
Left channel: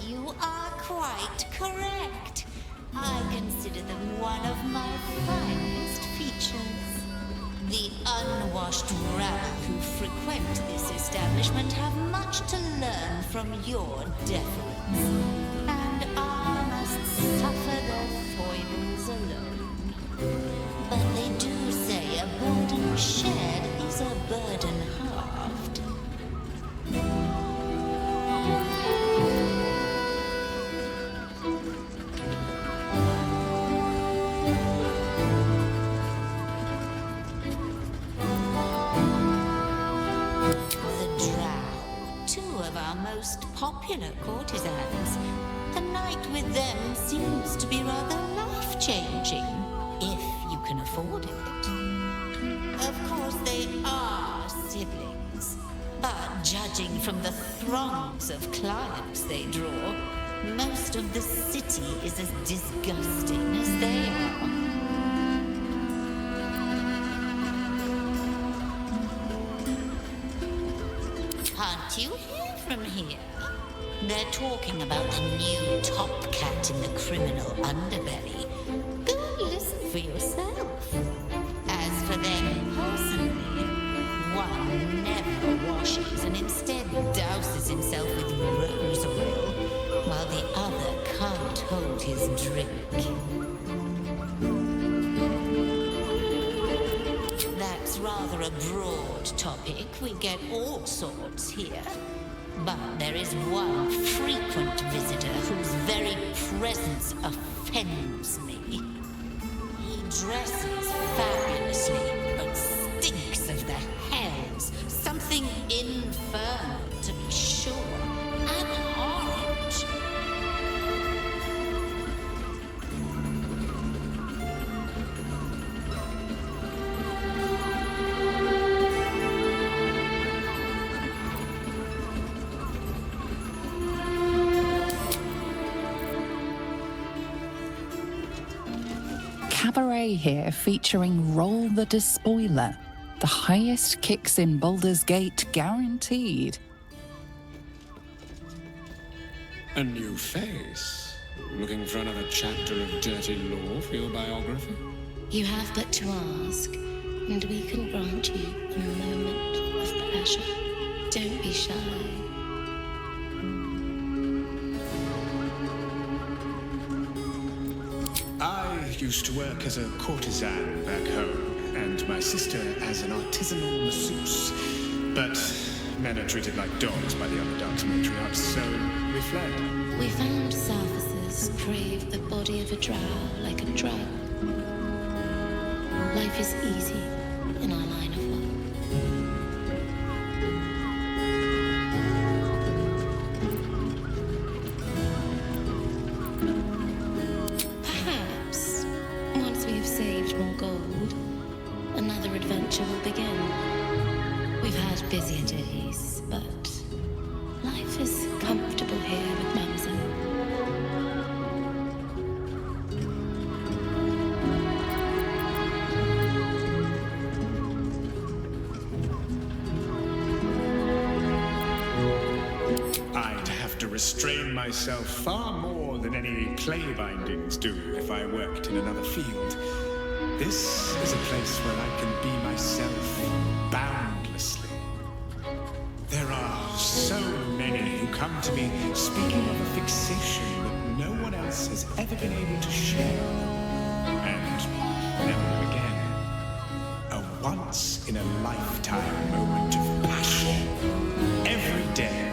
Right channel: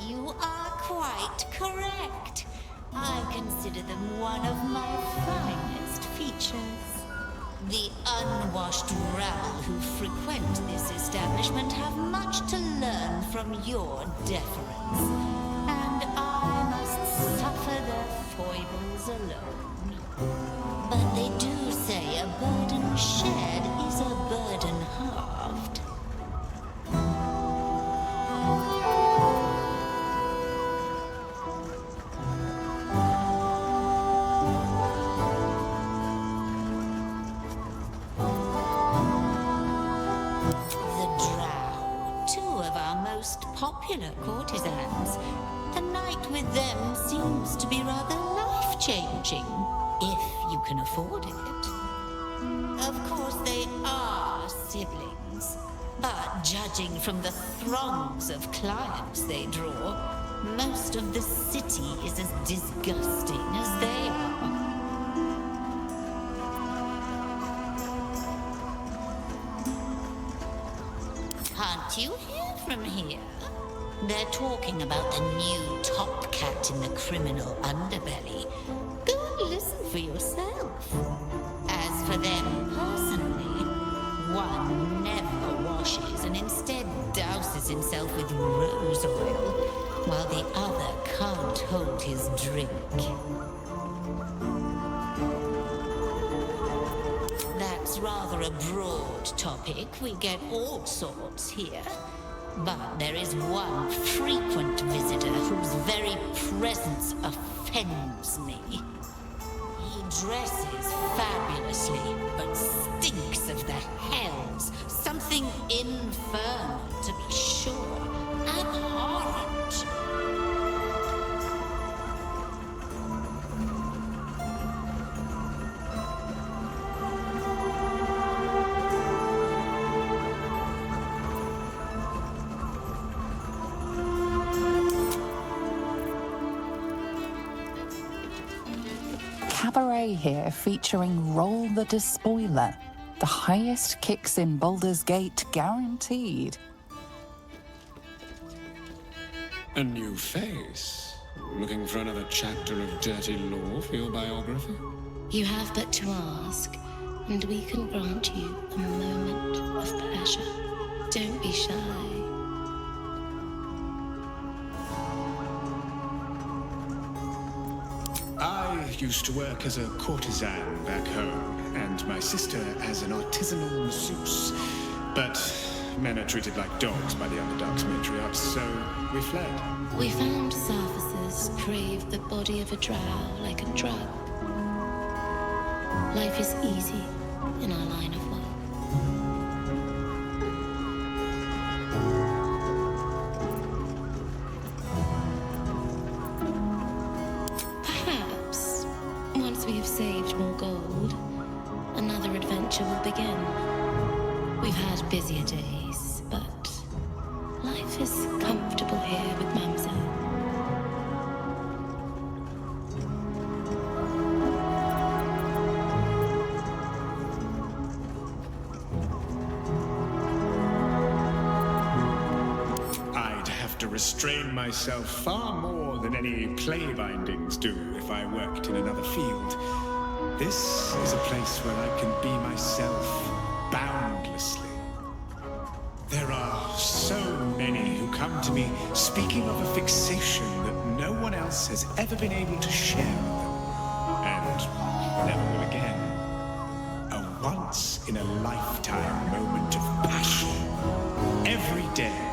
You are quite correct. I consider them one of my finest features. The unwashed rabble who frequent this establishment have much to learn from your deference, and I must suffer their foibles alone. But they do say a burden shared is a burden halved. Most popular courtesans. The night with them seems to be rather life-changing, if you can afford it. Of course, they are siblings, but judging from the throngs of clients they draw, most of the city is as disgusting as they are. Can't you hear from here? They're talking about the new top cat in the criminal underbelly. Go and listen for yourself. As for them personally, one never washes and instead douses himself with rose oil, while the other can't hold his drink. That's rather a broad topic. We get all sorts here. But there is one frequent visitor whose very presence offends me. He dresses fabulously, but stinks of the hells. Something infernal, to be sure. Abhorrent. Cabaret here featuring Roll the Despoiler. The highest kicks in Baldur's Gate guaranteed. A new face? Looking for another chapter of dirty lore for your biography? You have but to ask, and we can grant you a moment of pleasure. Don't be shy. I used to work as a courtesan back home, and my sister as an artisanal masseuse. But men are treated like dogs by the Underdark's matriarchs, so we fled. We found surfacers crave the body of a drow like a drug. Life is easy in our line of work. Perhaps, once we have saved more gold, another adventure will begin. We've had busier days, but life is comfortable here with Mamselle. I'd have to restrain myself far more than any clay bindings do if I worked in another field. This is a place where I can be myself, boundlessly. There are so many who come to me speaking of a fixation that no one else has ever been able to share with them, and never will again. A once-in-a-lifetime moment of passion. Every day.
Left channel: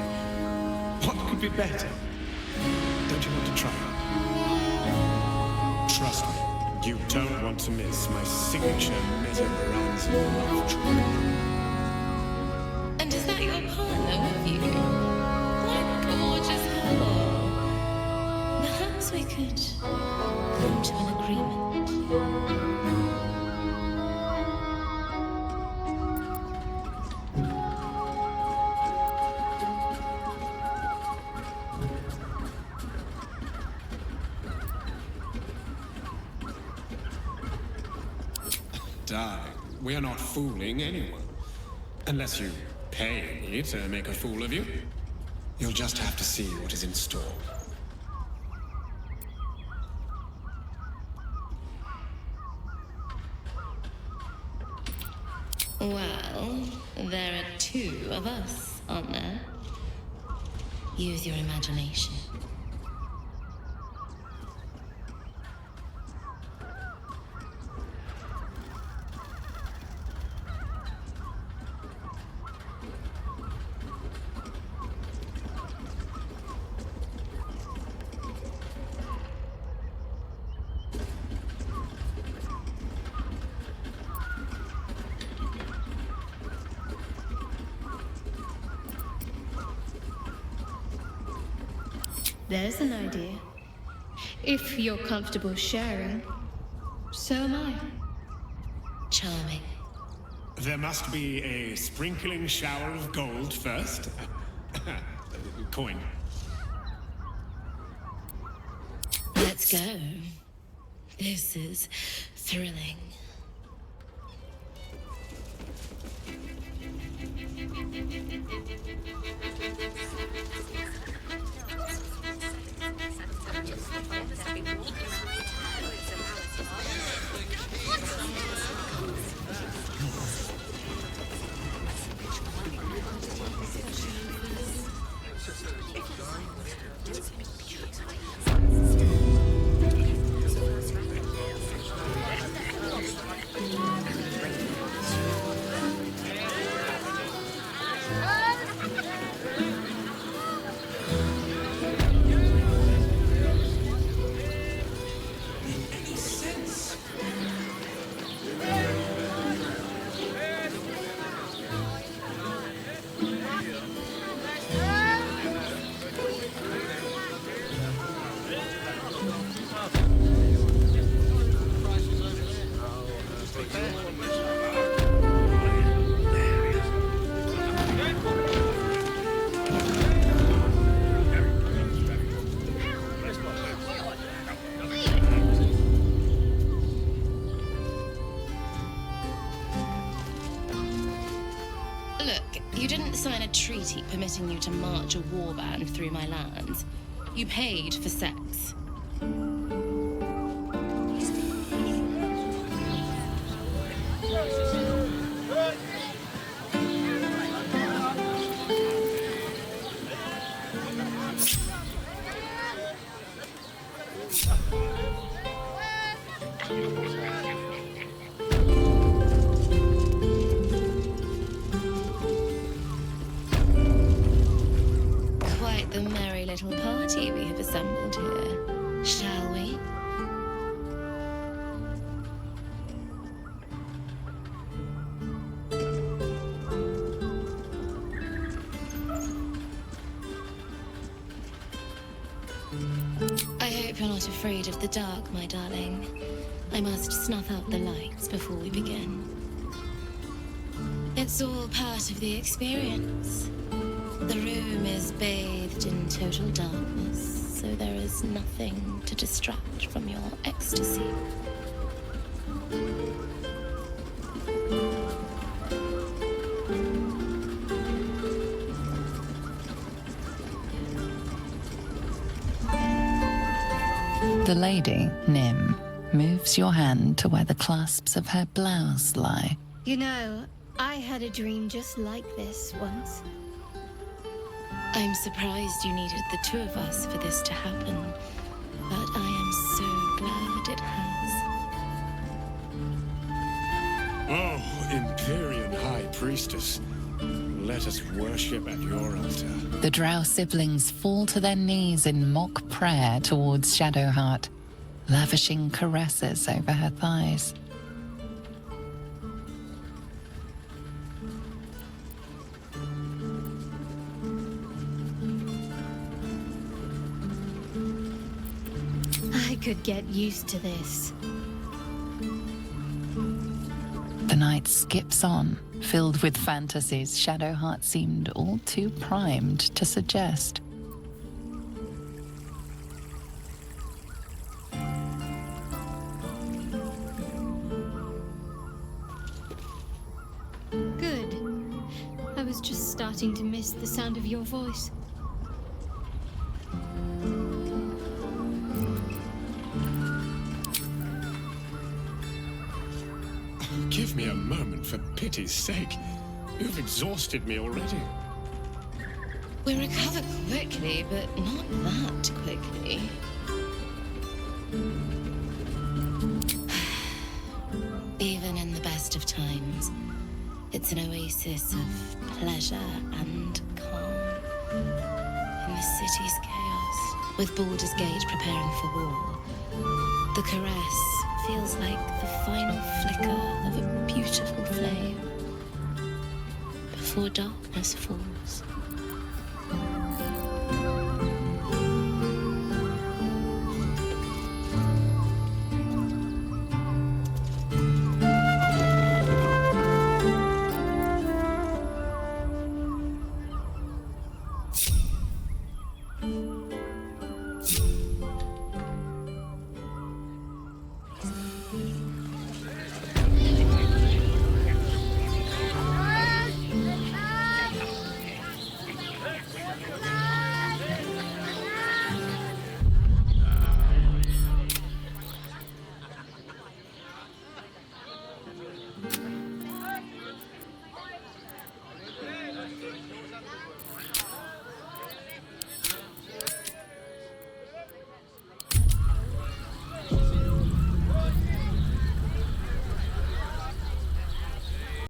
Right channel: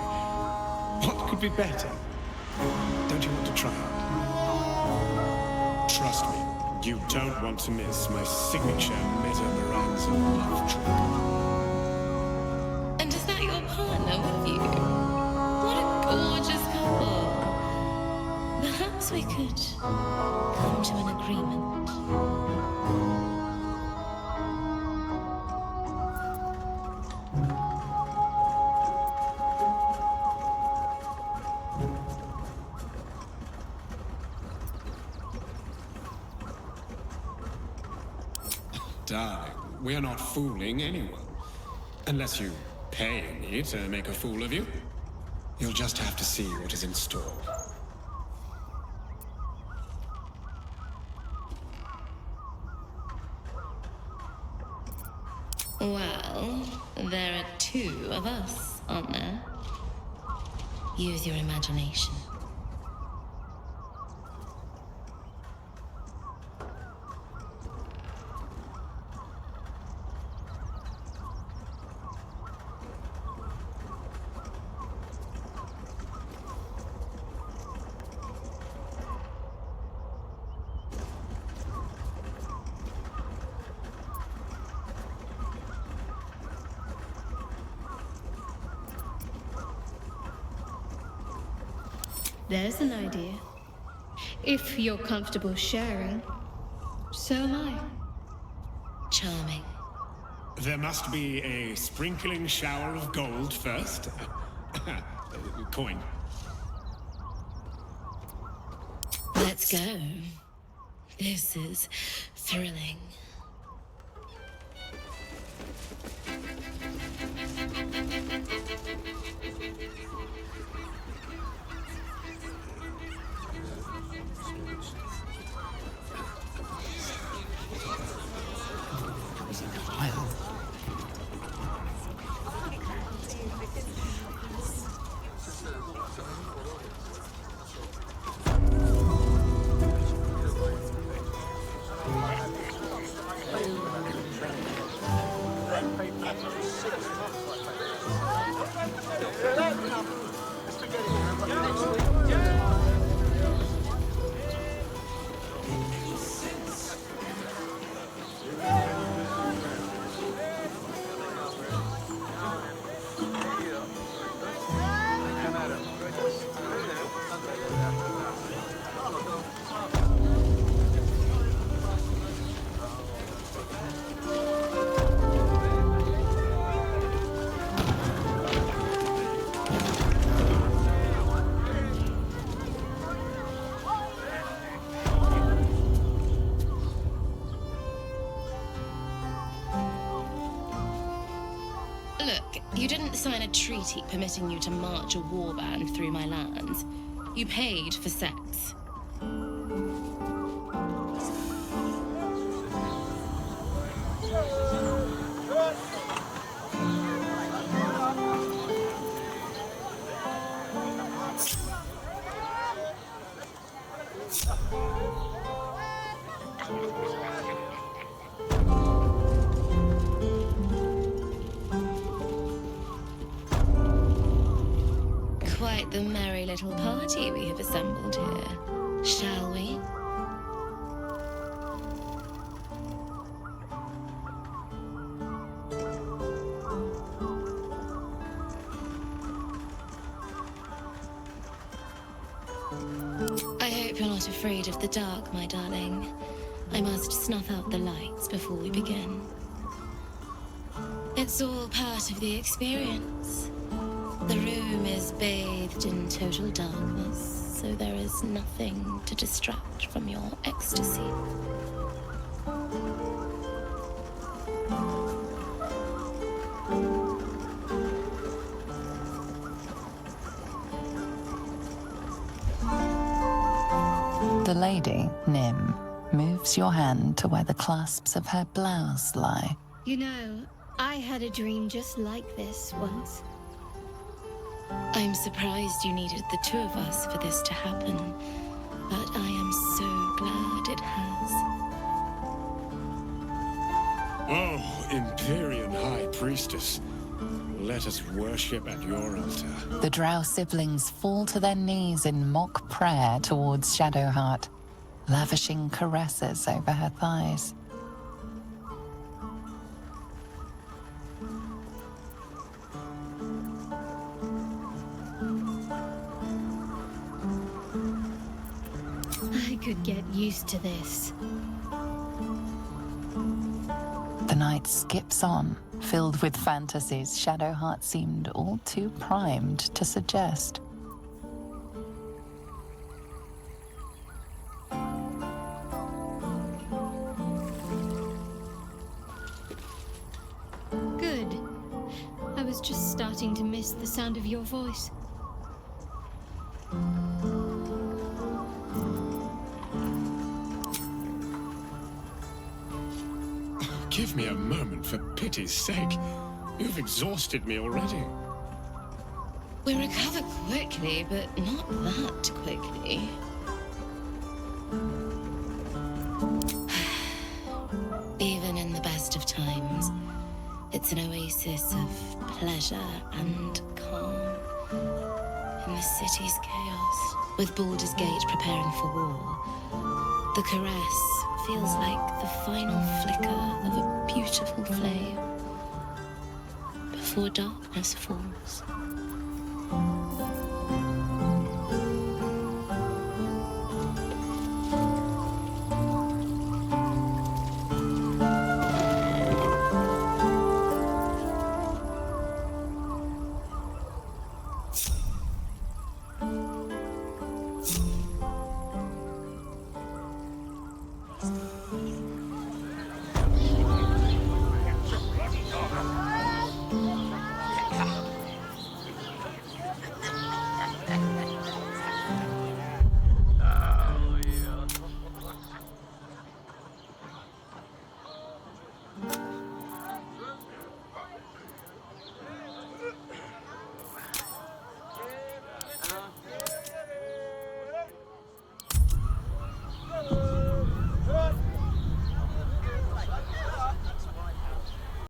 What could be better? Don't you want to try it? Trust me, you don't want to miss my signature Meta-Moranzan love trick. And is that your partner with you? What a gorgeous couple. Perhaps we could come to an agreement. Darling, we're not fooling anyone. Unless you pay me to make a fool of you. You'll just have to see what is in store. Well, there are two of us, aren't there? Use your imagination. There's an idea. If you're comfortable sharing, so am I. Charming. There must be a sprinkling shower of gold first. Coin. Let's go. This is thrilling. Look, you didn't sign a treaty permitting you to march a warband through my lands. You paid for sex. Quite the merry little party we have assembled here, shall we? I hope you're not afraid of the dark, my darling. I must snuff out the lights before we begin. It's all part of the experience. The room is bathed in total darkness, so there is nothing to distract from your ecstasy. The lady, Nim, moves your hand to where the clasps of her blouse lie. You know, I had a dream just like this once. I'm surprised you needed the two of us for this to happen, but I am so glad it has. Oh, Empyrean High Priestess, let us worship at your altar. The Drow siblings fall to their knees in mock prayer towards Shadowheart, lavishing caresses over her thighs. I could get used to this. The night skips on, filled with fantasies Shadowheart seemed all too primed to suggest. Good. I was just starting to miss the sound of your voice. Give me a moment, for pity's sake. You've exhausted me already. We recover quickly, but not that quickly. Even in the best of times, it's an oasis of pleasure and calm. In the city's chaos, with Baldur's Gate preparing for war, the caress feels like the final flicker of a beautiful flame before darkness falls.